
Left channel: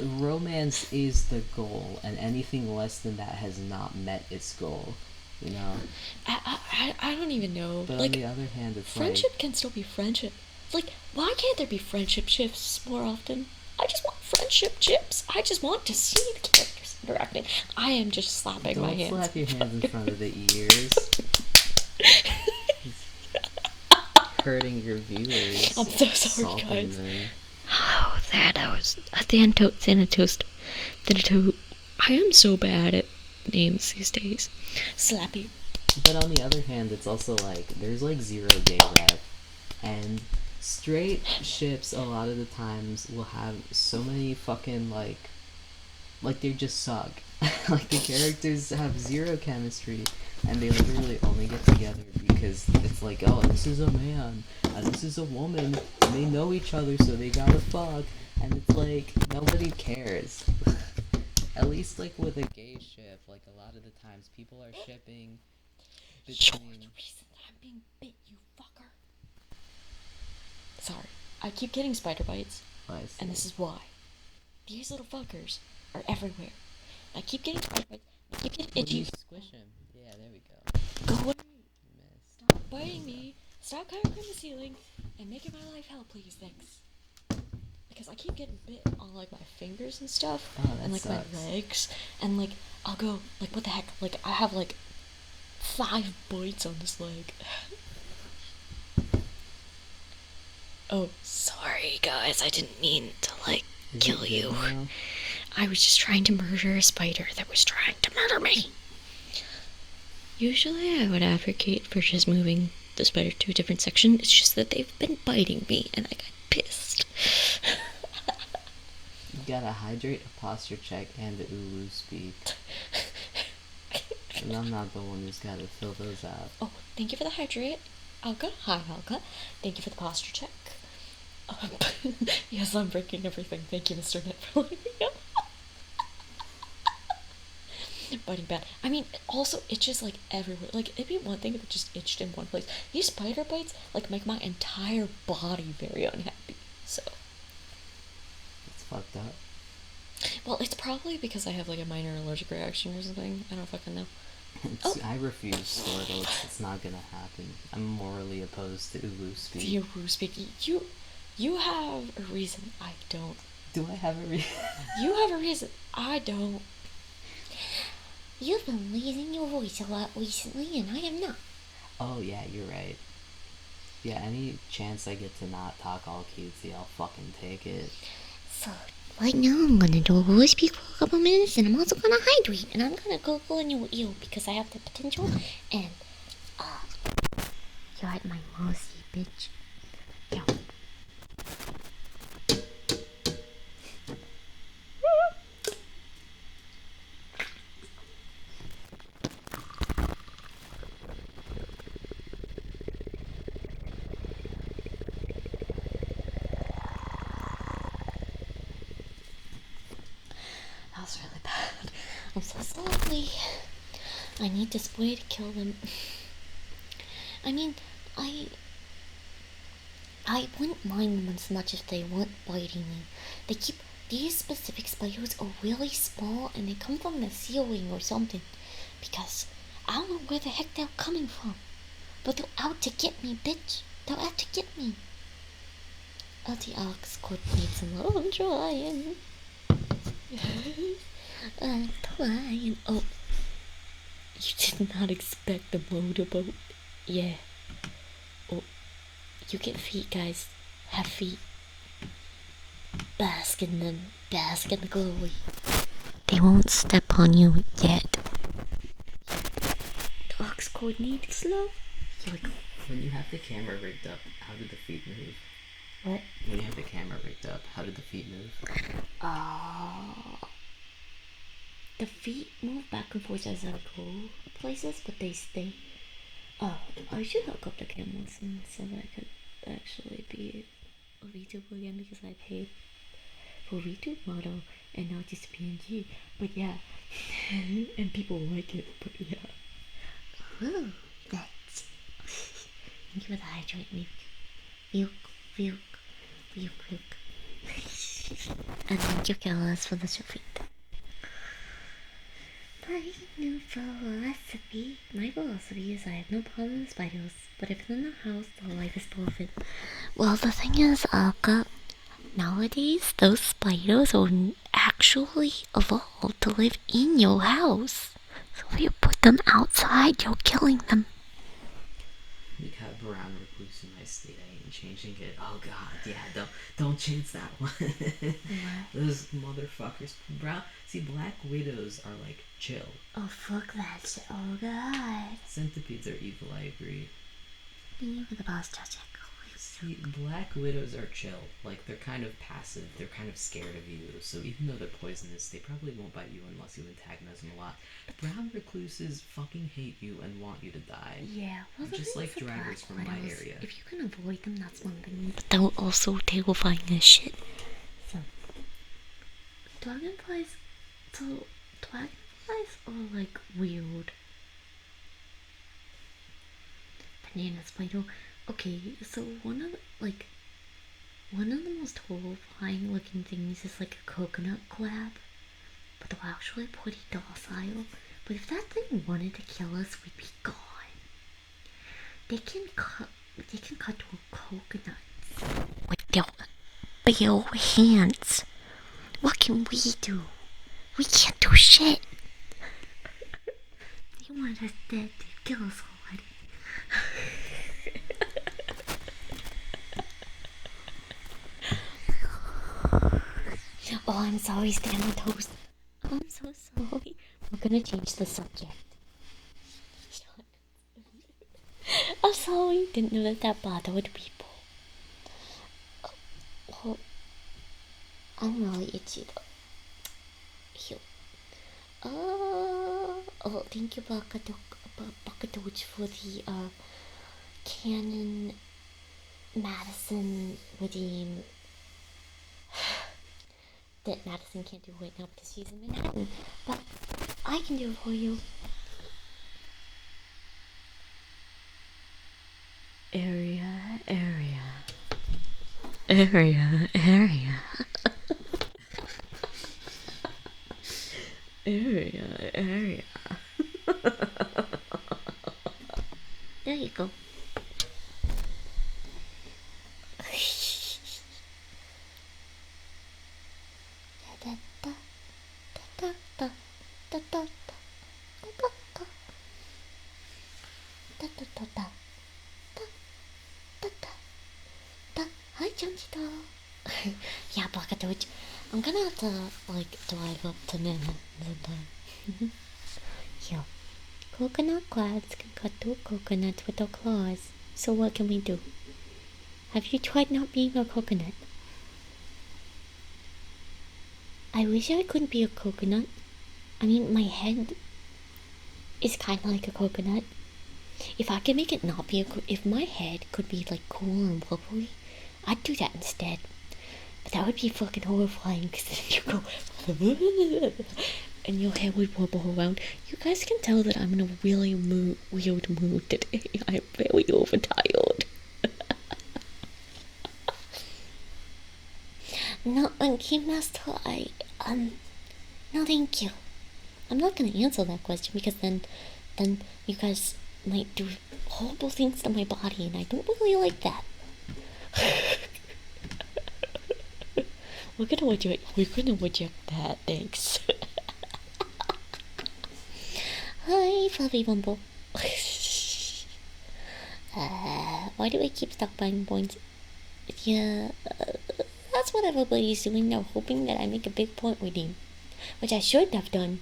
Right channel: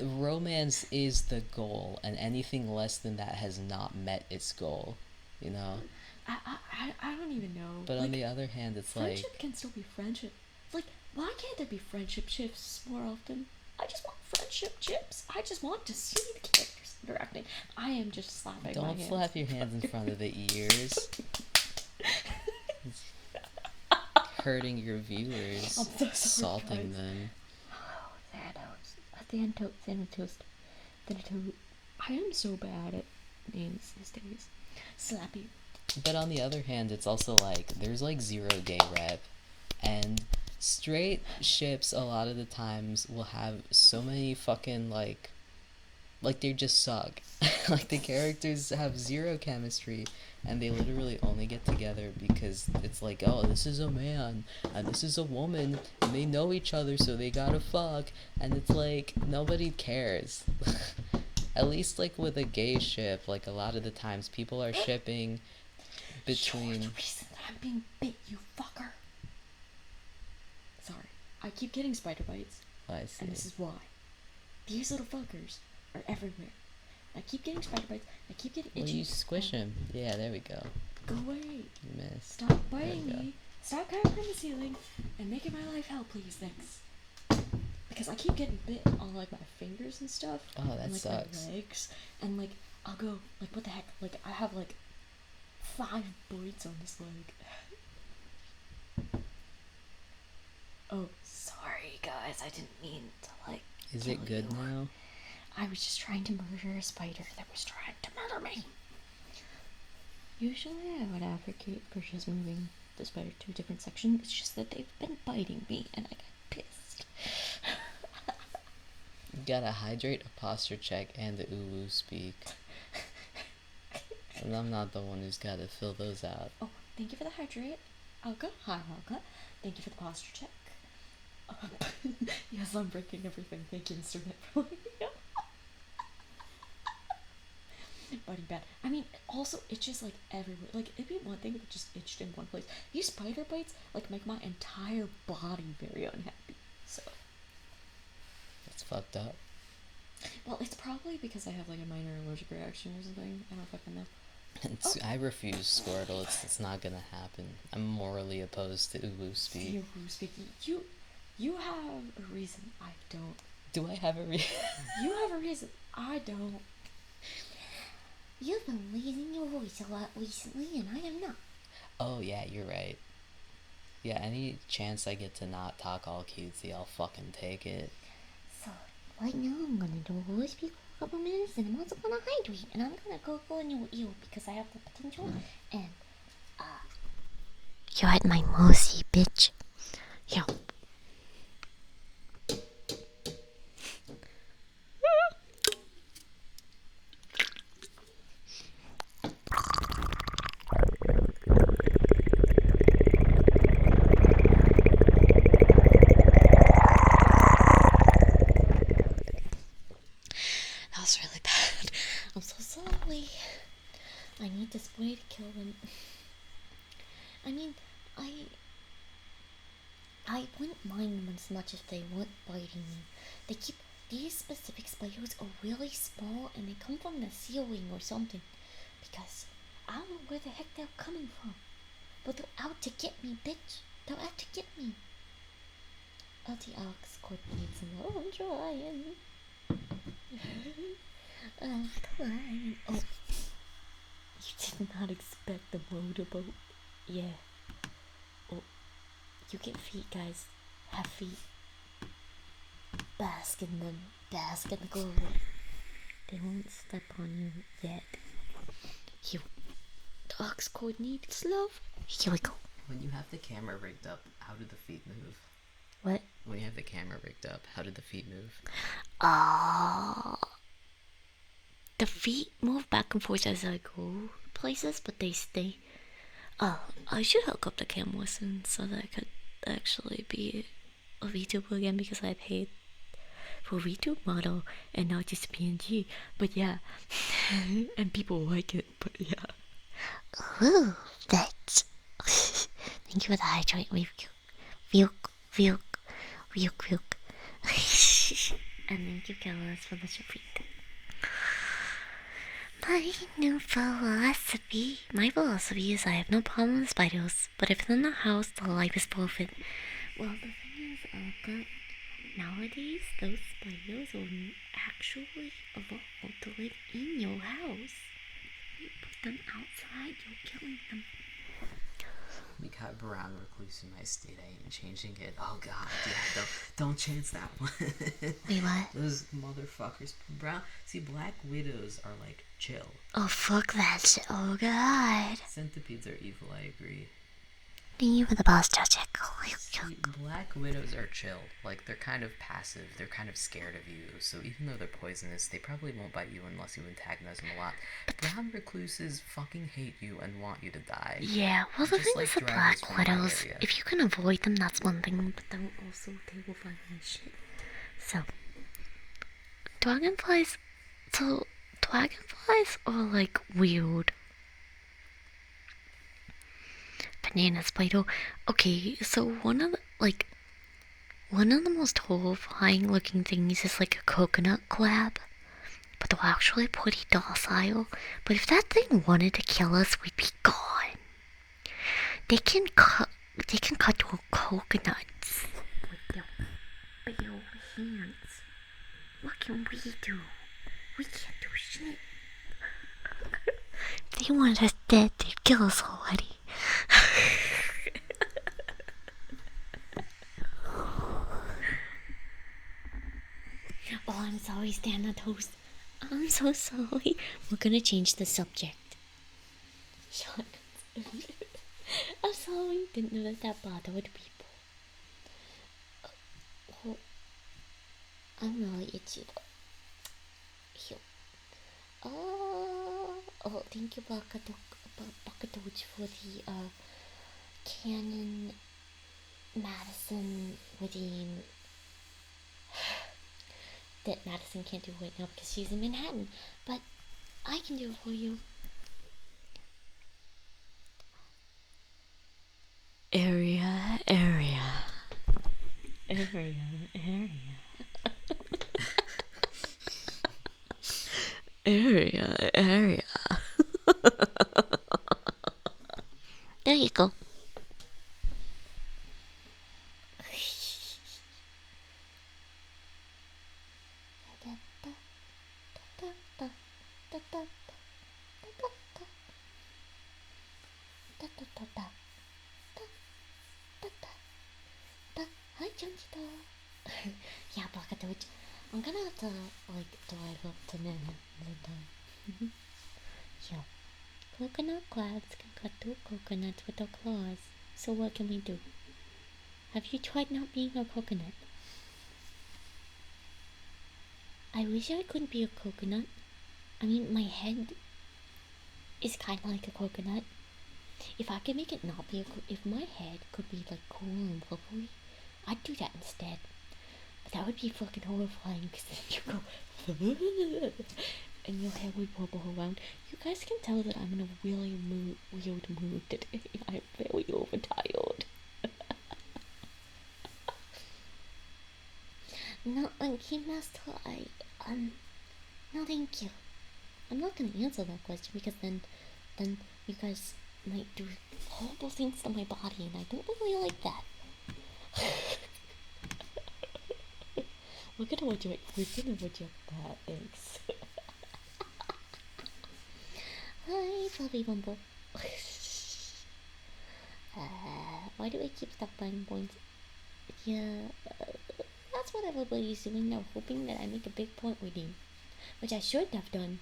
romance is the goal, and anything less than that has not met its goal, you know? I don't even know. But, like, on the other hand, it's friendship can still be friendship. Like, why can't there be friendship chips more often? I just want friendship chips. I just want to see the characters interacting. I am just slapping my hands. Don't slap your hands in front of the ears. hurting your viewers. I'm so sorry, salting guys. them. Oh, that I was Thanatos. I am so bad at names these days. Slappy. But on the other hand, it's also like there's like zero gay rep, and straight ships a lot of the times will have so many fucking like they just suck. Like the characters have zero chemistry, and they literally only get together because it's like, oh, this is a man and this is a woman and they know each other, so they gotta fuck, and it's like nobody cares. At least like with a gay ship, like a lot of the times people are shipping between. You're the reason that I'm being bit, you fucker. Sorry, I keep getting spider bites, and this is why. These little fuckers are everywhere. I keep getting spider bites. I keep getting itchy. You squish him. Yeah, there we go. Go away. You missed. Stop biting me. Stop coming from the ceiling and making my life hell, please. Thanks. Because I keep getting bit on like my fingers and stuff. Oh, that and like sucks. my legs. And like I'll go like, what the heck? Like I have like 5 bites on this leg. Oh, sorry guys. I didn't mean to like kill you. Now? I was just trying to murder a spider that was trying to murder me. Usually I would advocate for just moving the spider to a different section. It's just that they've been biting me and I got pissed. You gotta hydrate, a posture check, and the Ulu speak. And I'm not the one who's gotta fill those out. Oh, thank you for the hydrate, Alka. Hi, Alka. Thank you for the posture check. Yes, I'm breaking everything. Thank you, Mr. Net, for letting me know. Biting bad. I mean, also, it's just like everywhere. Like, it'd be one thing if it just itched in one place. These spider bites, like, make my entire body very unhappy. So. It's fucked up. Well, it's probably because I have, like, a minor allergic reaction or something. I don't fucking know. I refuse Squirtle. It's not gonna happen. I'm morally opposed to Ulu speak. The Ulu speak. You have a reason. I don't. Do I have a reason? You have a reason. I don't. You've been losing your voice a lot recently, and I am not. Oh, yeah, you're right. Yeah, any chance I get to not talk all cutesy, I'll fucking take it. So, right now I'm gonna do a voice speak for a couple minutes, and I'm also gonna hydrate, and I'm gonna go in your ear because I have the potential, and, you're at my mercy, bitch. Yo. That was really bad. I'm so sorry. I need to spray to kill them. I mean, I wouldn't mind them as much if they weren't biting me. These specific spiders are really small and they come from the ceiling or something. Because I don't know where the heck they're coming from. But they're out to get me, bitch. They're out to get me. The ox could need some love. I'm trying. I'm trying. Oh. You did not expect the motorboat. Yeah. Oh. You get feet, guys. Have feet. Bask in them. Bask in the glory. They won't step on you yet. Yeah. The ox cord needs love. Here we go. When you have the camera rigged up, how did the feet move? What? When you have the camera rigged up, how did the feet move? The feet move back and forth as I go places, but they stay. Oh, I should hook up the cam listen so that I could actually be a VTuber again because I paid for VTube model and not just PNG. But yeah, and people like it. But yeah. Ooh, bitch. Thank you for the hydrate. Vuke. And thank you, Carlos, for the support. My philosophy is I have no problem with spiders, but if they're in the house, the life is forfeit. Well, the thing is, nowadays, those spiders are actually evolved to live in your house. So if you put them outside, you're killing them. We got brown recluse in my state, I ain't changing it. Oh god, yeah, don't change that one. Wait, what? Those motherfuckers. See, Black Widows are like chill. Oh, fuck that shit. Oh, God. Centipedes are evil, I agree. You were the boss, Judge. See, Black Widows are chill. Like, they're kind of passive. They're kind of scared of you. So even though they're poisonous, they probably won't bite you unless you antagonize them a lot. Brown recluses fucking hate you and want you to die. Yeah, well, the thing is, the Black Widows, if you can avoid them, that's one thing, but they're also terrifying as shit. So, dragonflies are like weird. Banana spider. Okay, so one of the most horrifying looking things is like a coconut crab, but they're actually pretty docile. But if that thing wanted to kill us, we'd be gone. They can cut through coconuts with their bare hands. What can we do? We can't do shit. If they want us dead, they'd kill us already. Oh, I'm sorry, Stan the Toast. I'm so sorry. We're gonna change the subject. Shut. I'm sorry. Didn't know that bothered people. Oh, I'm really itchy though. Here. Oh, thank you, Buckadooch, for the Canon Madison redeem. That Madison can't do right now because she's in Manhattan, but I can do it for you. Area. There you go. Hi, Junchito. Yeah, Buckadooch. I'm gonna have to, drive up to Manhattan sometime. Yeah. Coconut crabs can cut through coconuts with their claws. So what can we do? Have you tried not being a coconut? I wish I couldn't be a coconut. I mean, my head is kind of like a coconut. If I could make it not be if my head could be like cool and bubbly, I'd do that instead. But that would be fucking horrifying because then you go and your hair would wobble around. You guys can tell that I'm in a really weird mood today. I'm very overtired. No, Game Master, no thank you. I'm not gonna answer that question because then you guys might do horrible things to my body and I don't really like that. We're gonna reject that, thanks. Hi, Fluffy Bumble. Why do I keep stockpiling points? Yeah, that's what everybody's doing now, hoping that I make a big point redeem. Which I should have done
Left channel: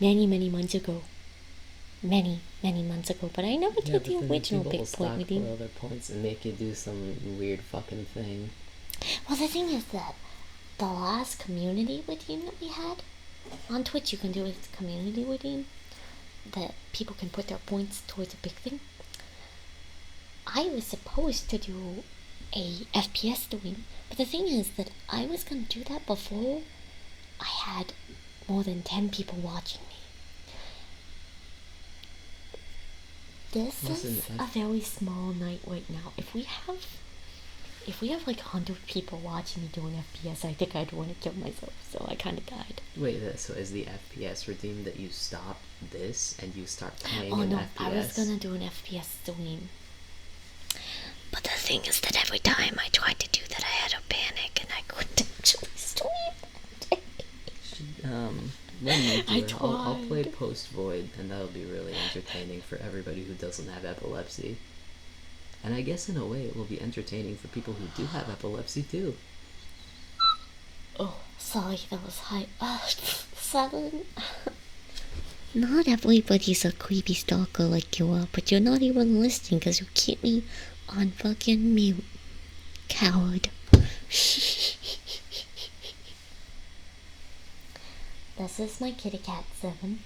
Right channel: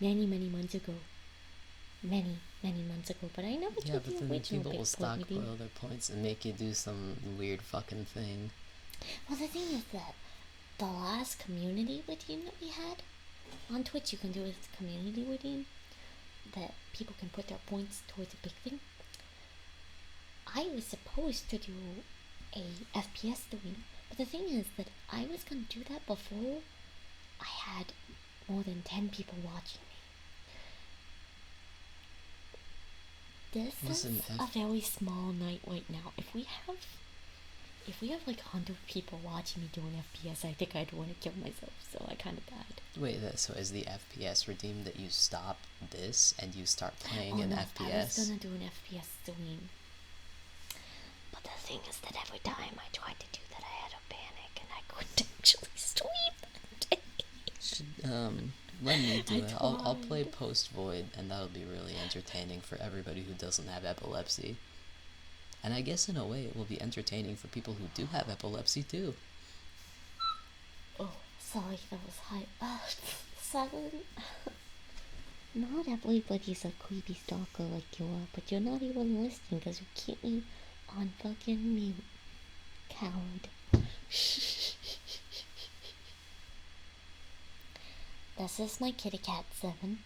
many months ago. Many months ago, but I never did the original big point redeem. Other points and make you do some weird fucking thing. Well, the thing is that the last community redeem that we had on Twitch, you can do a community redeem that people can put their points towards a big thing. I was supposed to do a FPS stream, but the thing is that I was gonna do that before I had more than 10 people watching me. This is a very small night right now. If we have like 100 people watching me doing FPS, I think I'd want to kill myself, so I kind of died. Wait, so is the FPS redeem that you stop this and you start playing an FPS? I was gonna do an FPS stream. But the thing is that every time I tried to do that, I had a panic and I couldn't actually stream. Let me do it. I'll play Post Void, and that'll be really entertaining for everybody who doesn't have epilepsy. And I guess in a way it will be entertaining for people who do have epilepsy too. Oh, sorry, that was high. 7. Not everybody's a creepy stalker like you are, but you're not even listening because you keep me on fucking mute. Coward. This is my kitty cat, 7.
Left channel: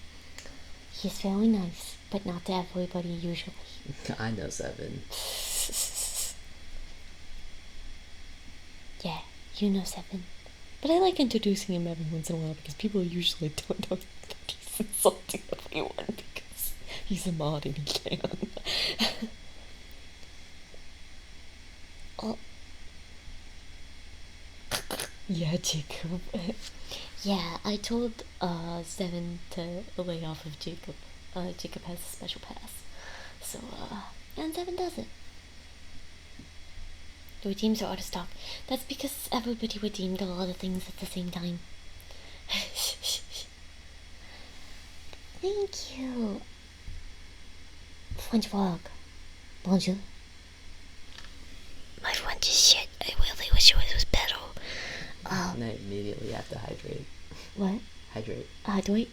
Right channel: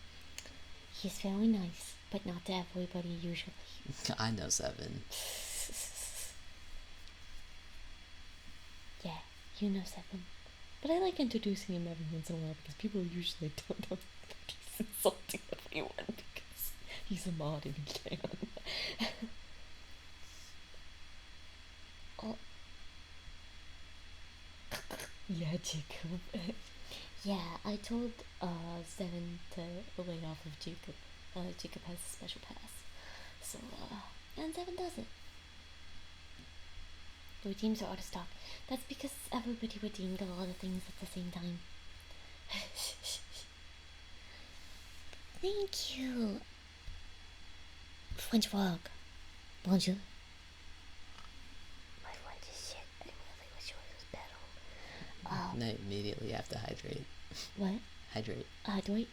He's very nice, but not to everybody usually. I know 7. Yeah, you know 7. But I like introducing him every once in a while because people usually don't know that he's insulting everyone because he's a mod and he can. Oh. Yeah, Jacob. Yeah, I told 7 to lay off of Jacob. Jacob has a special pass. So, and 7 does it. The redeems are out of stock. That's because everybody redeemed a lot of things at the same time. Thank you. French frog. Bonjour. My French is shit. I really wish it was better. And I immediately have to hydrate. What? Hydrate. Hydrate?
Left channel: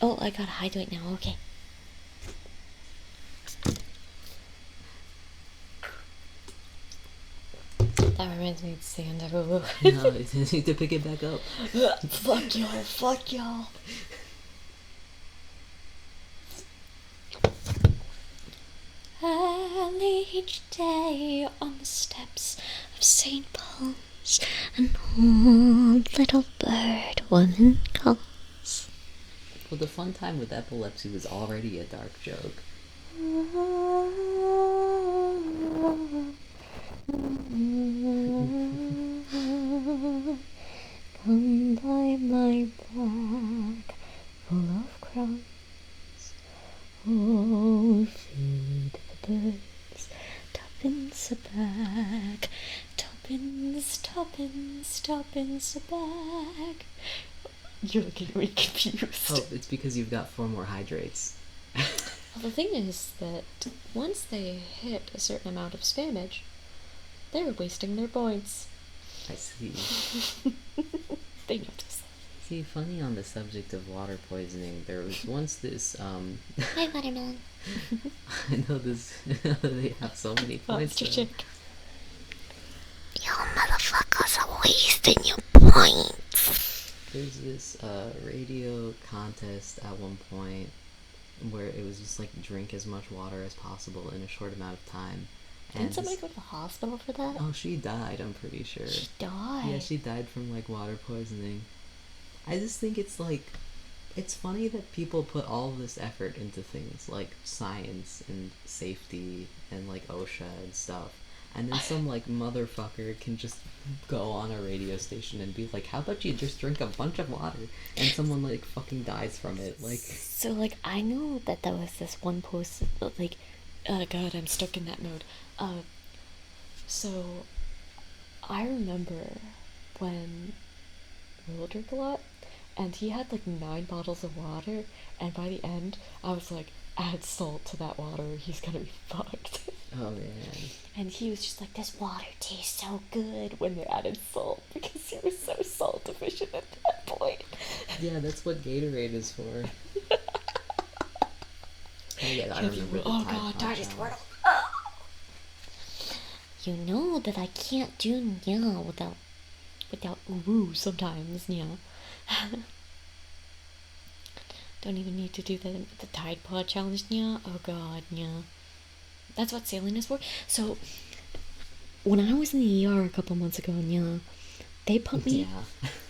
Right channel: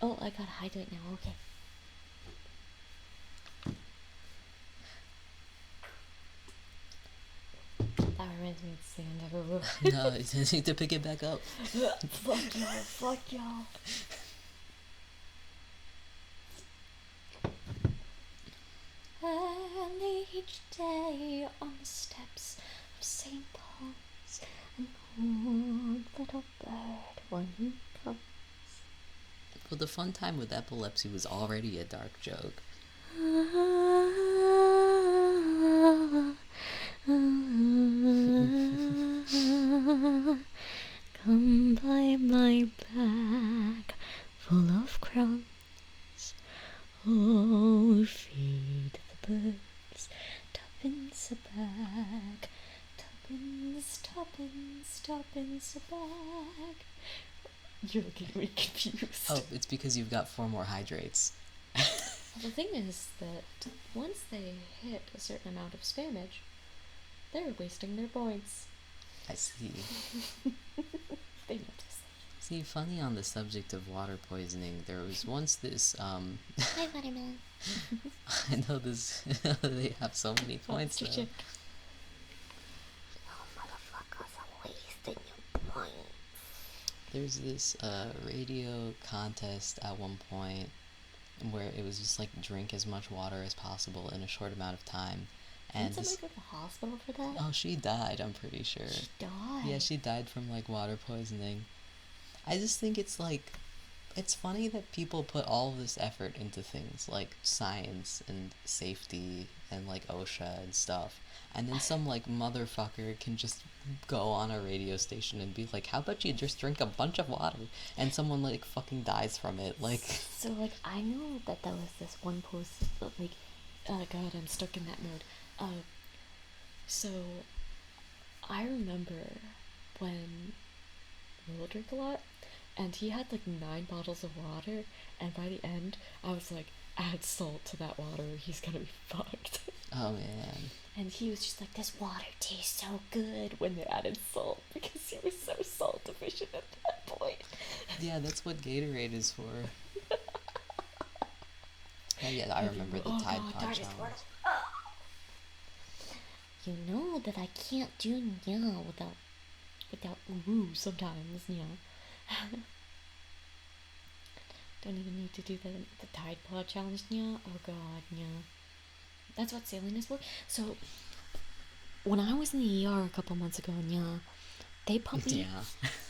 Oh, I gotta hydrate now. Okay. That reminds me of sand everywhere. No, you need to pick it back up. Fuck y'all. Fuck y'all. Early each day on the steps of St. Paul's, an old little bird woman calls. Well, the fun time with epilepsy was already a dark joke. Come by my back, full of crumbs. Oh, feed the birds, tuppence a bag. Tuppence, tuppence, tuppence a bag. You're looking at me confused. Oh, it's because you've got 4 more hydrates. Well, the thing is that once they hit a certain amount of spammage, they're wasting their points. I see. They notice. See, funny on the subject of water poisoning, there was once this, Hi, watermelon. I know this, they have so many points Monster now. chick. You motherfuckers are wasting your points. There's this, radio contest at one point where it was just like drink as much water as possible in a short amount of time. Didn't somebody go to the hospital for that? Oh, she died, I'm pretty sure. She died? Yeah, she died from, like, water poisoning. I just think it's, like, it's funny that people put all this effort into things, like science and safety and, like, OSHA and stuff. And then some, like, motherfucker can just go on a radio station and be like, how about you just drink a bunch of water? And someone, like, fucking dies from it, like... So, like, I know that there was this one post, like, oh god, I'm stuck in that mode. So, I remember when Will drink a lot, and he had, like, 9 bottles of water, and by the end, I was like, add salt to that water, he's gonna be fucked. Oh, man. And he was just like, this water tastes so good when they added salt, because he was so salt deficient at that point. Yeah, that's what Gatorade is for. Oh, yeah, I remember the Oh Tide god, Pod that is challenge. You know that I can't do nya without ooh sometimes, nya. Don't even need to do the Tide Pod challenge, nya. Oh god, nya. That's what sailing is for. So, when I was in the ER a couple months ago, nya, they put me... Yeah.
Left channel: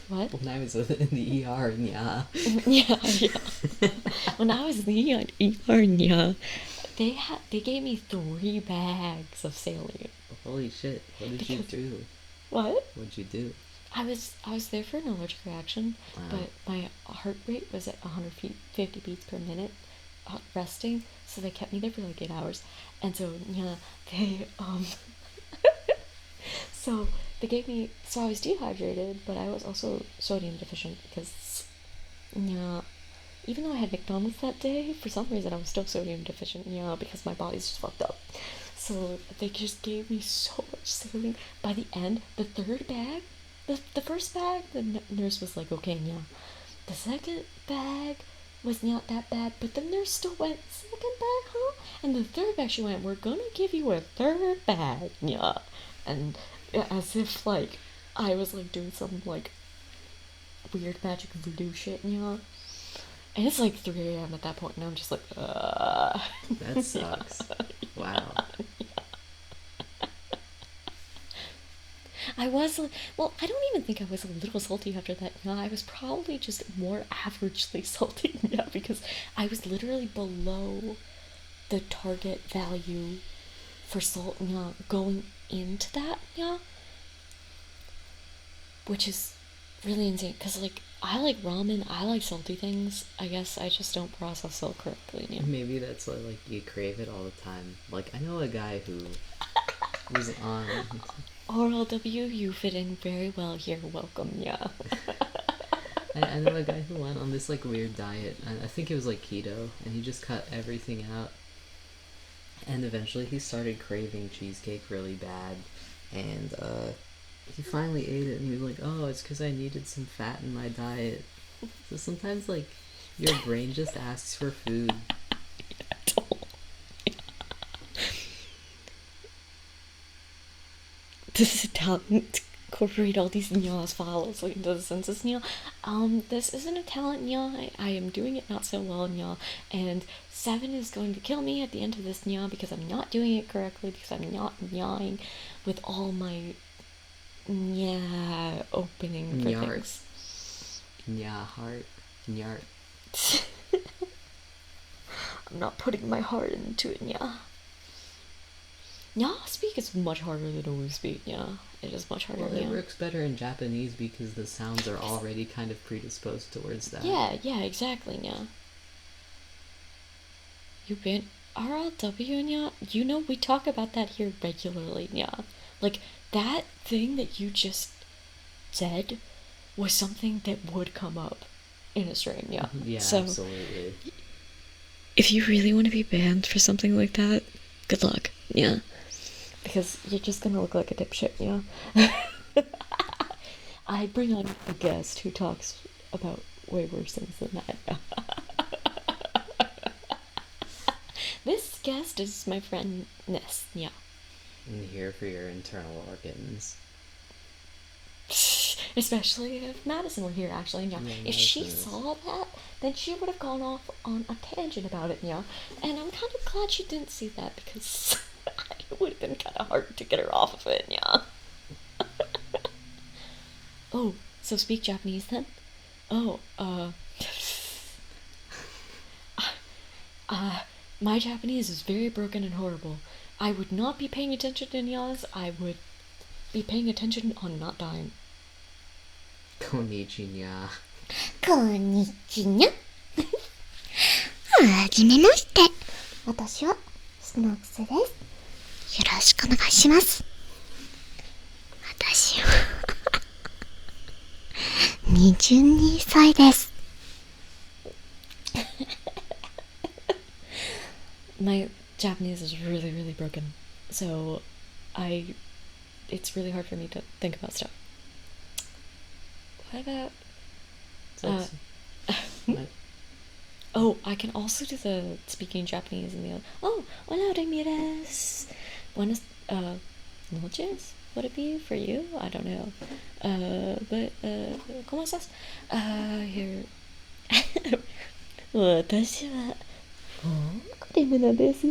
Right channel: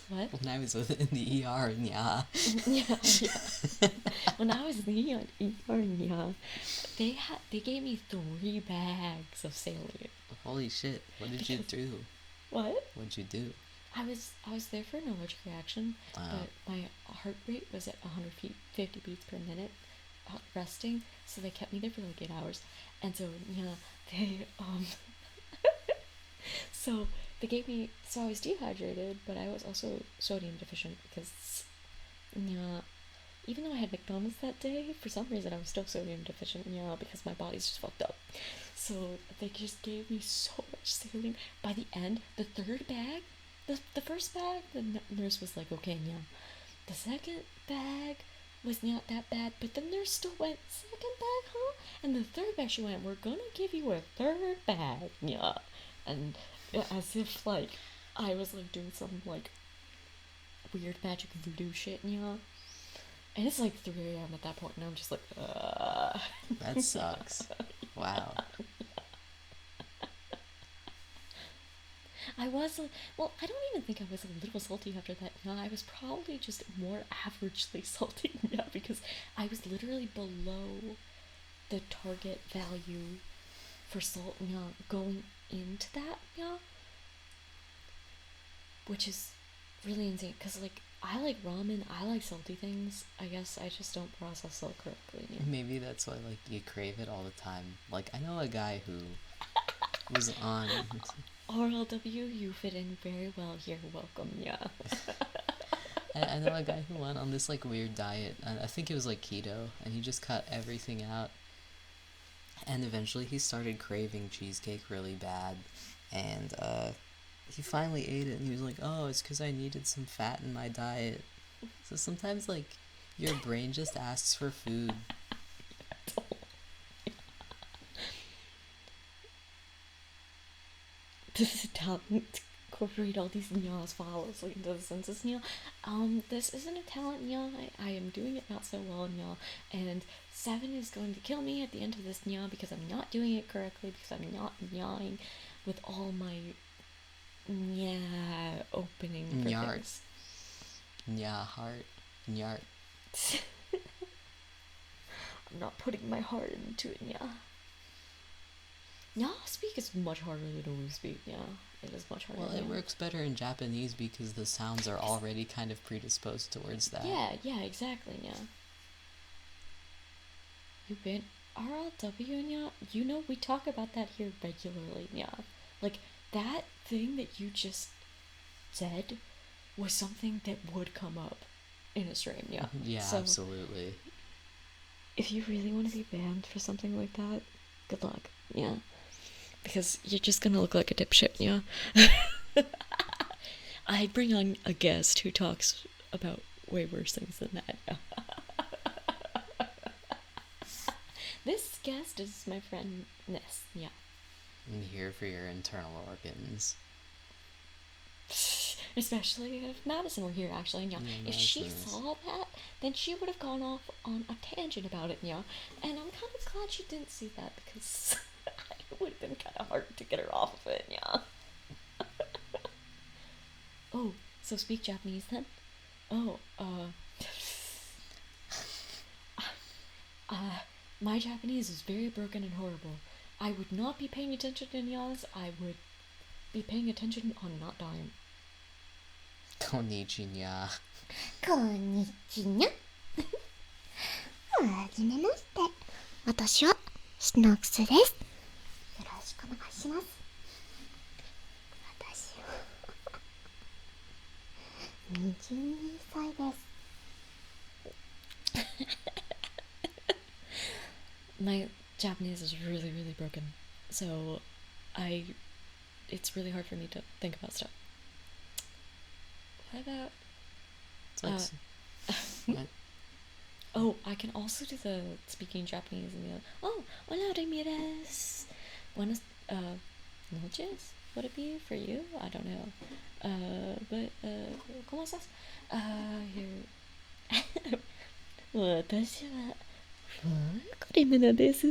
What? When I was in the ER, yeah. Yeah. When I was in the ER, yeah, they gave me 3 bags of saline. Holy shit! What did you do? What? What'd you do? I was there for an allergic reaction, Wow. but my heart rate was at 150 beats per minute, resting. So they kept me there for like 8 hours, and so yeah, they so they gave me. So I was dehydrated, but I was also sodium deficient because yeah, even though I had McDonald's that day, for some reason I was still sodium deficient, because my body's just fucked up. So they just gave me so much saline. By the end, the third bag, the first bag, the nurse was like, okay, yeah. The second bag was not that bad, but the nurse still went, second bag, huh? And the third bag, she went, we're gonna give you a third bag, yeah. And as if, like, I was, like, doing some, like, weird magic voodoo shit, yeah. And it's like 3 a.m. at that point, and I'm just like, That sucks. Wow. I was, well, I don't even think I was a little salty after that. Yeah, I was probably just more averagely salty. Yeah, because I was literally below the target value for salt. Yeah, going into that. Yeah, which is really insane. Cause like I like ramen, I like salty things. I guess I just don't process salt correctly. Yeah. Maybe that's why like you crave it all the time. Like I know a guy who was on RLW, you fit in very well here. Welcome, yeah. I know a guy who went on this like weird diet. I think it was like keto, and he just cut everything out. And eventually he started craving cheesecake really bad, and he finally ate it, and he was like, "Oh, it's because I needed some fat in my diet." So sometimes like your brain just asks for food. This is talent to incorporate all these nyas follows like into the census nya. This isn't a talent nya. I am doing it not so well nya, and 7 is going to kill me at the end of this nya because I'm not doing it correctly, because I'm not nyaing with all my nya opening for Nyart. things. Nya heart. Nyart. I'm not putting my heart into it nya. Nya speak is much harder than Owu speak, yeah. It is much harder. Well, it works better in Japanese because the sounds are already kind of predisposed towards that. Yeah, exactly, yeah. You've been RLW, yeah? You know, we talk about that here regularly, yeah. Like, that thing that you just said was something that would come up in a stream, yeah. Yeah, so, absolutely. If you really want to be banned for something like that, good luck, yeah. Because you're just gonna look like a dipshit, yeah? I bring on a guest who talks about way worse things than that. This guest is my friend Ness, yeah. I'm here for your internal organs. Especially if Madison were here, actually, yeah. If she saw that, then she would have gone off on a tangent about it, yeah. And I'm kind of glad she didn't see that, because it would have been kind of hard to get her off of it, yeah. Oh, so speak Japanese then? Oh, my Japanese is very broken and horrible. I would not be paying attention to Nyas. I would be paying attention on not dying. Konnichiwa. こんにちは。はじめまして。私はスノークスです。よろしくお願いします。私は22歳です。My Japanese is really, really broken. So, it's really hard for me to think about stuff. What about... oh, I can also do the speaking Japanese in the other... Oh, hola, Ramirez. Buenas, noches? Would it be for you? I don't know. But, ¿cómo estás? Here. 私はクリムナです。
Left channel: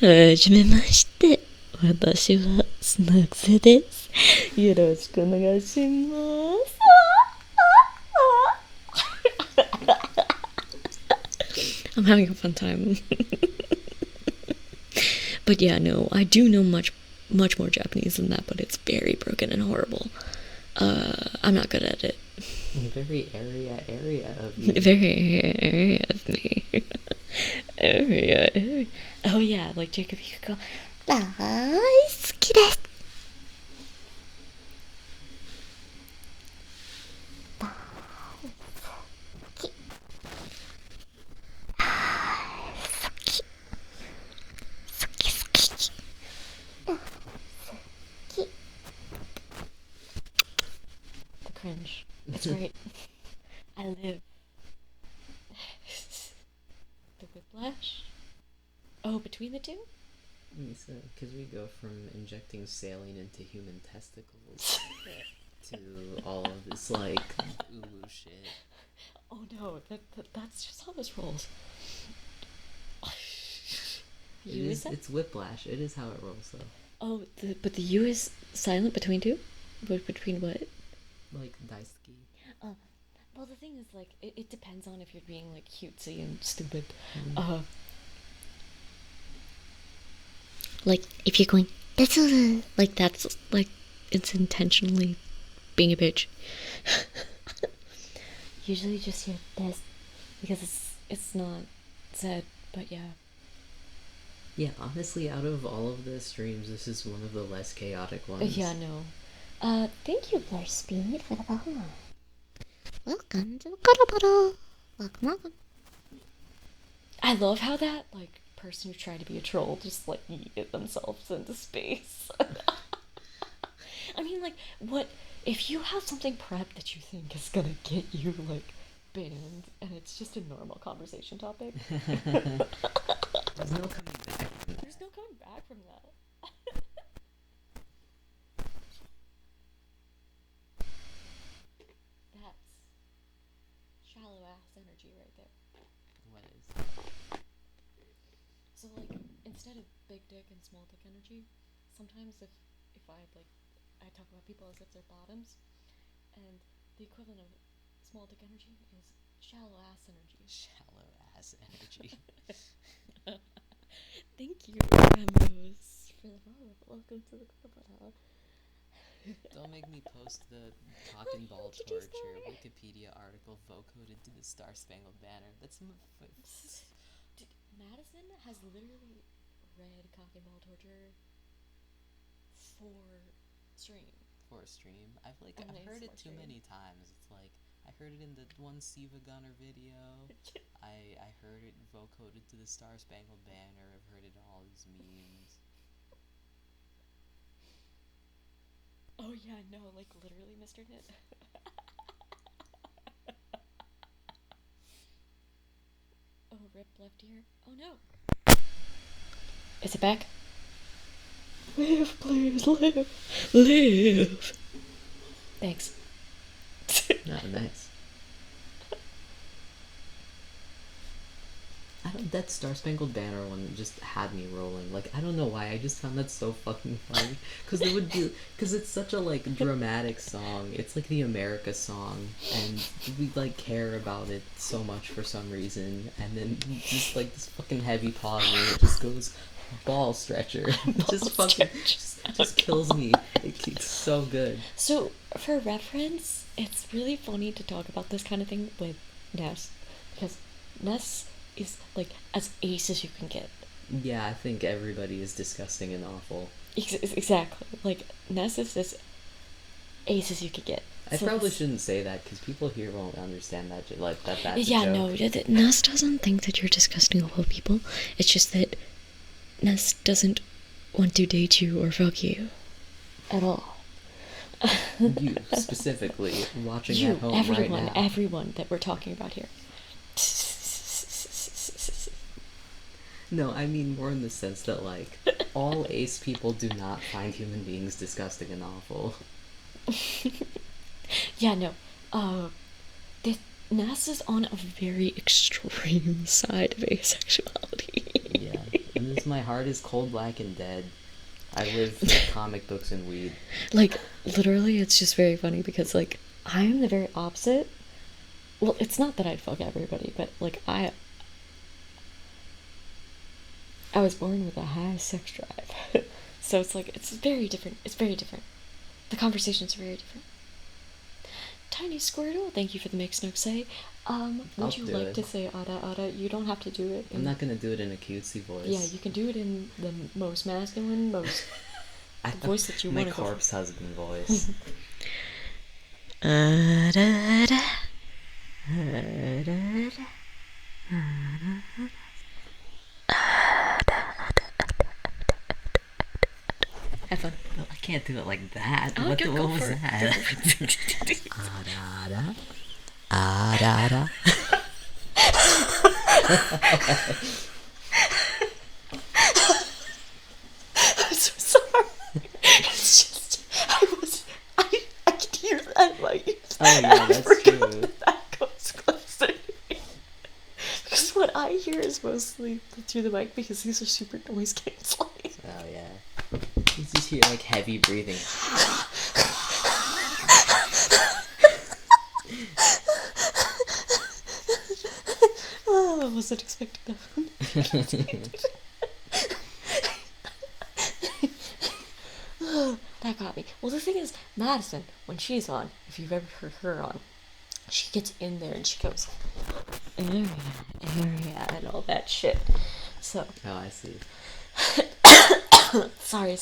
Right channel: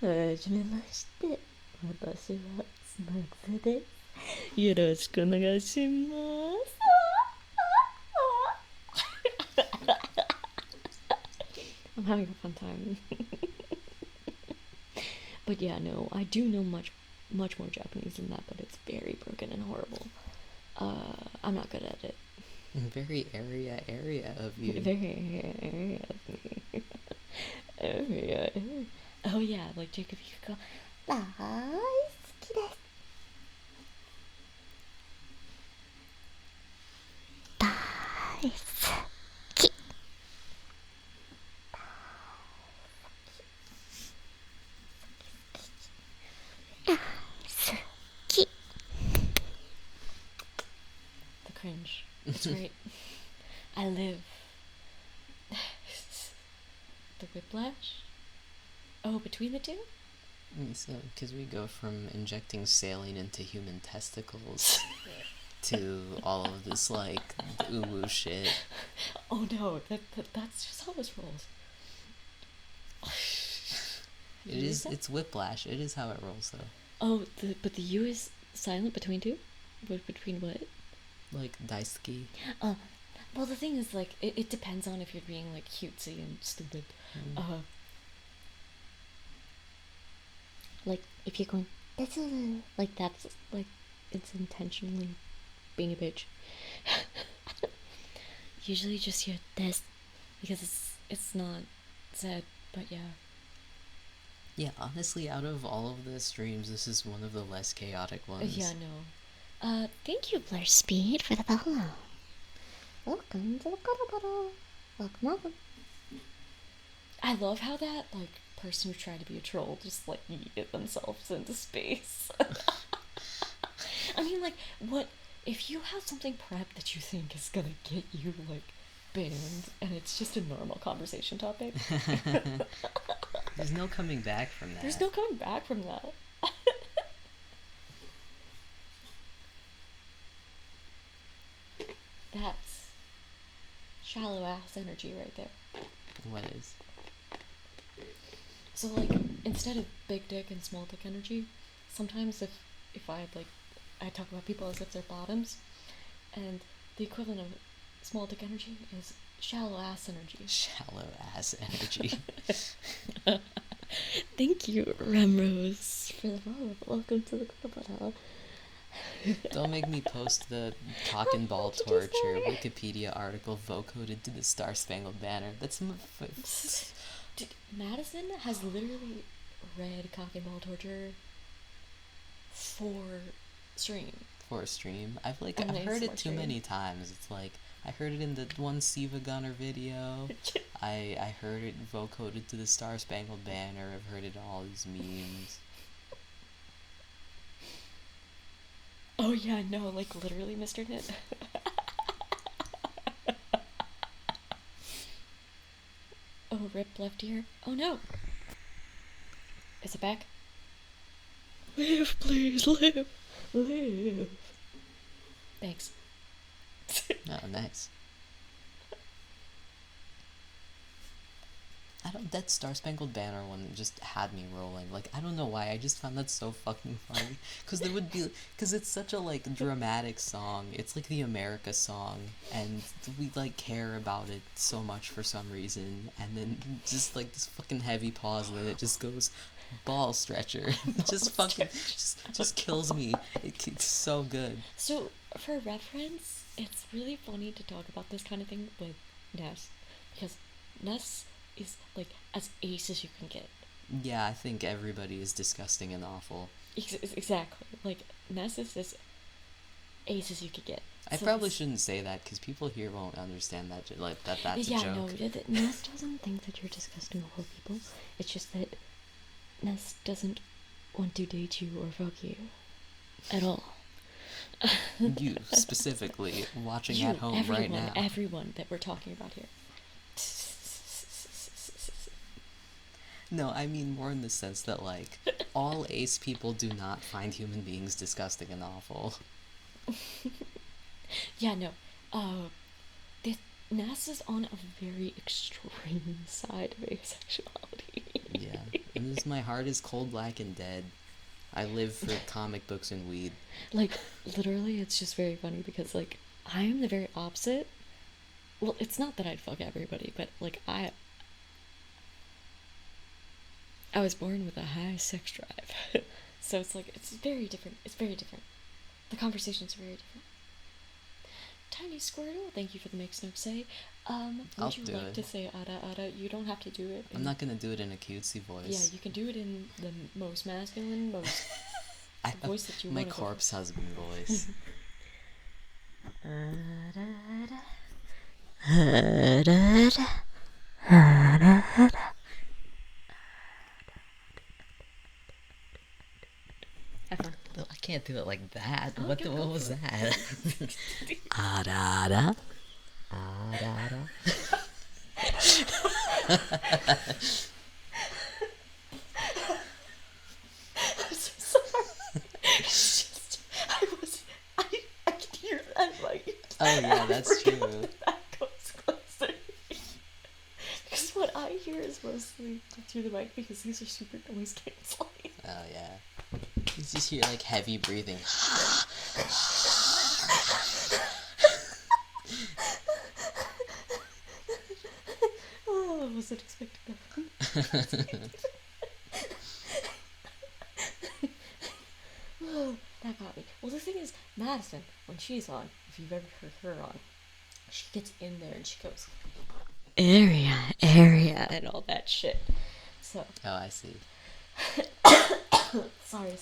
はじめまして。私はスナックスです。よろしくお願いします。I'm having a fun time. But yeah, no, I do know much more Japanese than that, but it's very broken and horrible. I'm not good at it. Very area of you. Very area of me. area. Oh yeah, like Jacob, you could go. 大好きです。That's right. I live. The whiplash? Oh, between the two? Because we go from injecting saline into human testicles to all of this, like, ooh shit. Oh no, that's just how this rolls. It's whiplash. It is how it rolls, though. Oh, but the U is silent between two? Between what? Like, daisuki. Well, the thing is, like, it depends on if you're being, like, cutesy and stupid. Like, if you're going, that's like, that's, like, it's intentionally being a bitch. Usually just your this, because it's not said, but yeah. Yeah, honestly, out of all of the streams, this is one of the less chaotic ones. Yeah, no. Thank you, Blur Speed, for the follow. Welcome to the Cuddle Puddle. Welcome. I love how that, like, person who tried to be a troll just, like, yeeted themselves into space. I mean, like, what if you have something prepped that you think is gonna get you, like, banned, and it's just a normal conversation topic? There's no coming back from that. There's no coming back from that. That's shallow ass energy right there. What is? So, like, instead of big dick and small dick energy, sometimes if I talk about people as if they're bottoms, and the equivalent of small dick energy is shallow ass energy. Shallow ass energy. Thank you, Remrose, for the follow. Welcome to the Club. Don't make me post the cock and ball torture Wikipedia article vocoded to the Star Spangled Banner. That's Dude, Madison has literally read cock and ball torture for stream. For a stream. I've And heard it too stream. many times. It's like I heard it in the one Siva Gunner video. I heard it vocoded to the Star Spangled Banner. I've heard it in all these memes. Oh yeah, no, like literally, Mr. Knit. Oh, rip left ear. Oh no. Is it back? Live, please, live, live. Thanks. Oh, nice. That Star Spangled Banner one just had me rolling. Like, I don't know why. I just found that so fucking funny. Because it's such a, like, dramatic song. It's like the America song. And we, like, care about it so much for some reason. And then just, like, this fucking heavy pause where it just goes, ball stretcher. Just kills me. It's so good. So, for reference, it's really funny to talk about this kind of thing with Ness. Because Ness is, like, as ace as you can get. Yeah, I think everybody is disgusting and awful. Exactly. Like, Ness is as ace as you could get. I probably shouldn't say that because people here won't understand that. That's a yeah, joke. no, Ness doesn't think that you're disgusting awful people. It's just that Ness doesn't want to date you or fuck you at all. You specifically watching at home right now. Everyone that we're talking about here. No, I mean more in the sense that, like, all ace people do not find human beings disgusting and awful. Yeah, no. Ness is on a very extreme side of asexuality. Yeah, and my heart is cold, black, and dead. I live for comic books and weed. Like, literally, it's just very funny because, like, I am the very opposite. Well, it's not that I'd fuck everybody, but, like, I was born with a high sex drive. So it's like, it's very different. It's very different. The conversation's very different. Tiny Squirtle, thank you for the mix, Noxay. Would you like to say Ada Ada? You don't have to do it. I'm not gonna do it in a cutesy voice. Yeah, you can do it in the most masculine, the voice that you want to go. My corpse husband voice. Have fun. I can't do it like that. Oh, What go was for it. that? Ah-da-da. Ah-da-da. I'm so sorry. It's just I can hear that light. Oh yeah, that's true. That goes closer. Because what I hear is mostly through the mic because these are super noise canceling. Oh yeah. You just hear like heavy breathing. Oh, I wasn't expecting that. That got me. Well, the thing is, Madison, when she's on, if you've ever heard her on, she gets in there and she goes, area, and all that shit. So. Oh, I see. Sorry.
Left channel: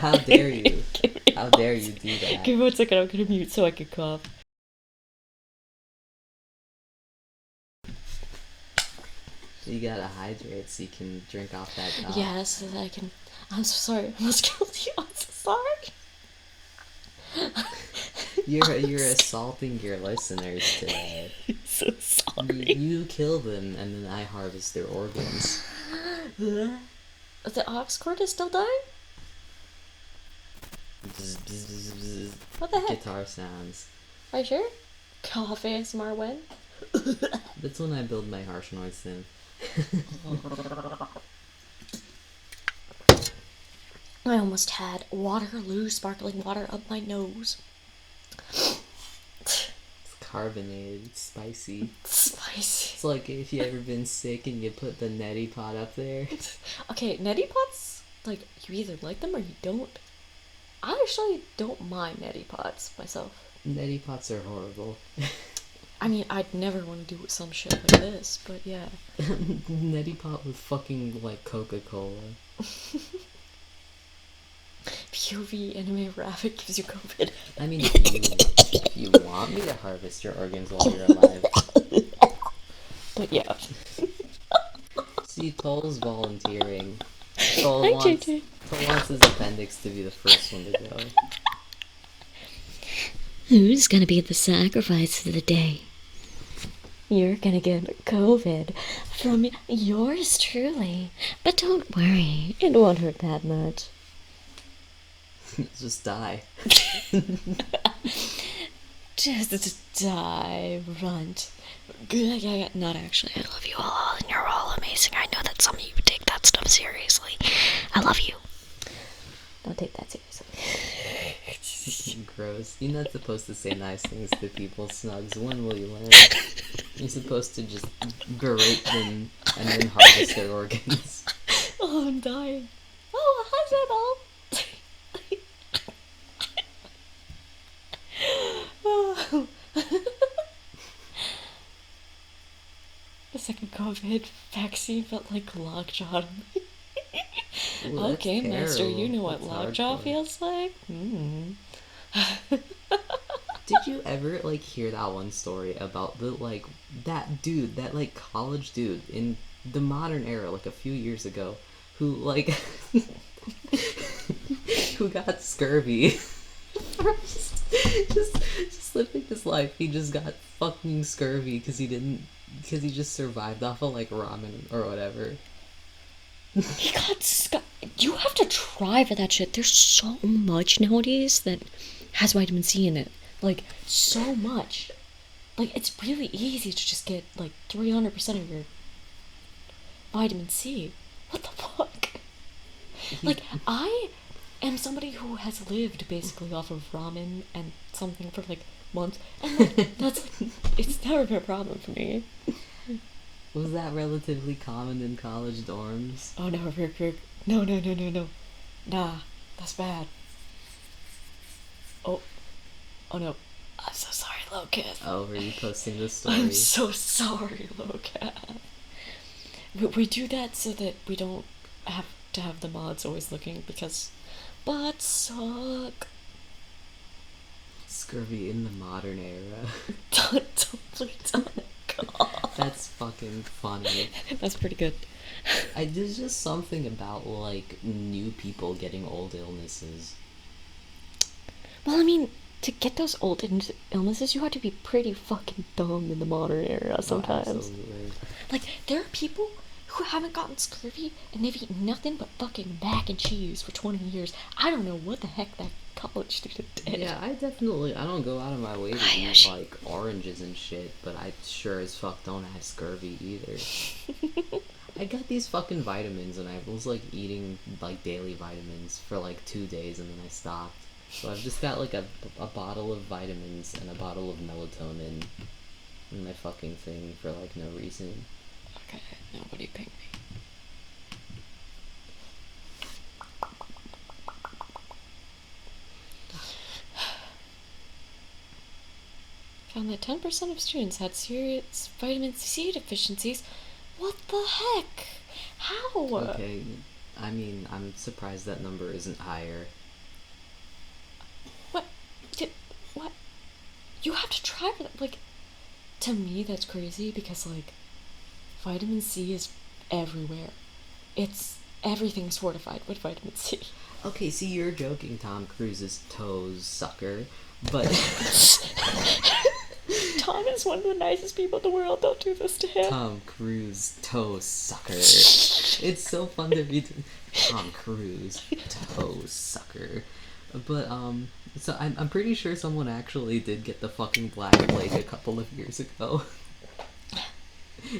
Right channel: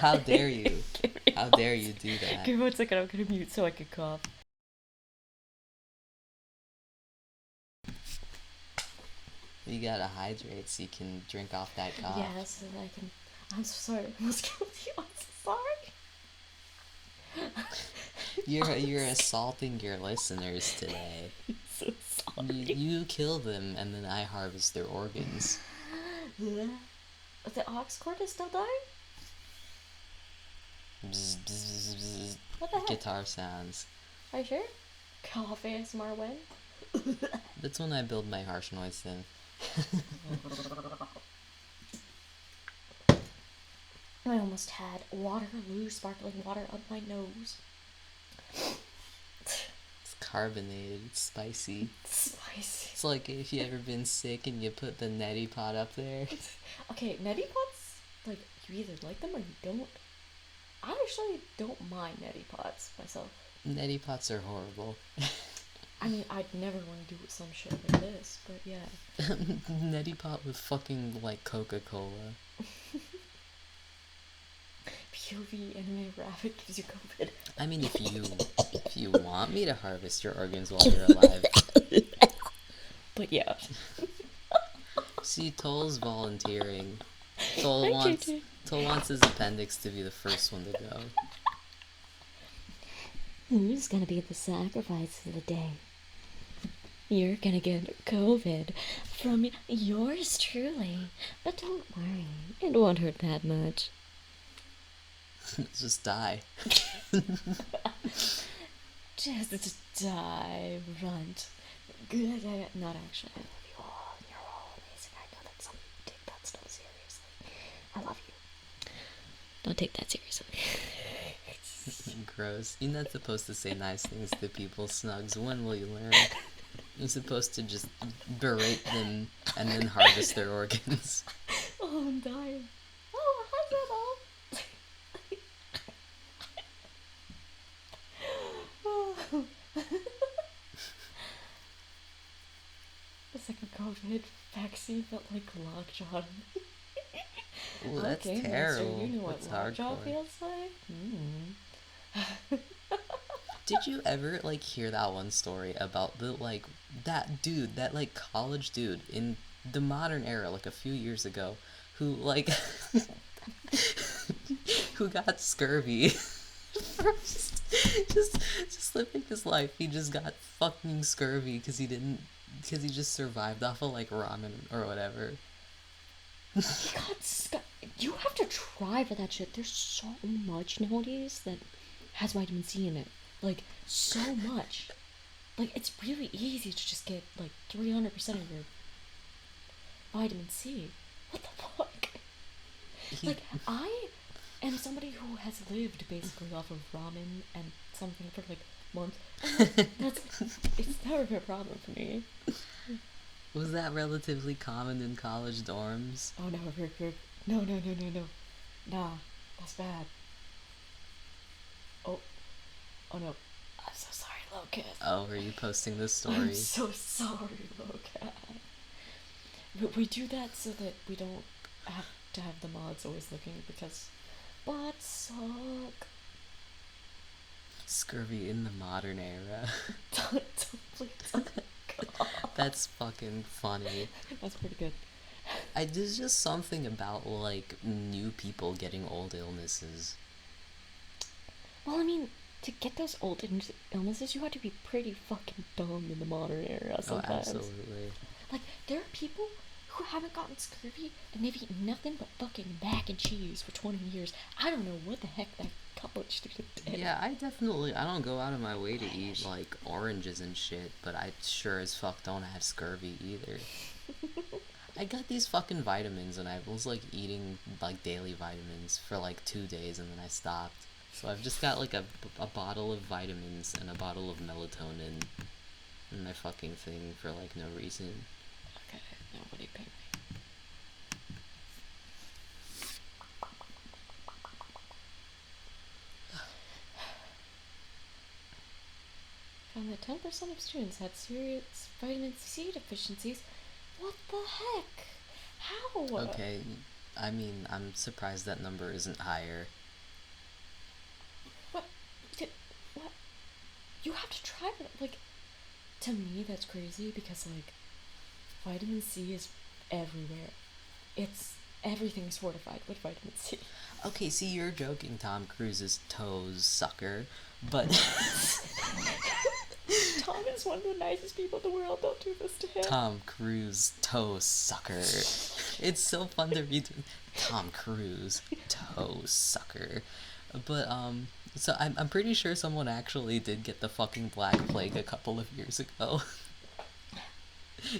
How dare you? How dare you do that? Give me 1 second, I'm gonna mute so I can cough. You gotta hydrate so you can drink off that cough. Yeah, so that I can. I'm so sorry. I was guilty. I'm so sorry. You're assaulting your listeners today. I'm so sorry. You kill them and then I harvest their organs. The aux cord is still dying? Bzz, bzz, bzz, bzz. What the heck? Guitar sounds. Are you sure? Cough ASMR when? That's when I build my harsh noise in. I almost had Waterloo sparkling water up my nose. It's carbonated, it's spicy. Spicy. It's like if you ever been sick and you put the neti pot up there. Okay, neti pots, like, you either like them or you don't. I actually don't mind neti pots myself. Neti pots are horrible. I mean, I'd never want to do some shit like this, but yeah. Neti pot with fucking, like, Coca-Cola. POV anime rabbit gives you COVID. I mean, if you want me to harvest your organs while you're alive. But yeah. See, Toll's volunteering. Toll Hi, wants JJ. his appendix to be the first one to go. Who's gonna be the sacrifice of the day? You're gonna get COVID from Yours truly. But don't worry. it won't hurt that much. Just die. Just die, runt. Not actually. I love you all, and you're all amazing. I know that some of you take that stuff seriously. I love you. Don't take that seriously. Gross. You're not supposed to say nice things to people, Snugs. When will you learn? You're supposed to just berate them and then harvest their organs. Oh, I'm dying. Oh, hi, Zenal. The second COVID vaccine felt like lockjaw to me. Ooh, Okay, Master, terrible. you know what That's lockjaw hardcore. feels like? Did you ever like hear that one story about the like that dude, that like college dude in the modern era, like a few years ago, who like who got scurvy? just living his life. He just got fucking scurvy because he just survived off of like ramen or whatever. He got You have to try for that shit. There's so much nowadays that has vitamin C in it. Like, so much. Like, it's really easy to just get, like, 300% of your vitamin C. What the fuck? Like, I am somebody who has lived basically off of ramen and something for, like, months. And, like, it's never been a problem for me. Was that relatively common in college dorms? Oh, no, Rick. No. Nah, that's bad. Oh no. I'm so sorry, Locat. Oh, were you posting this story? I'm so sorry, Locat. We do that so that we don't have to have the mods always looking because butts suck. Scurvy in the modern era. Don't. God. That's fucking funny. That's pretty good. There's just something about like new people getting old illnesses. Well, I mean, to get those old illnesses, you have to be pretty fucking dumb in the modern era sometimes. Oh, absolutely. Like, there are people who haven't gotten scurvy and they've eaten nothing but fucking mac and cheese for 20 years. I don't know what the heck that college student did. Yeah, I don't go out of my way to eat, like, oranges and shit, but I sure as fuck don't have scurvy either. I got these fucking vitamins, and I was, like, eating, like, daily vitamins for, like, 2 days, and then I stopped. So I've just got, like, a bottle of vitamins and a bottle of melatonin in my fucking thing for, like, no reason. Okay, nobody ping me. Found that 10% of students had serious vitamin C deficiencies. What the heck? How? Okay, I mean, I'm surprised that number isn't higher. What? What? You have to try it. Like, to me, that's crazy because, like, vitamin C is everywhere. Everything's fortified with vitamin C. Okay, see, you're joking, Tom Cruise's toes sucker, but Tom is one of the nicest people in the world. Don't do this to him. Tom Cruise toe sucker. It's so fun to be Tom Cruise toe sucker. But so I'm pretty sure someone actually did get the fucking Black Plague a couple of years ago.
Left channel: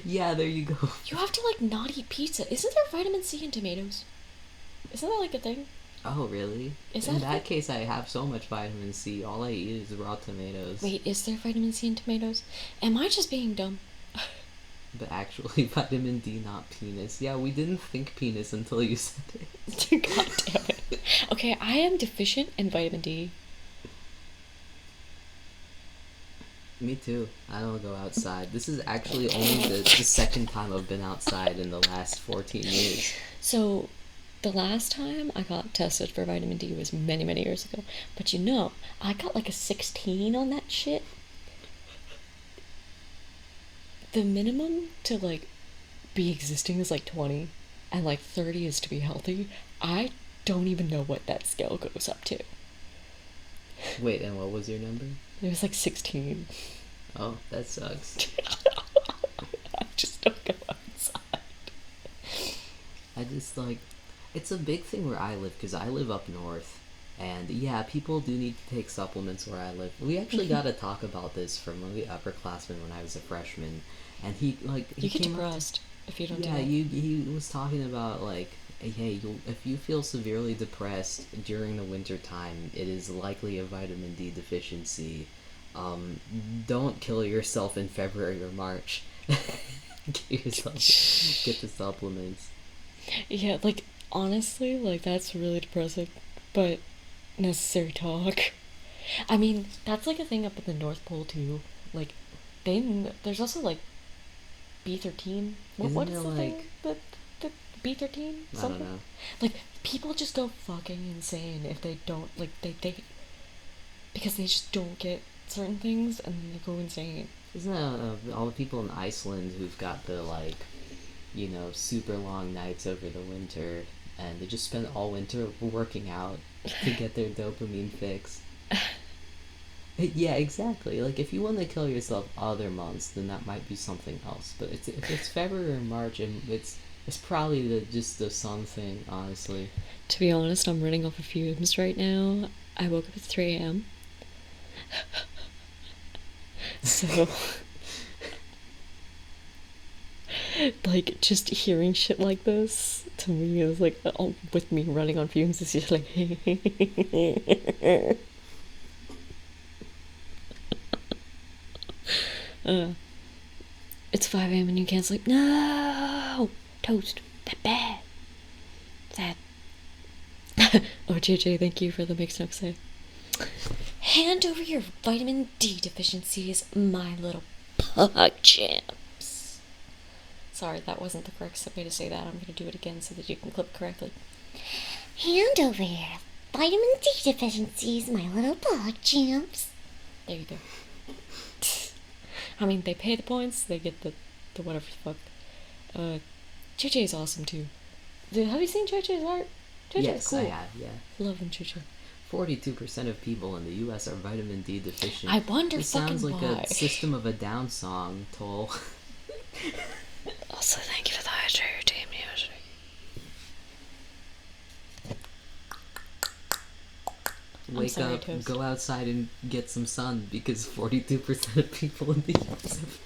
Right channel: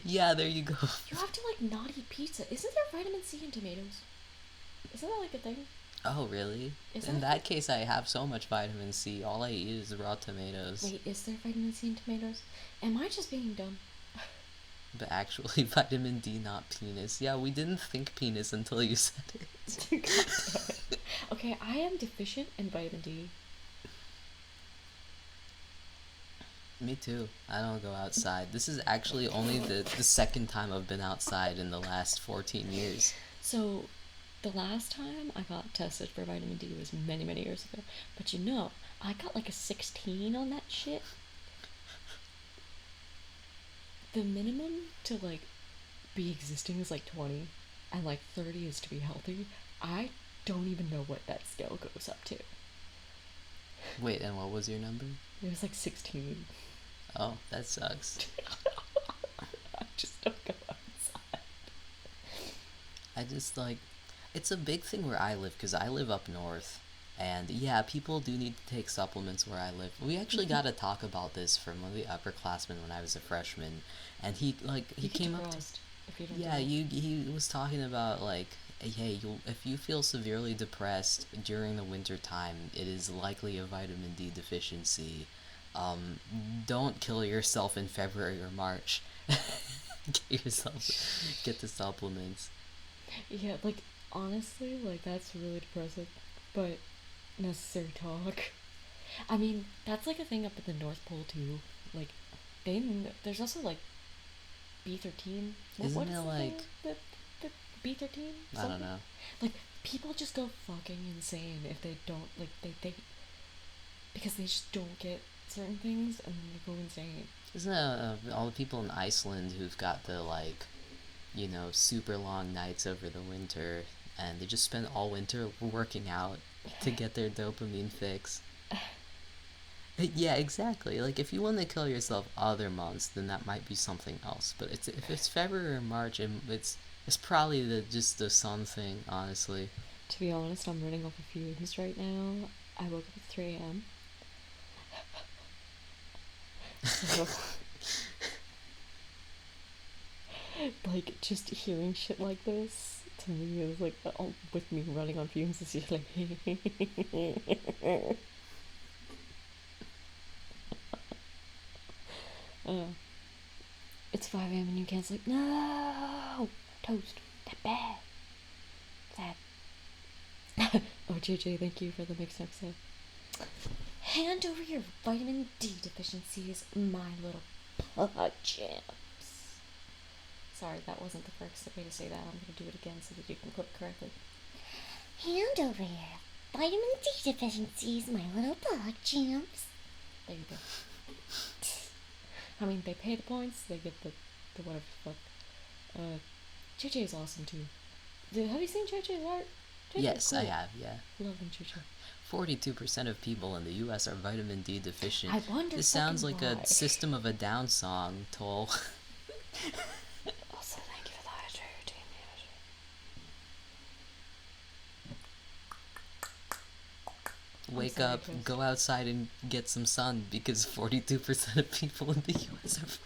Yeah, there you go. You have to, like, not eat pizza. Isn't there vitamin C in tomatoes? Isn't that, like, a thing? Oh, really? In that case, I have so much vitamin C. All I eat is raw tomatoes. Wait, is there vitamin C in tomatoes? Am I just being dumb? But actually, vitamin D, not penis. Yeah, we didn't think penis until you said it. God damn it. Okay, I am deficient in vitamin D. Me too. I don't go outside. This is actually only the second time I've been outside in the last 14 years. So, the last time I got tested for vitamin D was many, many years ago. But you know, I got like a 16 on that shit. The minimum to, like, be existing is like 20, and like 30 is to be healthy. I don't even know what that scale goes up to. Wait, and what was your number? It was like 16. Oh, that sucks. I just don't go outside. I just, like, it's a big thing where I live, because I live up north. And yeah, people do need to take supplements where I live. We actually got to talk about this from one of the upperclassmen when I was a freshman. And he You get came depressed if you don't do yeah, it. he was talking about, like, hey, if you feel severely depressed during the winter time, it is likely a vitamin D deficiency. Don't kill yourself in February or March. Get the supplements. Yeah, like, honestly, like, that's really depressing, but necessary talk. I mean, that's like a thing up at the North Pole too. Like, there's also like B13. What is the thing? The B13 I something? don't know. Like, people just go fucking insane if they don't, like, they because they just don't get certain things and they go insane. Isn't that all the people in Iceland who've got the, like, you know, super long nights over the winter, and they just spend all winter working out to get their dopamine fix? Yeah, exactly. Like, if you want to kill yourself other months, then that might be something else. But if it's February or March, it's probably just the sun thing, honestly. To be honest, I'm running off of fumes right now. I woke up at 3 a.m. So, like, just hearing shit like this, to me, is like, with me running on fumes, it's just like, it's 5 a.m. and you can't sleep. No! Toast. That bad. Sad. Oh, JJ, thank you for the mixed up say. Hand over your vitamin D deficiencies, my little pug champs. Sorry, that wasn't the correct way to say that. I'm gonna do it again so that you can clip correctly. Hand over your vitamin D deficiencies, my little pug champs. There you go. I mean, they pay the points, they get the whatever the fuck. JJ is awesome too. Have you seen JJ's art? JJ's Yes, cool. I have, yeah. Love him, JJ. 42% of people in the U.S. are vitamin D deficient. I wonder. This sounds like why. a System of a Down song, Toll. Also, thank you for the hydrating music. Wake up, Toast. go outside and get some sun because 42% of people in the U.S. have...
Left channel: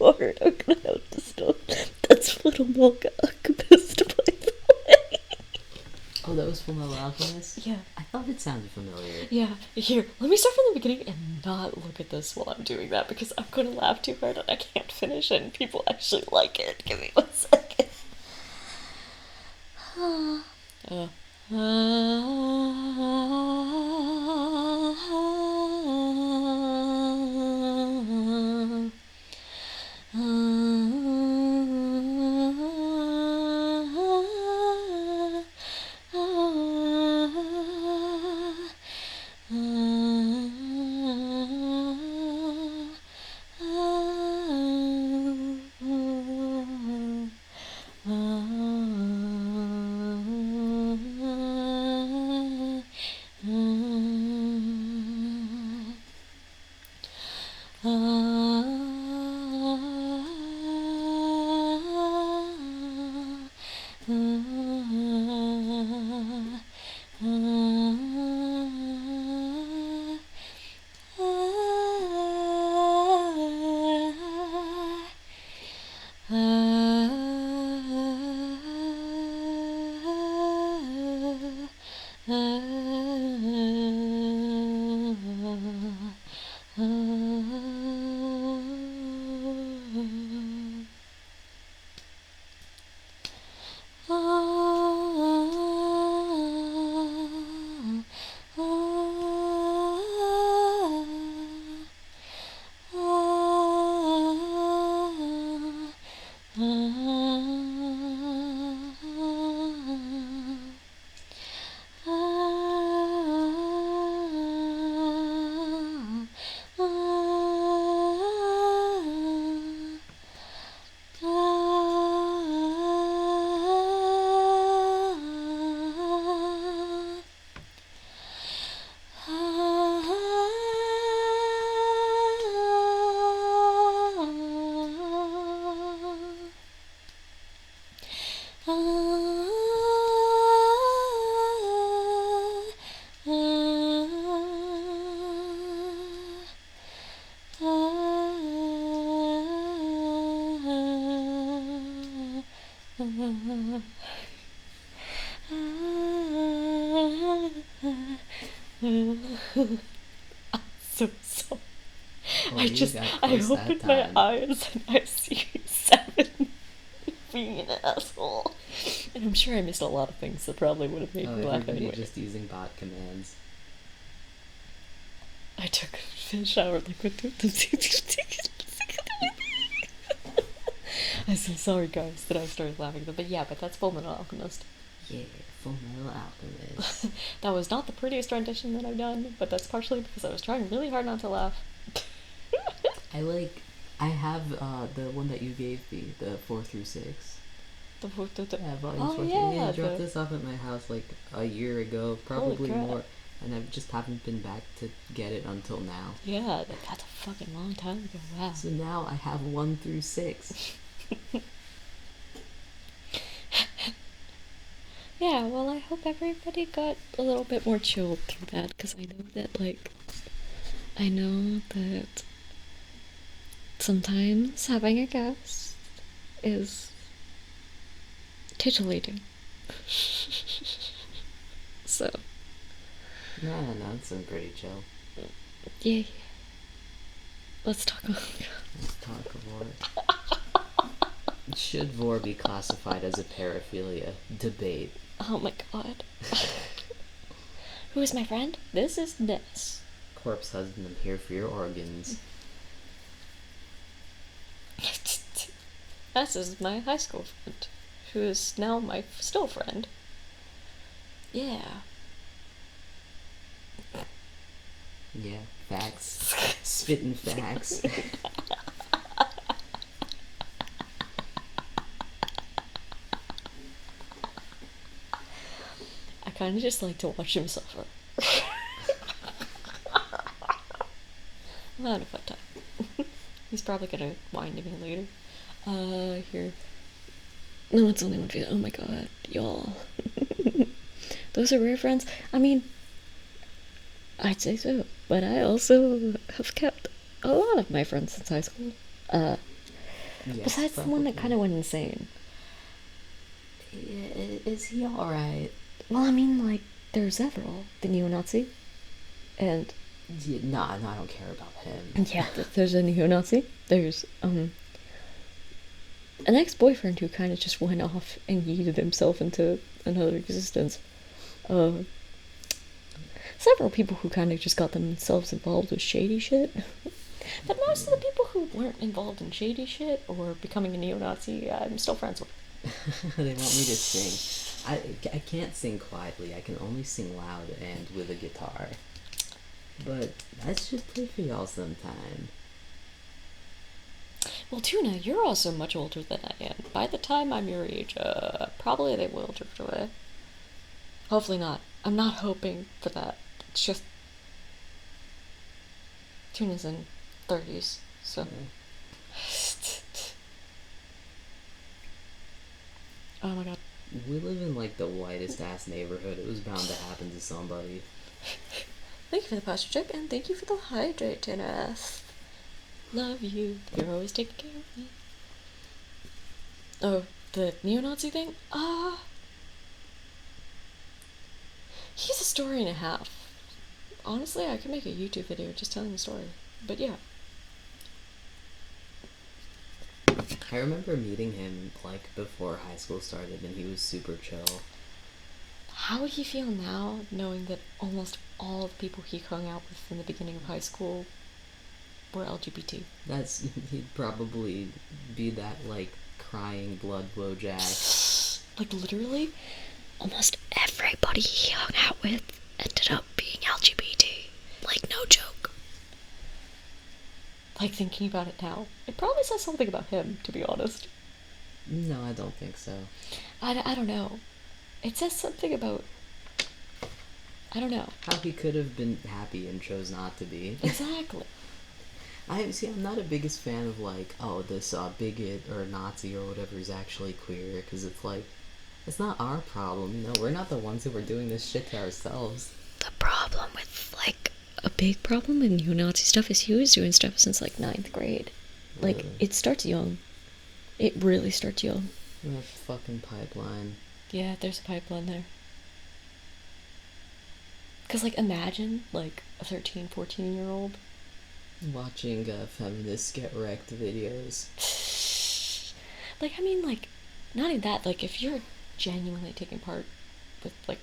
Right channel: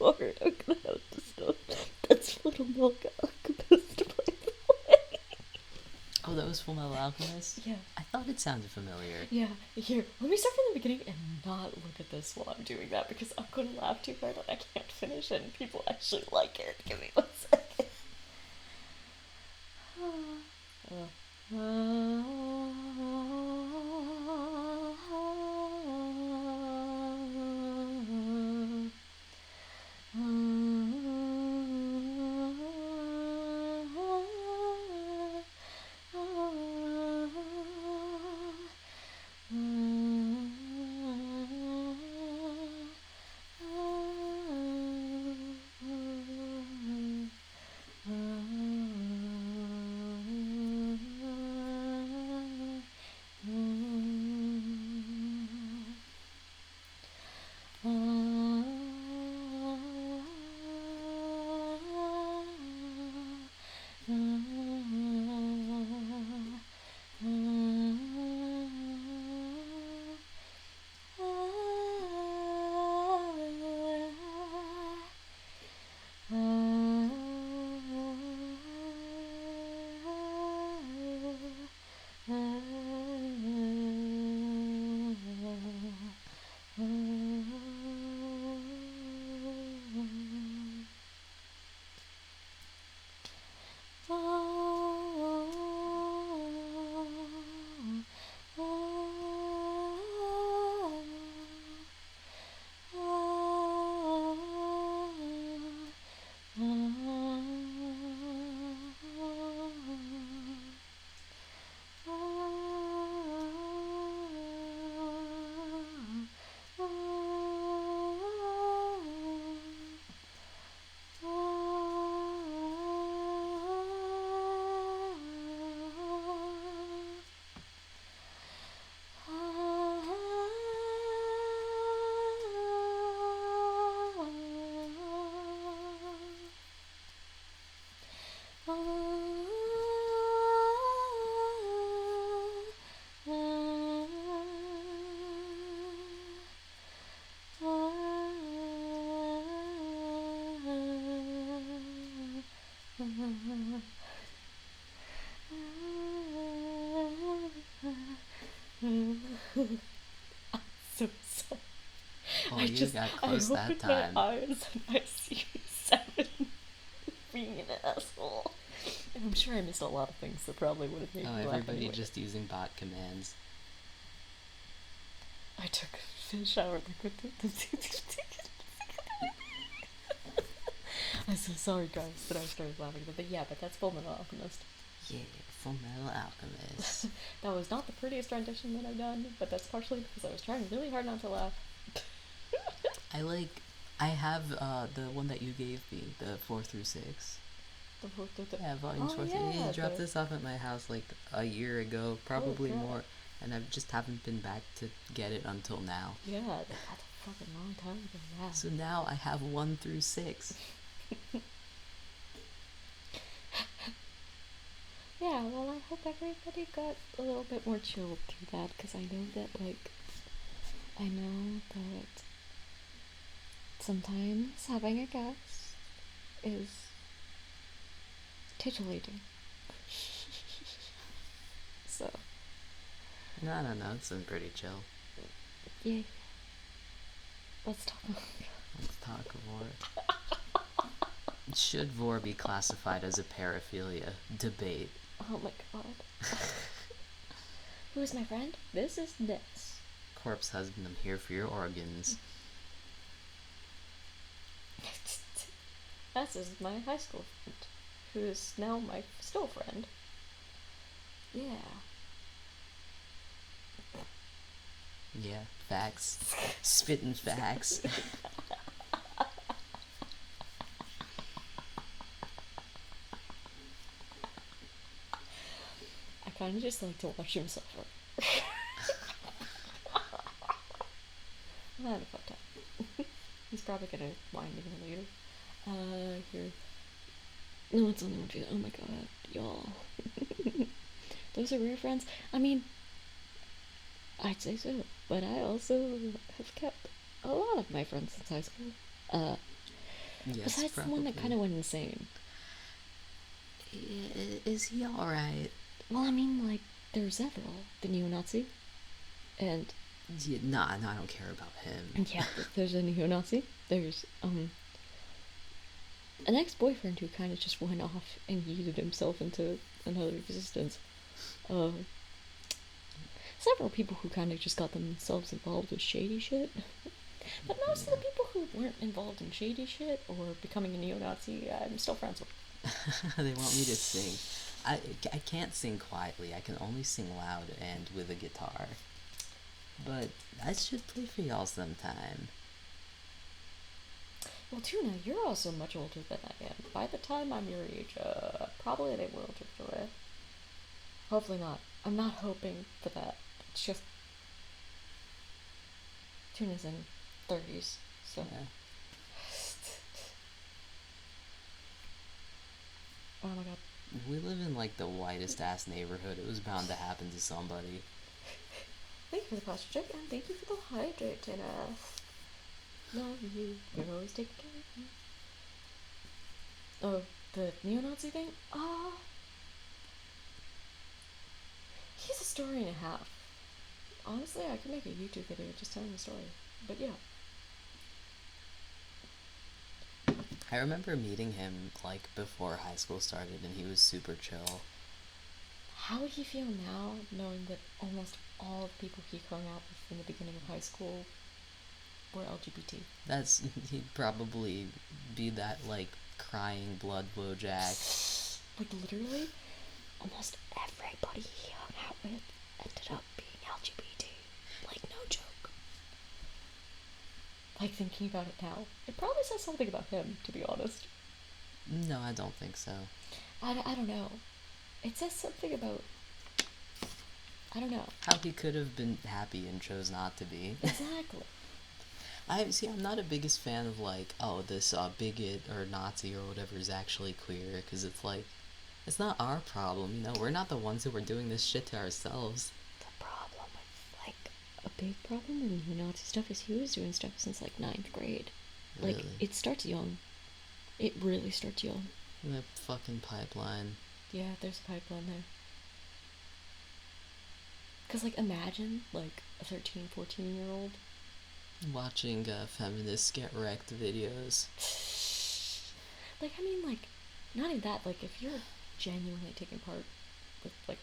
Hard. I'm gonna have to stop. That's Little Milk Alchemist, by the way. Oh, that was Full Metal Alchemist? Yeah. I thought it sounded familiar. Yeah, here, let me start from the beginning and not look at this while I'm doing that because I'm gonna laugh too hard and I can't finish it and people actually like it. Give me 1 second. So sorry. Well, I you just, got I close that opened my time. eyes and I see 7 being an asshole. And I'm sure I missed a lot of things that probably would have made Oh, me laugh everybody anyway. just using bot commands. I took a shower liquid. I'm so sorry, guys, that I started laughing. But yeah, but that's Full Metal Alchemist. Yeah, Full Metal Alchemist. That was not the prettiest rendition that I've done, but that's partially because I was trying really hard not to laugh. I have the one that you gave me, the 4 through 6. Yeah, volumes 4 through. Yeah, you dropped this off at my house like a year ago, probably more, and I just haven't been back to get it until now. Yeah, that's a fucking long time ago. Wow. So now I have 1 through 6. Yeah, well, I hope everybody got a little bit more chilled through that, because I know that sometimes having a guest is titillating. So. No, it's been pretty chill. Yeah. Let's talk about Vor. Should Vor be classified as a paraphilia? Debate. Oh my god. Who is my friend? This is Ness. Corpse husband, I'm here for your organs. Ness is my high school friend, who is now my still friend. Yeah. Yeah, facts. Spitting facts. I kind of just like to watch him suffer. I'm having a fun time. He's probably gonna whine to me later. Here. No, it's only one video. Oh my god, y'all. Those are rare friends. I mean, I'd say so, but I also have kept a lot of my friends since high school. Yes, besides probably. the one that kind of went insane. Is he alright? Well, I mean, like, there's several. The neo-Nazi, and... Yeah, no, I don't care about him. Yeah, there's a neo-Nazi. There's, an ex-boyfriend who kind of just went off and yeeted himself into another existence. Several people who kind of just got themselves involved with shady shit. But most of the people who weren't involved in shady shit or becoming a neo-Nazi, I'm still friends with. They want me to sing. I can't sing quietly. I can only sing loud and with a guitar. But I should play for y'all sometime. Well, Tuna, you're also much older than I am. By the time I'm your age, probably they will drift away. Hopefully not. I'm not hoping for that. It's just... Tuna's in 30s, so... Yeah. Oh my god. We live in like the whitest ass neighborhood. It was bound to happen to somebody. Thank you for the posture check, and thank you for the hydrate, Tennis. Love you. You're always taking care of me. Oh, the neo-Nazi thing? He's a story and a half. Honestly, I could make a YouTube video just telling the story. But yeah. I remember meeting him like before high school started, and he was super chill. How would he feel now, knowing that almost all the people he hung out with in the beginning of high school were LGBT? He'd probably be that like crying blood blowjack. Like literally, almost everybody he hung out with ended up being LGBT. Like no joke. Like thinking about it now, it probably says something about him, to be honest. No, I don't think so. I don't know. It says something about... I don't know. How he could have been happy and chose not to be. Exactly. I'm not a biggest fan of like, oh, this bigot or Nazi or whatever is actually queer, because it's like, it's not our problem, you know, we're not the ones who are doing this shit to ourselves. The problem with, like, a big problem in neo-Nazi stuff is he was doing stuff since, like, 9th grade. Really? Like, it starts young. It really starts young. What a fucking pipeline. Yeah, there's a pipeline there. Because, like, imagine, like, a 13, 14-year-old watching feminists get wrecked videos. Like, I mean, like, not even that. Like, if you're genuinely taking part with, like,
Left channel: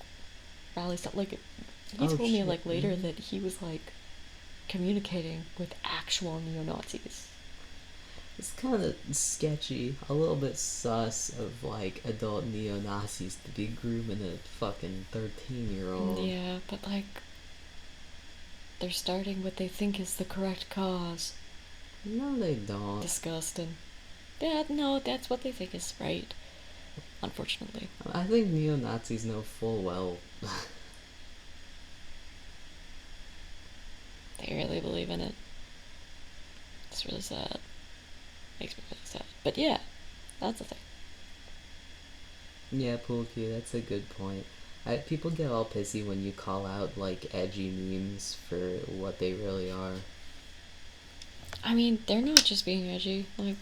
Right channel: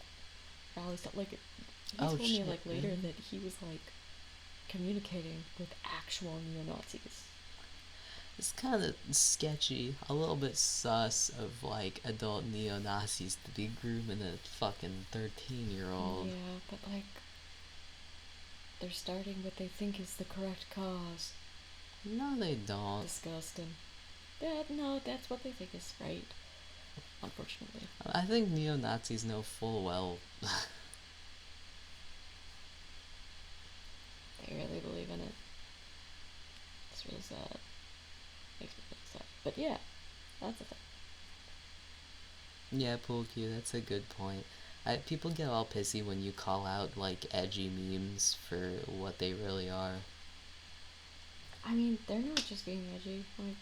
rally stuff, like, he told me, like, later that he was, like, communicating with actual neo-Nazis. It's kind of sketchy, a little bit sus of, like, adult neo-Nazis to be grooming a fucking 13-year-old. Yeah, but, like, they're starting what they think is the correct cause. No, they don't. Disgusting. Yeah, no, that's what they think is right. Unfortunately. I think neo-Nazis know full well. They really believe in it. It's really sad. Makes me really sad. But yeah, that's the thing. Yeah, Pool Q, that's a good point. People get all pissy when you call out, like, edgy memes for what they really are. I mean, they're not just being edgy. Like,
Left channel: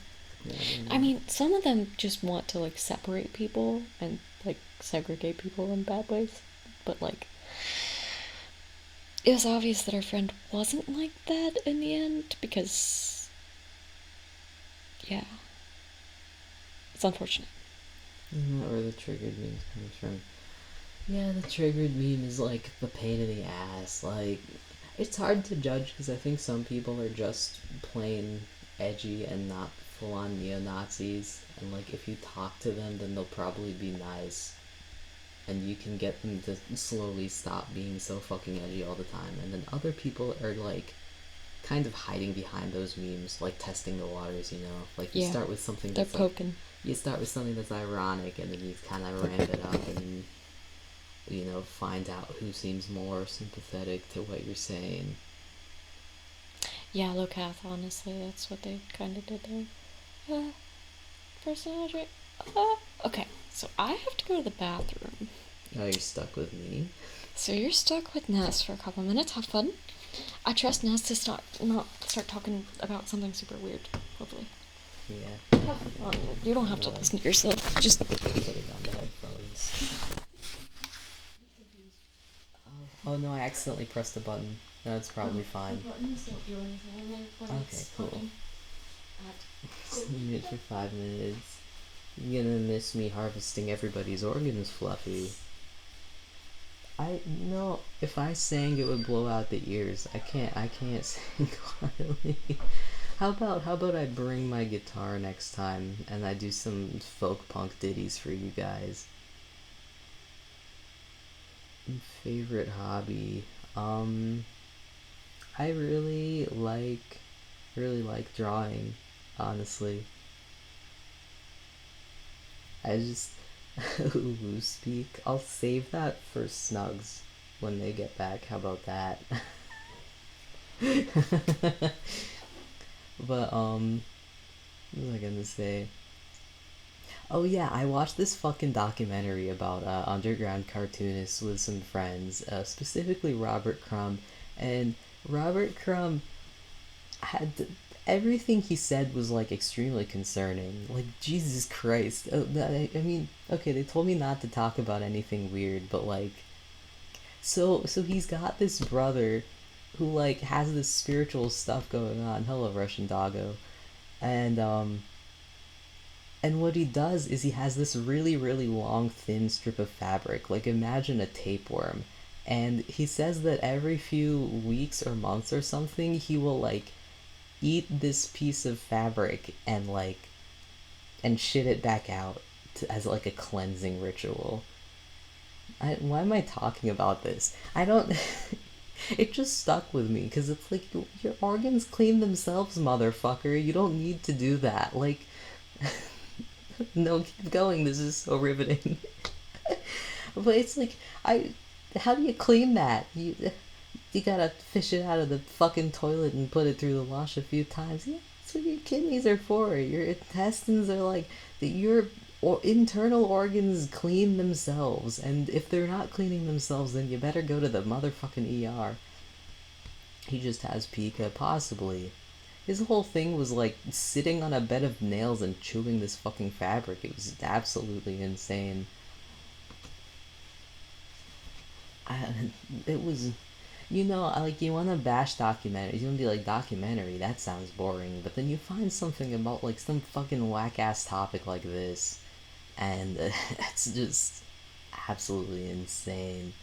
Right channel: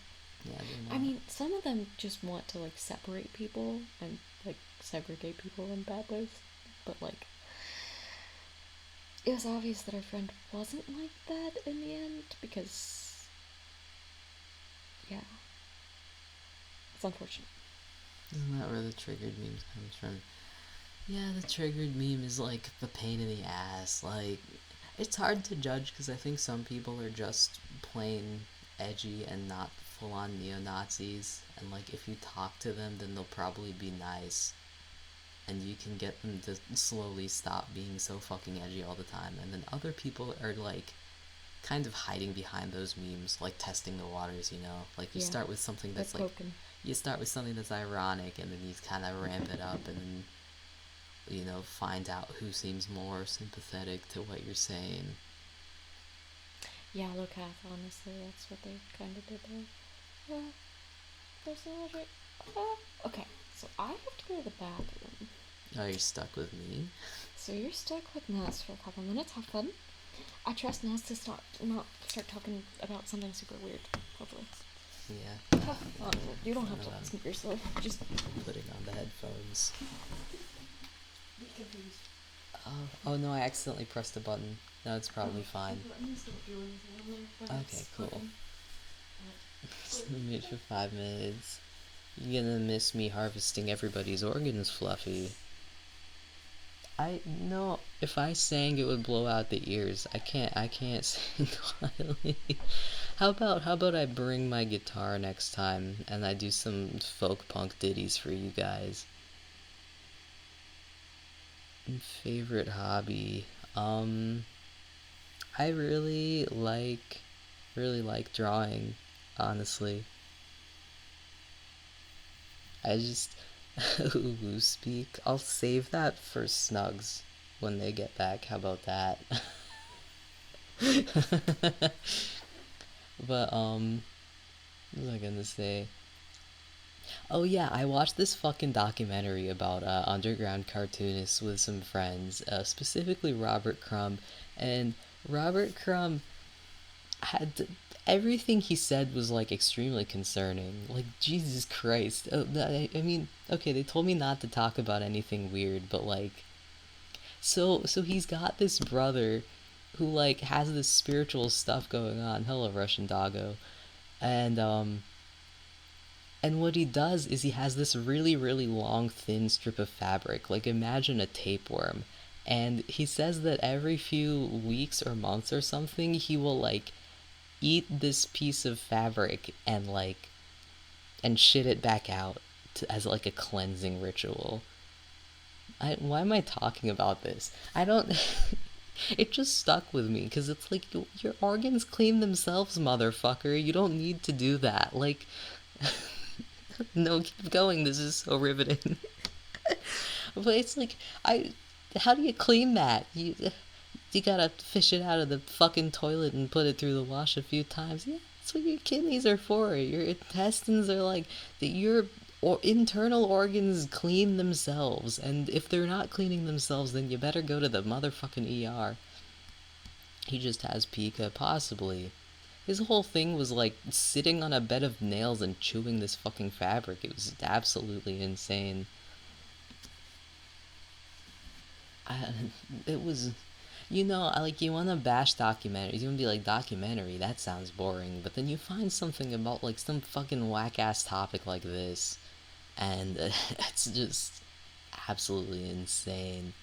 Yeah, I mean, some of them just want to, like, separate people and, like, segregate people in bad ways. But, like, it was obvious that our friend wasn't like that in the end because, yeah. It's unfortunate. Isn't that where the triggered memes comes from? Yeah, the triggered meme is, like, the pain in the ass. Like, it's hard to judge because I think some people are just plain edgy and not full-on neo-Nazis. And, like, if you talk to them, then they'll probably be nice. And you can get them to slowly stop being so fucking edgy all the time. And then other people are, like, kind of hiding behind those memes, like testing the waters, you know? Like, you start with something that's, like, you start with something that's ironic, and then you kind of ramp it up, and, you know, find out who seems more sympathetic to what you're saying. Yeah, Locath, honestly, that's what they kind of did there. Personality. Okay, so I have to go to the bathroom. Oh, you're stuck with me? So you're stuck with Ness for a couple minutes. Have fun. I trust Ness to not start talking about something super weird, hopefully. Yeah. Have fun. You don't have to listen to yourself. Just put it on the headphones. Oh no, I accidentally pressed the button. No, it's probably fine. Okay, cool. Mute for 5 minutes. You're gonna miss me harvesting everybody's organs, Fluffy. No, if I sang it would blow out the ears. I can't sing quietly. How about I bring my guitar next time and I do some folk punk ditties for you guys. Favorite hobby. I really like drawing, honestly. I just ooh, speak. I'll save that for Snugs when they get back. How about that? But what was I gonna say? Oh yeah, I watched this fucking documentary about underground cartoonists with some friends, specifically Robert Crumb, and Robert Crumb had everything he said was like extremely concerning. Like, Jesus Christ. I mean, okay, they told me not to talk about anything weird, but like, so he's got this brother who like has this spiritual stuff going on. Hello, Russian doggo. And what he does is he has this really, really long, thin strip of fabric. Like, imagine a tapeworm. And he says that every few weeks or months or something, he will, like, eat this piece of fabric and, like, and shit it back out as, like, a cleansing ritual. Why am I talking about this? I don't... It just stuck with me, because it's like, your organs clean themselves, motherfucker. You don't need to do that. Like... No, keep going. This is so riveting. But it's like, how do you clean that? You gotta fish it out of the fucking toilet and put it through the wash a few times. Yeah, that's what your kidneys are for. Your intestines are like, your internal organs clean themselves. And if they're not cleaning themselves, then you better go to the motherfucking ER. He just has pica, possibly. His whole thing was like sitting on a bed of nails and chewing this fucking fabric. It was absolutely insane. I, it was, like you want to bash documentaries. You want to be like, documentary, that sounds boring. But then you find something about like some fucking whack ass topic like this, and it's just absolutely insane.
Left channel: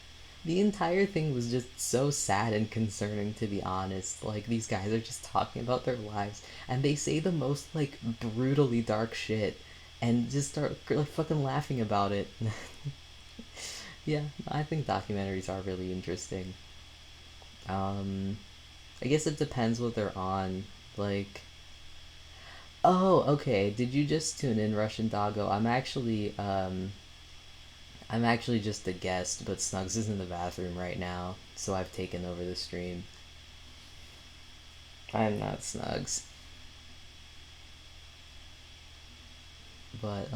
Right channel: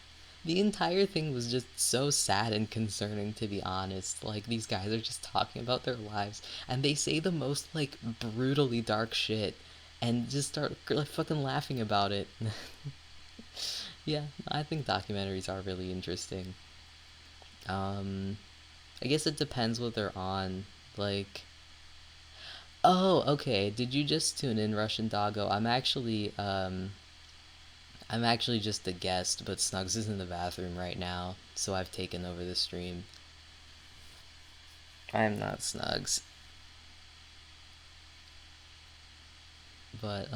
The entire thing was just so sad and concerning, to be honest. Like, these guys are just talking about their lives, and they say the most, like, brutally dark shit, and just start, like, fucking laughing about it. Yeah, I think documentaries are really interesting. Um, I guess it depends what they're on. Like, oh, okay, did you just tune in, Russian Doggo? I'm actually just a guest, but Snugs is in the bathroom right now, so I've taken over the stream. I am not Snugs. But,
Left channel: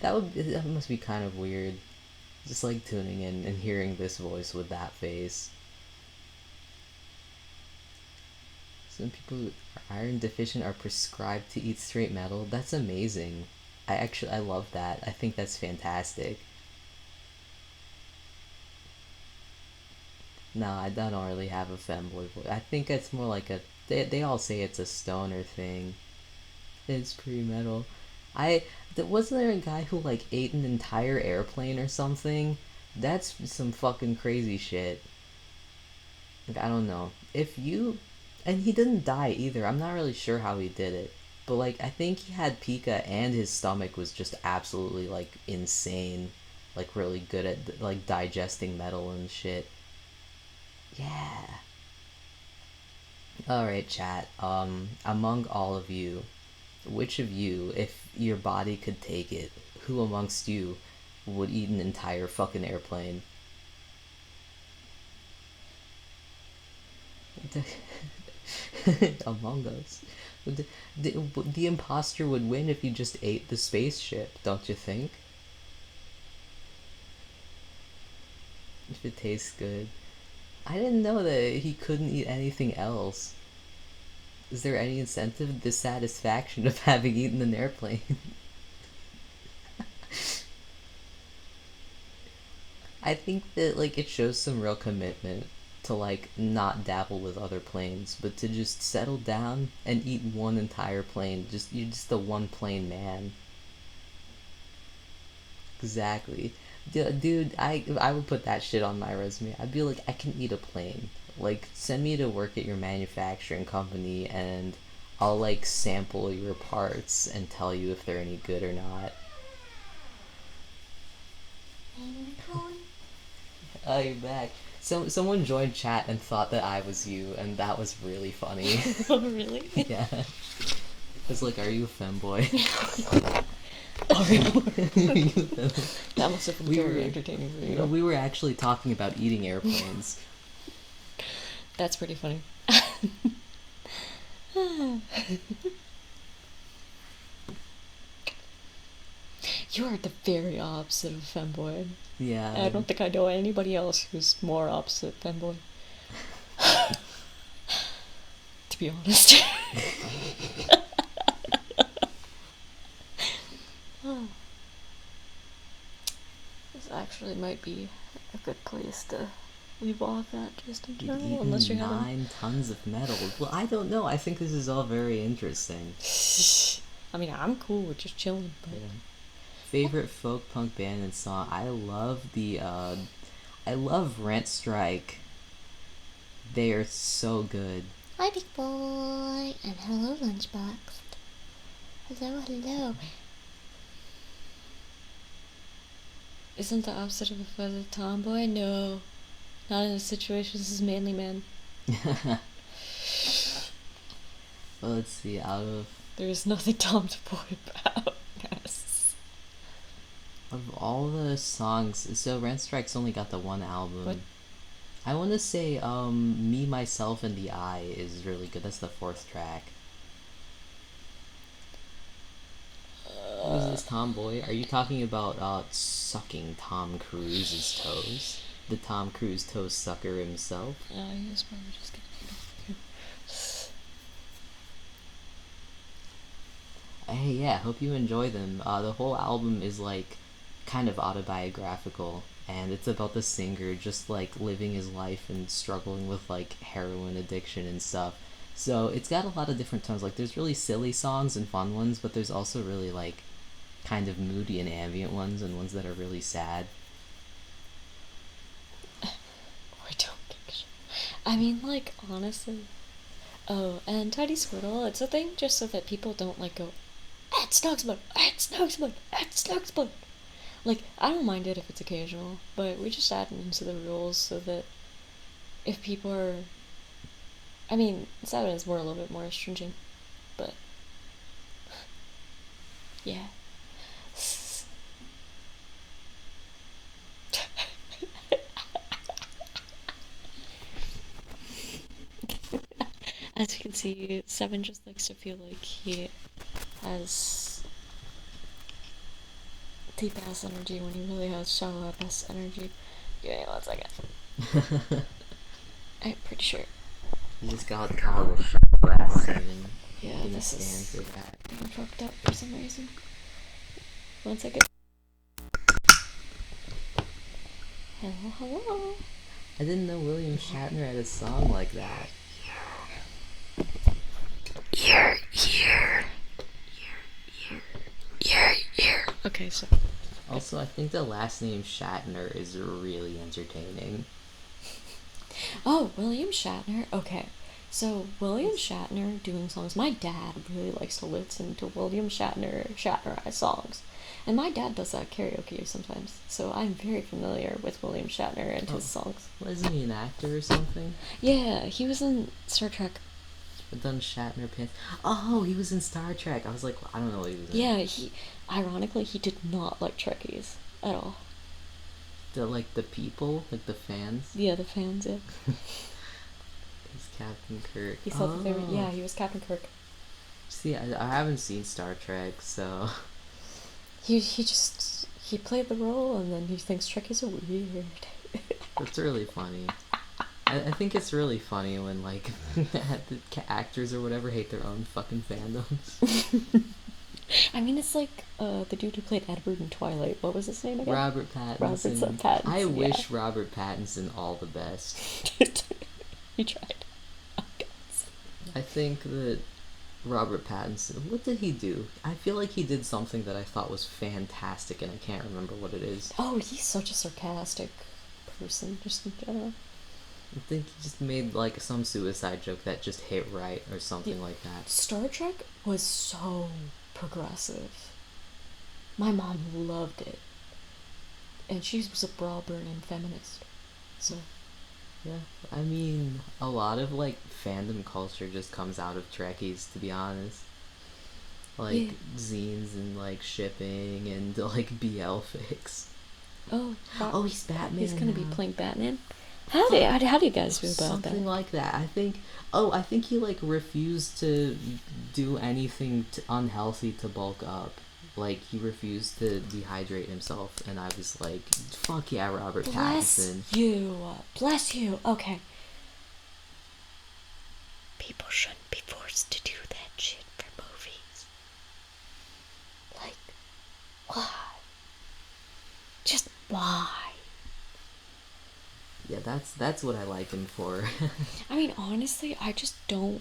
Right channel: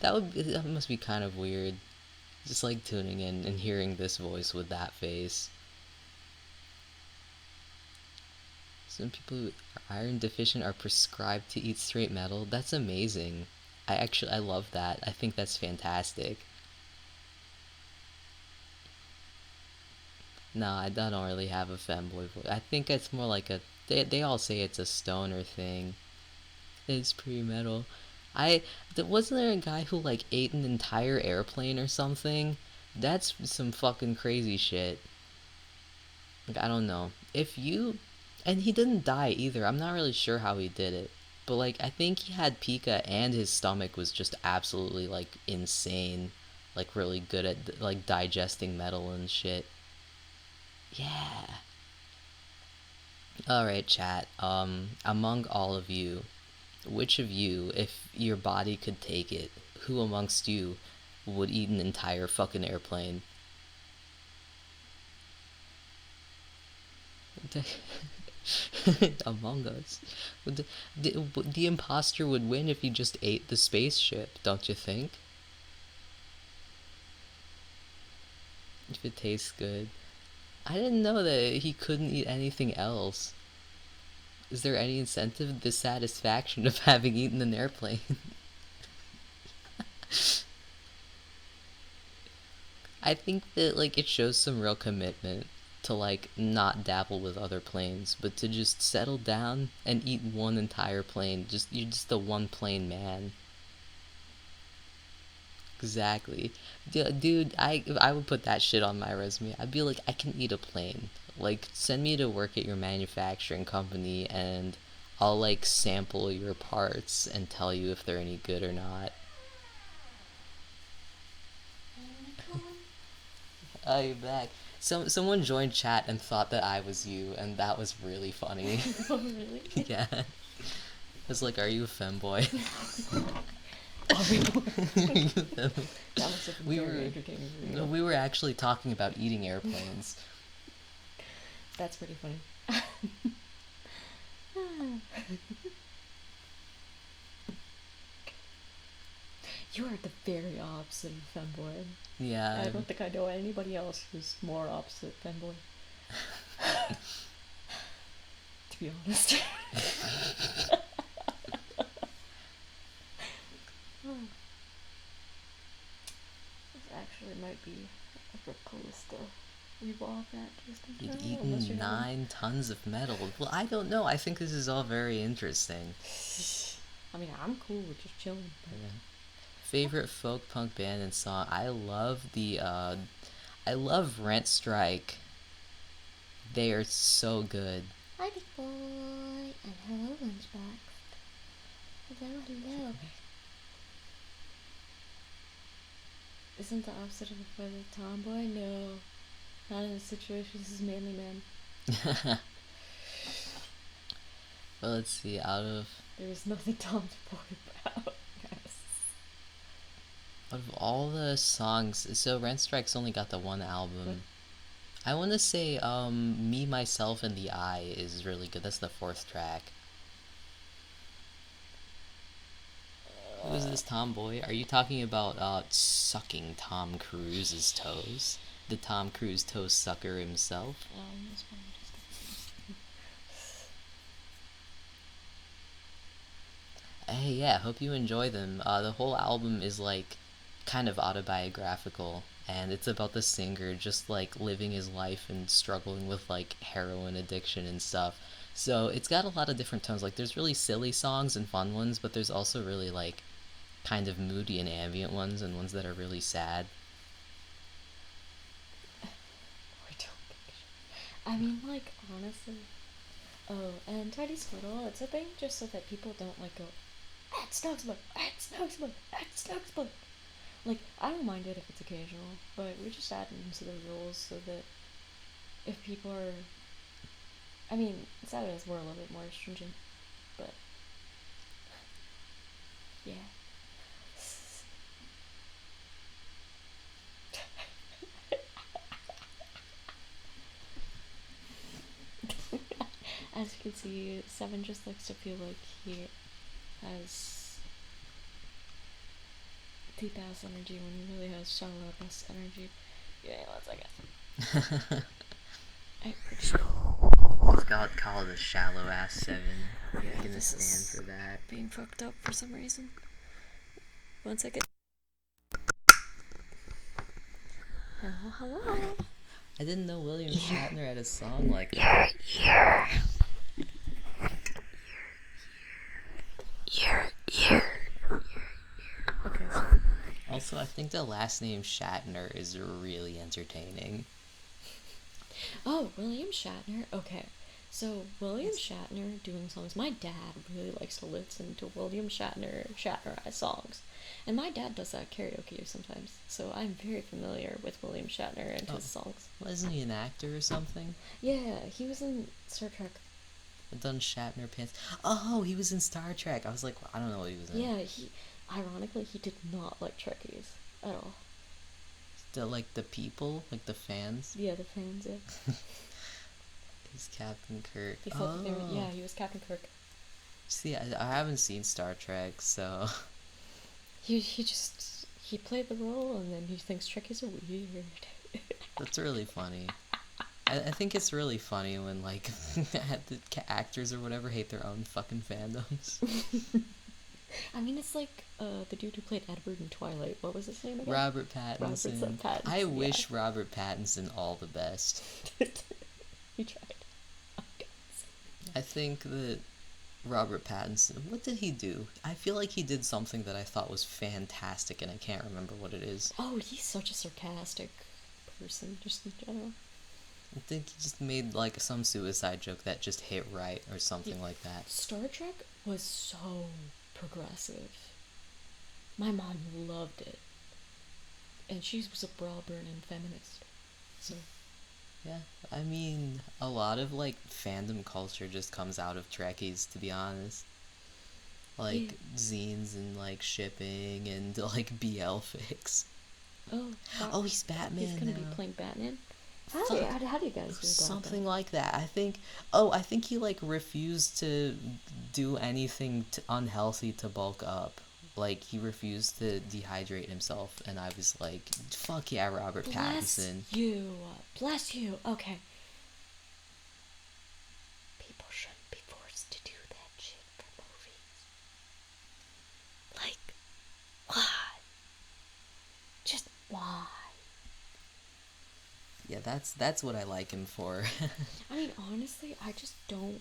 that must be kind of weird. Just like tuning in and hearing this voice with that face. Some people who are iron deficient are prescribed to eat straight metal. That's amazing. I love that. I think that's fantastic. No, I don't really have a femboy voice. I think it's more like they all say it's a stoner thing. It's pretty metal. Wasn't there a guy who like ate an entire airplane or something? That's some fucking crazy shit. Like, I don't know. And he didn't die either. I'm not really sure how he did it. But like, I think he had pica and his stomach was just absolutely like insane. Like really good at like digesting metal and shit. Yeah. Alright, chat. Among all of you, which of you, if your body could take it, who amongst you would eat an entire fucking airplane? Among Us. The imposter would win if he just ate the spaceship, don't you think? If it tastes good. I didn't know that he couldn't eat anything else. Is there any incentive? The satisfaction of having eaten an airplane. I think that like it shows some real commitment to like not dabble with other planes, but to just settle down and eat one entire plane. You're just a one plane man. Exactly. Dude, I would put that shit on my resume. I'd be like, I can eat a plane. Like, send me to work at your manufacturing company and I'll like sample your parts and tell you if they're any good or not. Oh, you're back. Someone joined chat and thought that I was you, and that was really funny. Oh, really? Yeah. It's like, are you a femboy? That must have been very entertaining for you. We were actually talking about eating airplanes. That's pretty funny. You are the very opposite of a femboy. Yeah. I don't think I know anybody else who's more opposite femboy. To be honest. This actually might be a good place to leave off at, just in You've general, eaten unless you're 9 tons of metal. Well, I don't know. I think this is all very interesting. I mean, I'm cool with just chilling, but... Yeah. Favorite folk punk band and song? I love Rent Strike. They are so good. Hi, big boy, and hello, Lunchbox. Hello. Isn't the opposite of a feather tomboy? No. Not in this situation, this is manly man. Well, let's see, There is nothing tomboy about. Yes. Of all the songs, so Rent Strike's only got the one album. What? I want to say, Me, Myself, and the I is really good. That's the 4th track. Who's this tomboy? Are you talking about, sucking Tom Cruise's toes? The Tom Cruise toe sucker himself? He's probably just... Hey, yeah, hope you enjoy them. The whole album is, like, kind of autobiographical, and it's about the singer just like living his life and struggling with like heroin addiction and stuff. So it's got a lot of different tones. Like there's really silly songs and fun ones, but there's also really like kind of moody and ambient ones and ones that are really sad. Or don't think so. I mean, like, honestly. Oh, and Tidy Squirtle, it's a thing just so that people don't, like, go, at Snugsbug, at Snugsbug, at Snugsbug. Like, I don't mind it if it's occasional, but we just add it into the rules so that if people are. I mean, Saturday is more a little bit more stringent, but. Yeah. As you can see, Seven just likes to feel like he has deep ass energy when he really has shallow ass energy. Give me 1 second. I'm pretty sure. It's called the shallow ass seven. Yeah, I'm gonna this stand is for that. being fucked up for some reason. 1 second. Hello, hello. I didn't know William Shatner had a song like that. Okay, so. Also, I think the last name Shatner is really entertaining. Oh, William Shatner. Okay. So, William Shatner doing songs. My dad really likes to listen to William Shatnerized songs. And my dad does that karaoke sometimes. So, I'm very familiar with William Shatner and his songs. Wasn't he an actor or something? Yeah, he was in Star Trek. Done Shatner pants. Oh, he was in Star Trek. I was like, I don't know what he was in. Yeah, ironically, he did not like Trekkies at all. The people, like the fans. Yeah, the fans, yeah. He's Captain Kirk. He thought that they were, yeah, he was Captain Kirk. See, I haven't seen Star Trek, so He he played the role and then he thinks Trekkies are weird. that's really funny. I think it's really funny when like the actors or whatever hate their own fucking fandoms. I mean, it's like the dude who played Edward in Twilight. What was his name again? Robert Pattinson. Robert Pattinson. I wish Robert Pattinson all the best. He tried. Oh, God. I think that Robert Pattinson, what did he do? I feel like he did something that I thought was fantastic and I can't remember what it is. Oh, he's such a sarcastic person, just in general. I think he just made like some suicide joke that just hit right or something like that. Star Trek was so progressive. My mom loved it. And she was a bra-burning feminist. So. Yeah, I mean, a lot of like fandom culture just comes out of Trekkies, to be honest. Like zines and like shipping and like BL fics. Oh, he's Batman. He's gonna be playing Batman. How do you guys feel about that? Something like that. I think he like refused to do anything unhealthy to bulk up. Like he refused to dehydrate himself, and I was like, "Fuck yeah, Robert Pattinson." Bless you. Okay. People shouldn't be forced to do that shit for movies. Like, why? Just why? Yeah, that's what I like him for. I mean, honestly, I just don't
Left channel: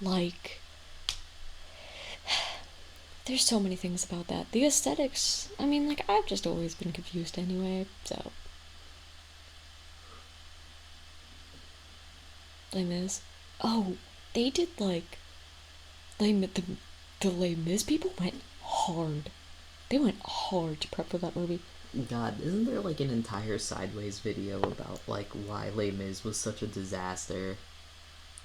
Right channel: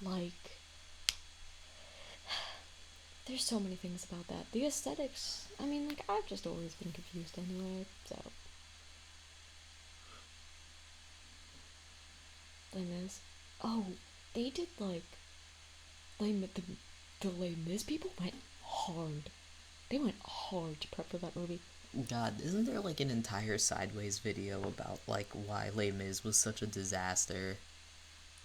like. There's so many things about that. The aesthetics, I mean, like, I've just always been confused anyway, so. Les Mis. Oh, they did, like. The Les Mis people went hard. They went hard to prep for that movie. God, isn't there like an entire Sideways video about like why Les Mis was such a disaster?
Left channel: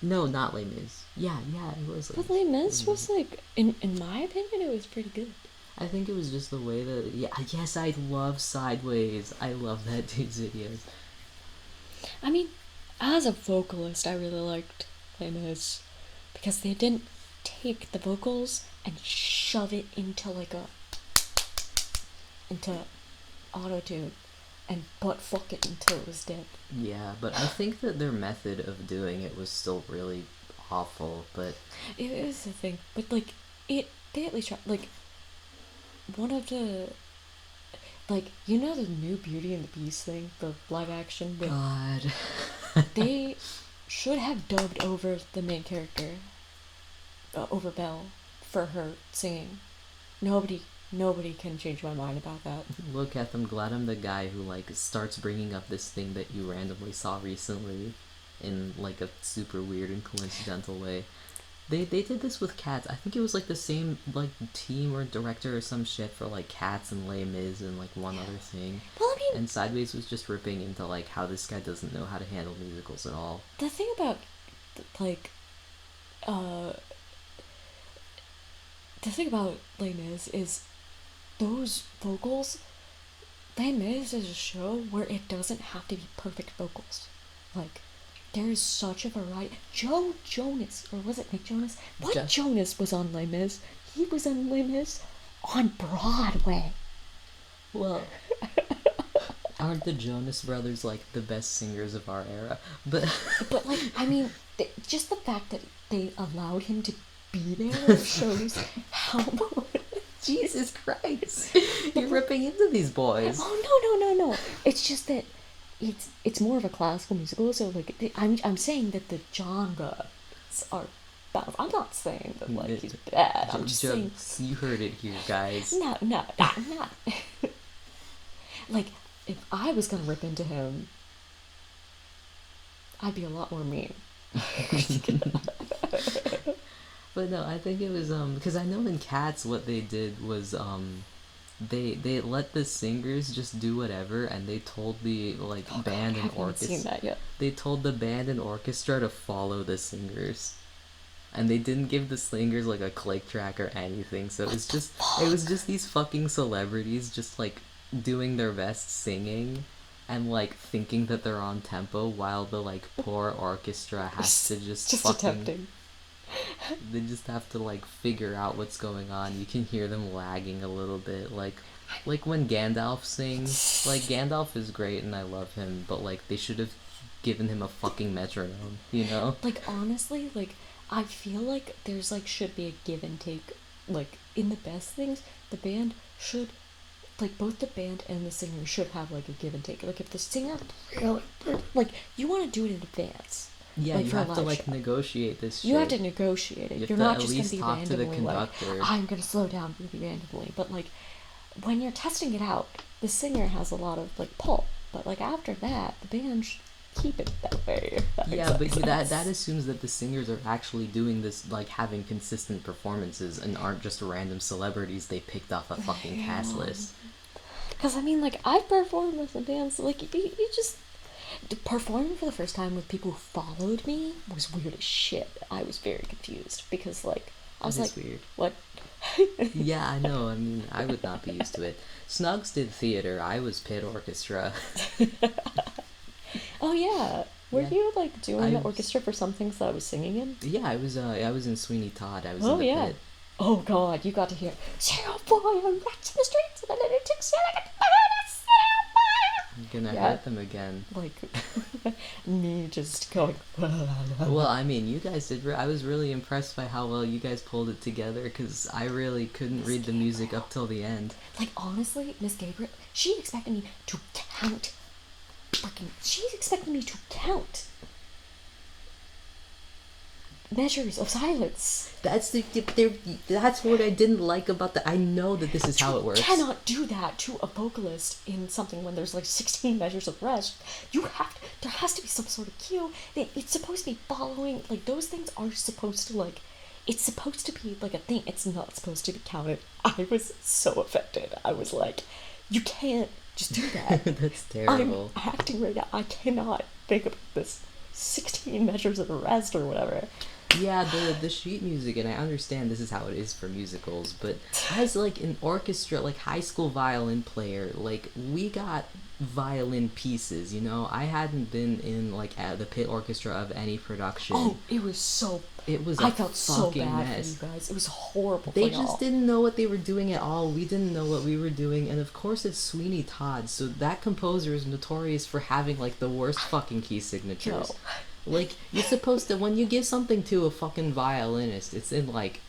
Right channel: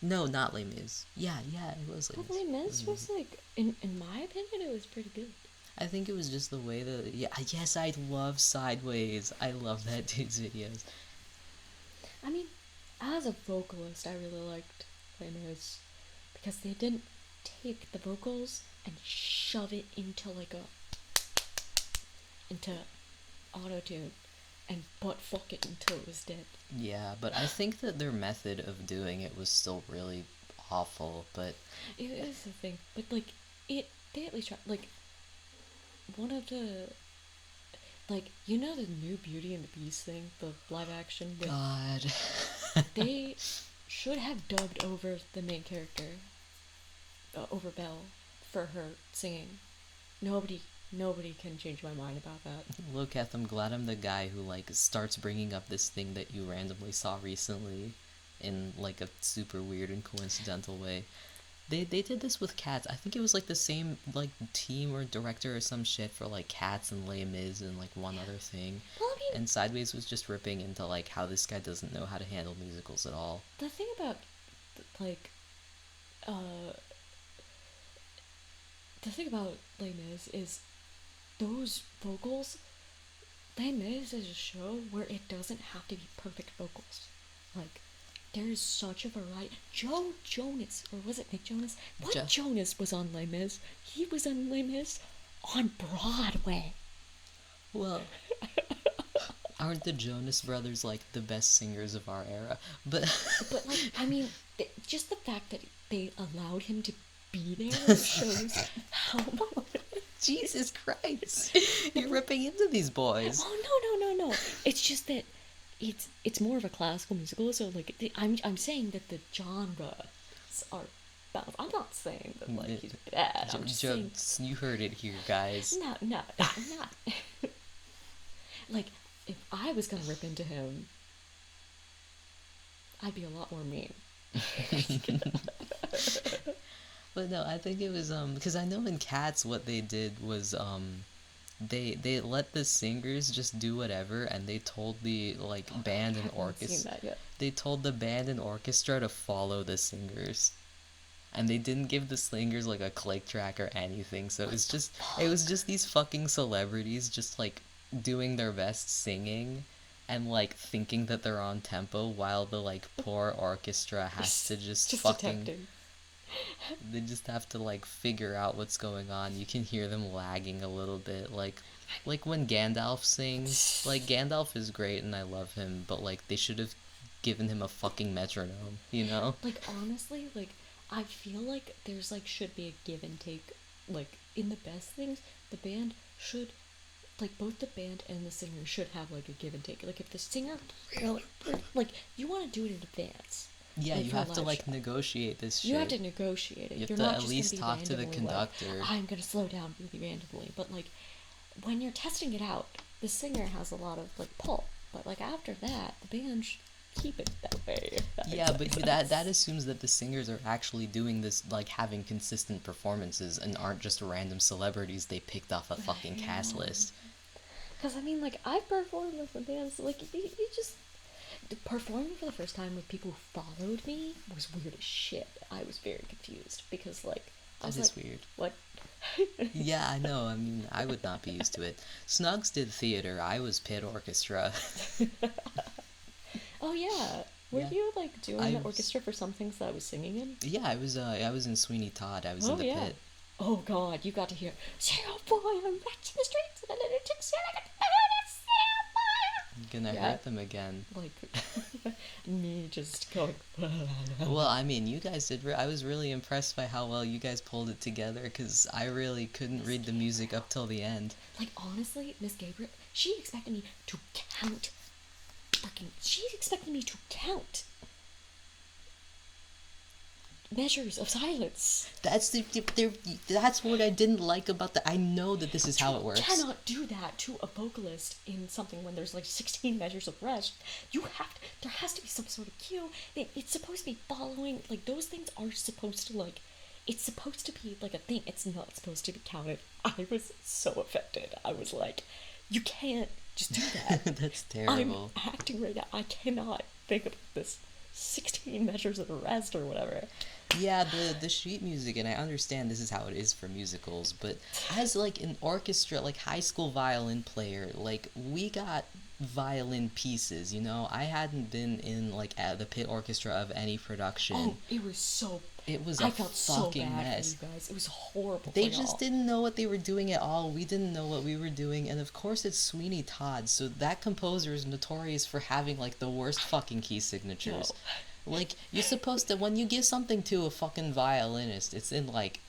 No, not Les Mis. Yeah, it was. But Les Mis was like, in my opinion, it was pretty good. I think it was just the way that. Yeah, yes, I love Sideways. I love that dude's videos. I mean, as a vocalist, I really liked Les Mis because they didn't take the vocals and shove it into auto-tune and butt fuck it until it was dead. Yeah, but I think that their method of doing it was still really awful, but it is a thing. But like they at least tried, like one of the like, you know the new Beauty and the Beast thing, the live action with God. they should have dubbed over the main character, over Belle, for her singing. Nobody can change my mind about that. Look at them. Glad I'm the guy who like starts bringing up this thing that you randomly saw recently, in like a super weird and coincidental way. They did this with Cats. I think it was like the same like team or director or some shit for like Cats and Les Mis and like one other thing. Well, I mean, And Sideways was just ripping into like how this guy doesn't know how to handle musicals at all. the thing about, like, uh, the thing about Les Mis is those vocals. Les Mis is a show where it doesn't have to be perfect vocals. Like, there is such a variety. Joe Jonas, or was it Nick Jonas? What Jonas was on Les Mis? He was on Les Mis on Broadway. Well, aren't the Jonas Brothers like the best singers of our era? But like, I mean, just the fact that they allowed him to be there shows how. Jesus Christ, you're ripping into these boys. Oh no! It's just that it's more of a classical musical, so like I'm saying that the genres are balanced. I'm not saying that like he's bad. I'm just saying you heard it here, guys. No, I'm not. Like, if I was gonna rip into him, I'd be a lot more mean. But no, I think it was because I know in Cats what they did was they let the singers just do whatever, and they told the like band and orchestra. Seen that yet. They told the band and orchestra to follow the singers, and they didn't give the singers like a click track or anything. So it was just these fucking celebrities just like doing their best singing, and like thinking that they're on tempo while the like poor orchestra has to just fucking. Attempting. They just have to like figure out what's going on. You can hear them lagging a little bit, like when Gandalf sings. Like, Gandalf is great and I love him, but like they should have given him a fucking metronome, you know? Like, honestly, like, I feel like there's like should be a give and take. Like, in the best things, the band should, like, both the band and the singer should have like a give and take. Like, if the singer really, like, you want to do it in advance. Yeah, like, you have to like negotiate this shit. You have to negotiate it. You have You're to not at just least gonna be talk to the randomly like, conductor. I'm gonna slow down really randomly. But like, when you're testing it out, the singer has a lot of like pull. But like after that, the band should keep it that way. Yeah, but that assumes that the singers are actually doing this, like having consistent performances, and aren't just random celebrities they picked off a fucking cast list. Because I mean, like, I performed with the bands. Like, you just. Performing for the first time with people who followed me was weird as shit. I was very confused because, like, I was like, weird. What? Yeah, I know. I mean, I would not be used to it. Snugs did theater. I was pit orchestra. Oh yeah. Were you like doing the orchestra for some things that I was singing in? Yeah, I was in Sweeney Todd. I was in the pit. Oh god, you got to hear "Sail boy, I'm rats in the streets and the little chicks sail like a I'm gonna hurt them again. Like, me just going. Well, I mean, you guys did. I was really impressed by how well you guys pulled it together, because I really couldn't read the music up till the end. Like, honestly, Miss Gabriel, she expected me to count. She expected me to count measures of silence. That's what I didn't like about I know that this is how it works. You cannot do that to a vocalist in something when there's like 16 measures of rest. There has to be some sort of cue. It's supposed to be following, like, those things are supposed to, like, it's supposed to be like a thing. It's not supposed to be counted. I was so affected. I was like, you can't just do that. That's terrible. I'm acting right now. I cannot think about this 16 measures of rest or whatever. Yeah, the sheet music, and I understand this is how it is for musicals, but as like an orchestra, like high school violin player, like, we got violin pieces, you know? I hadn't been in like the pit orchestra of any production. Oh, it was I felt so bad mess. for you guys. It was horrible. They just didn't know what they were doing at all. We didn't know what we were doing, and of course it's Sweeney Todd, so that composer is notorious for having like the worst fucking key signatures. No. Like, you're supposed to, when you give something to a fucking violinist, it's in like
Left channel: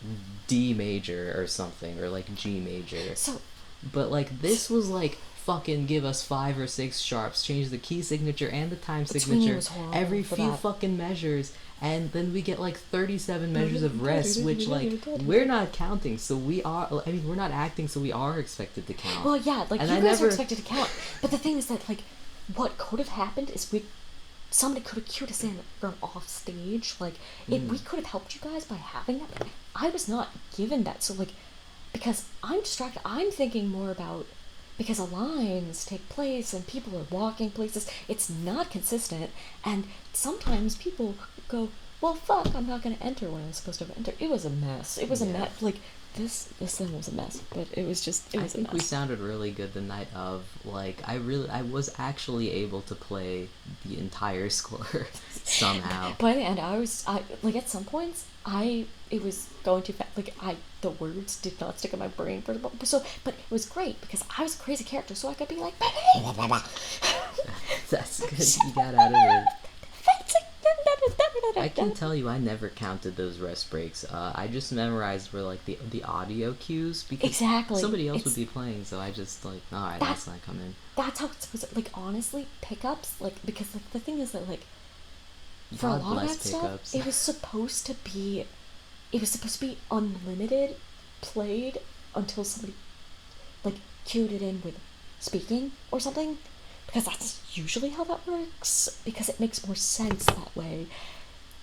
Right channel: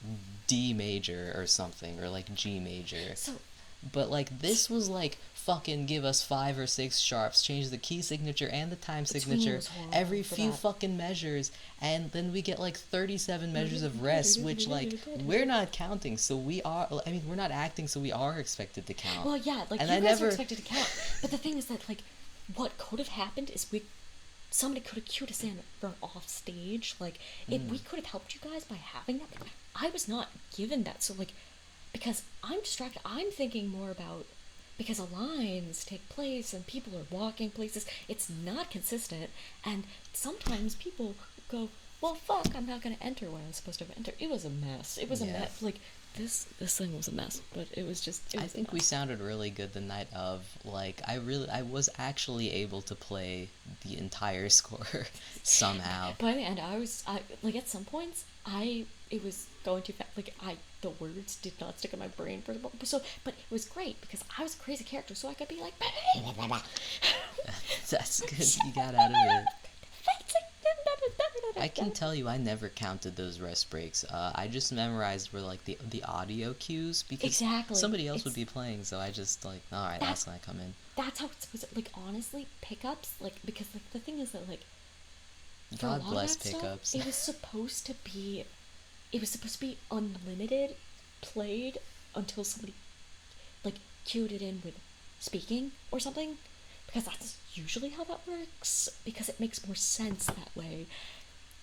D major or something, or like G major. So, but like, this was like fucking give us 5 or 6 sharps, change the key signature and the time Sweeney signature was horrible every for few that. fucking measures, and then we get like 37 measures of rest, which like we're not counting, so we are. I mean, we're not acting, so we are expected to count. Well, yeah, like And you I guys never- are expected to count, but the thing is that like, what could have happened is somebody could have cued us in from off stage. Like, we could have helped you guys by having that. But I was not given that, so like, because I'm distracted, I'm thinking more about because lines take place and people are walking places. It's not consistent, and sometimes people go, "Well, fuck, I'm not gonna enter when I'm supposed to enter." It was a mess. It was a mess. Like this thing was a mess, but it was a mess. I think we sounded really good the night of. Like, I was actually able to play the entire score somehow. By the end, I like at some points, it was going too fast. Like the words did not stick in my brain for the moment. So, but it was great because I was a crazy character, so I could be like, That's good. You got out of it. I can tell you, I never counted those rest breaks. I just memorized where like the audio cues because Exactly. somebody else would be playing, so I just like, all right, that's gonna come in. That's how it's supposed to, like, honestly, pickups, like, because like the thing is that like for God a lot of bless that pickups. stuff, it was supposed to be unlimited, played until somebody like cued it in with speaking or something, because that's usually how that works, because it makes more sense that way.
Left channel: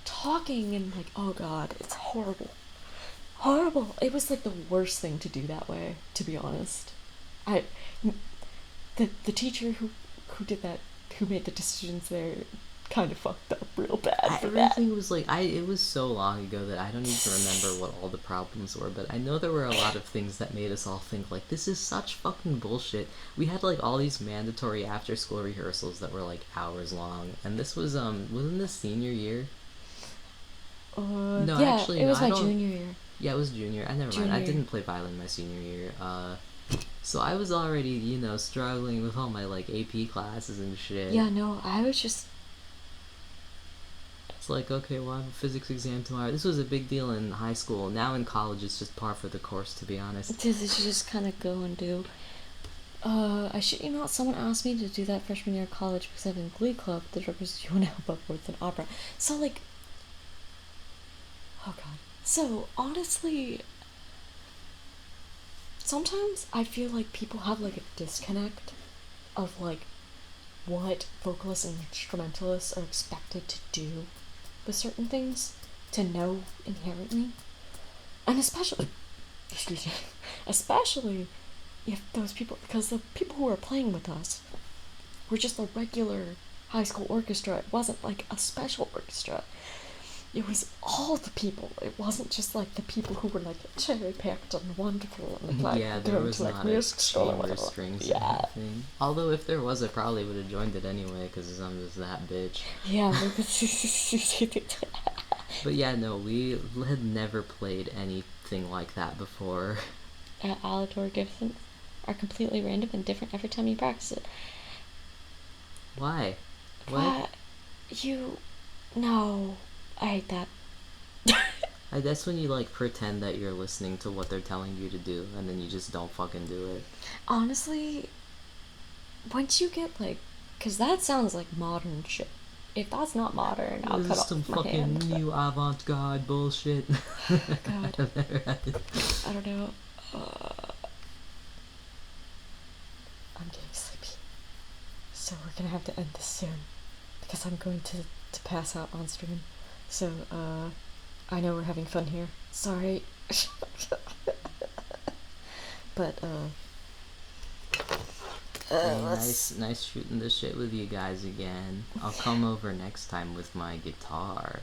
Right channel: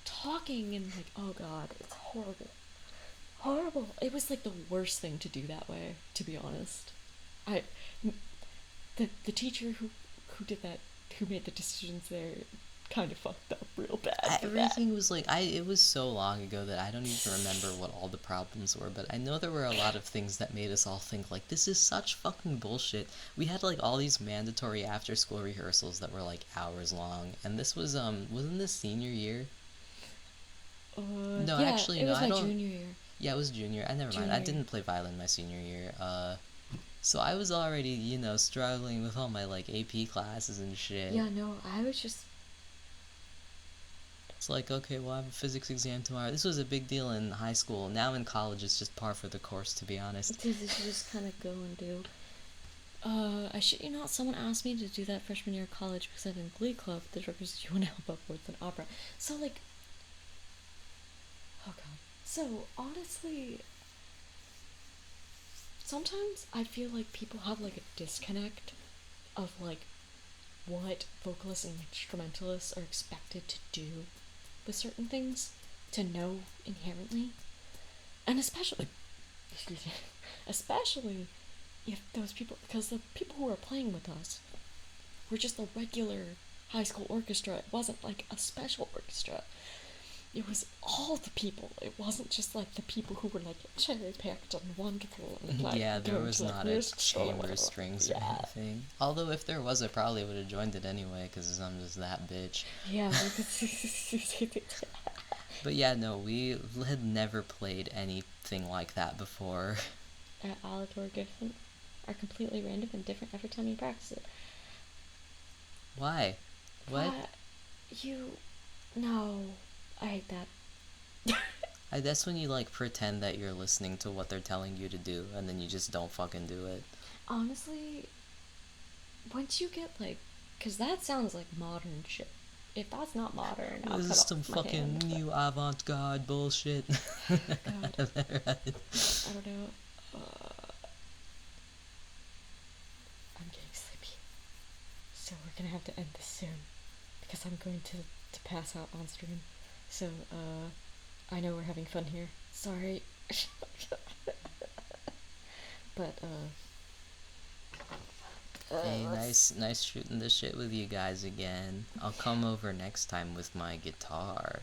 Talking and like, oh god, it's horrible. It was like the worst thing to do that way, to be honest. The teacher who did that, who made the decisions there, kind of fucked up real bad for that. Everything was like, it was so long ago that I don't even remember what all the problems were, but I know there were a lot of things that made us all think like, this is such fucking bullshit. We had like all these mandatory after school rehearsals that were like hours long, and this was wasn't this senior year? No, Yeah, actually, it was no, my junior year. Yeah, it was junior. I never mind. I didn't play violin my senior year. So I was already, struggling with all my like AP classes and shit. Yeah, no, I was just. It's like, okay, well, I have a physics exam tomorrow. This was a big deal in high school. Now in college, it's just par for the course, to be honest. You should just kind of go and do. I shit you not, someone asked me to do that freshman year of college because I have a Glee Club that represents you want to help out with an opera. So, like. Oh god. So, honestly. Sometimes I feel like people have like a disconnect of like what vocalists and instrumentalists are expected to do with certain things, to know inherently. And especially if those people, because the people who are playing with us were just a regular high school orchestra. It wasn't like a special orchestra. It was all the people. It wasn't just like the people who were like cherry picked and wonderful and like Yeah, there was like, not a chamber strings or anything. Although if there was, I probably would have joined it anyway because I'm just that bitch. Yeah. But yeah, no, we had never played anything like that before. Alator gifts are completely random and different every time you practice it. Why? What? No. I hate that. That's when you like pretend that you're listening to what they're telling you to do, and then you just don't fucking do it. Honestly, once you get like, cause that sounds like modern shit. If that's not modern, I'll cut off some my fucking hand. new avant-garde bullshit. God. I don't know. I'm getting sleepy, so we're gonna have to end this soon because I'm going to pass out on stream. So, I know we're having fun here. Sorry. But, hey, nice shooting the shit with you guys again. I'll come over next time with my guitar.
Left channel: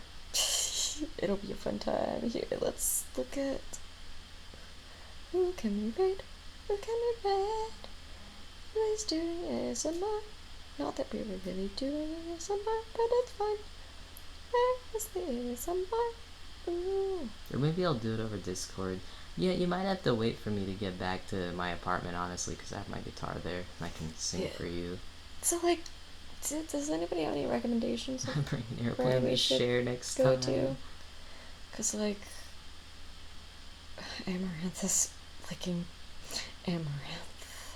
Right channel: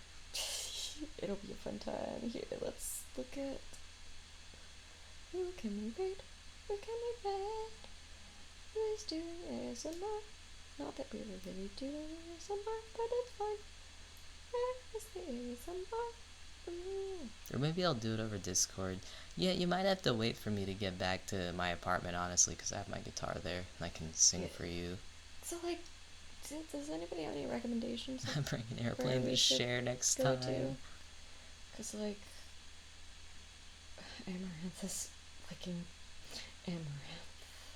It'll be a fun time. Here, let's look at... Who can we raid? Who can we raid? Who's doing ASMR? Not that we were really doing ASMR, but it's fine. Where is the ASMR? Ooh. Or maybe I'll do it over Discord. Yeah, you might have to wait for me to get back to my apartment, honestly, because I have my guitar there, and I can sing for you. So, like, does anybody have any recommendations? Bring an airplane to share next go time. to? Because, like, Amaranth is licking Amaranth.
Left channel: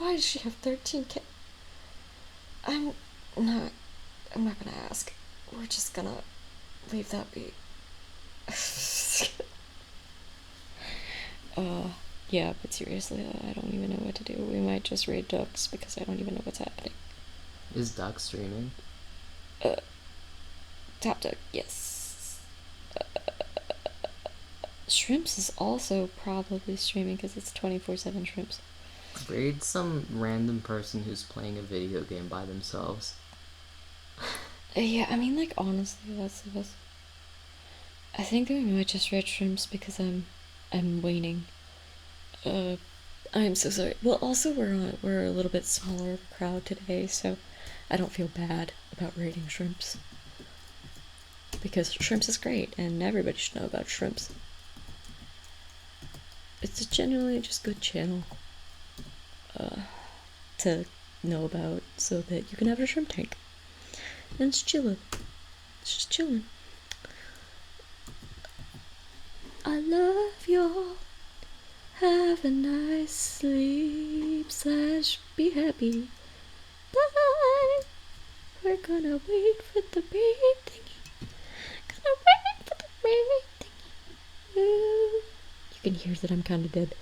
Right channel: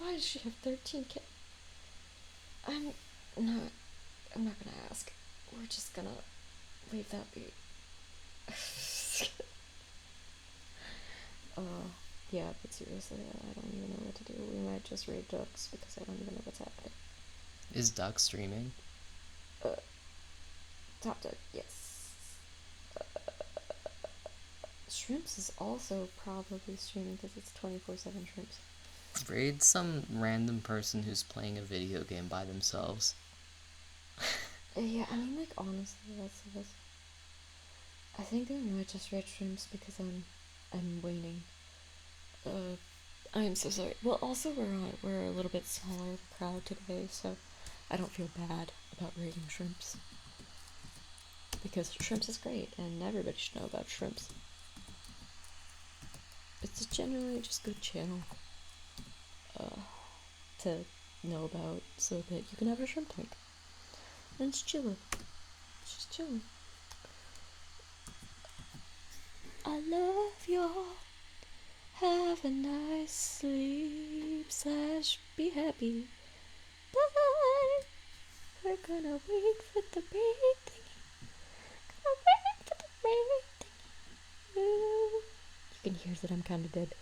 Why does she have 13 kids? I'm not gonna ask. We're just gonna leave that be. Yeah, but seriously, I don't even know what to do. We might just raid ducks because I don't even know what's happening. Is Duck streaming? Top duck, yes. Shrimps is also probably streaming because it's 24/7 Shrimps. Raid some random person who's playing a video game by themselves. Yeah, I mean, like, honestly, that's the best. I think we might just raid Shrimps because I'm waning. I'm so sorry. Well, also we're a little bit smaller of a crowd today, so I don't feel bad about raiding Shrimps. Because Shrimps is great, and everybody should know about Shrimps. It's a genuinely just good channel to know about so that you can have a shrimp tank. And it's chillin'. It's just chillin'. I love y'all. Have a nice sleep / be happy. Bye. We're gonna wait for the rain thingy. Gonna wait for the rain thingy. You can hear that I'm kind of dead.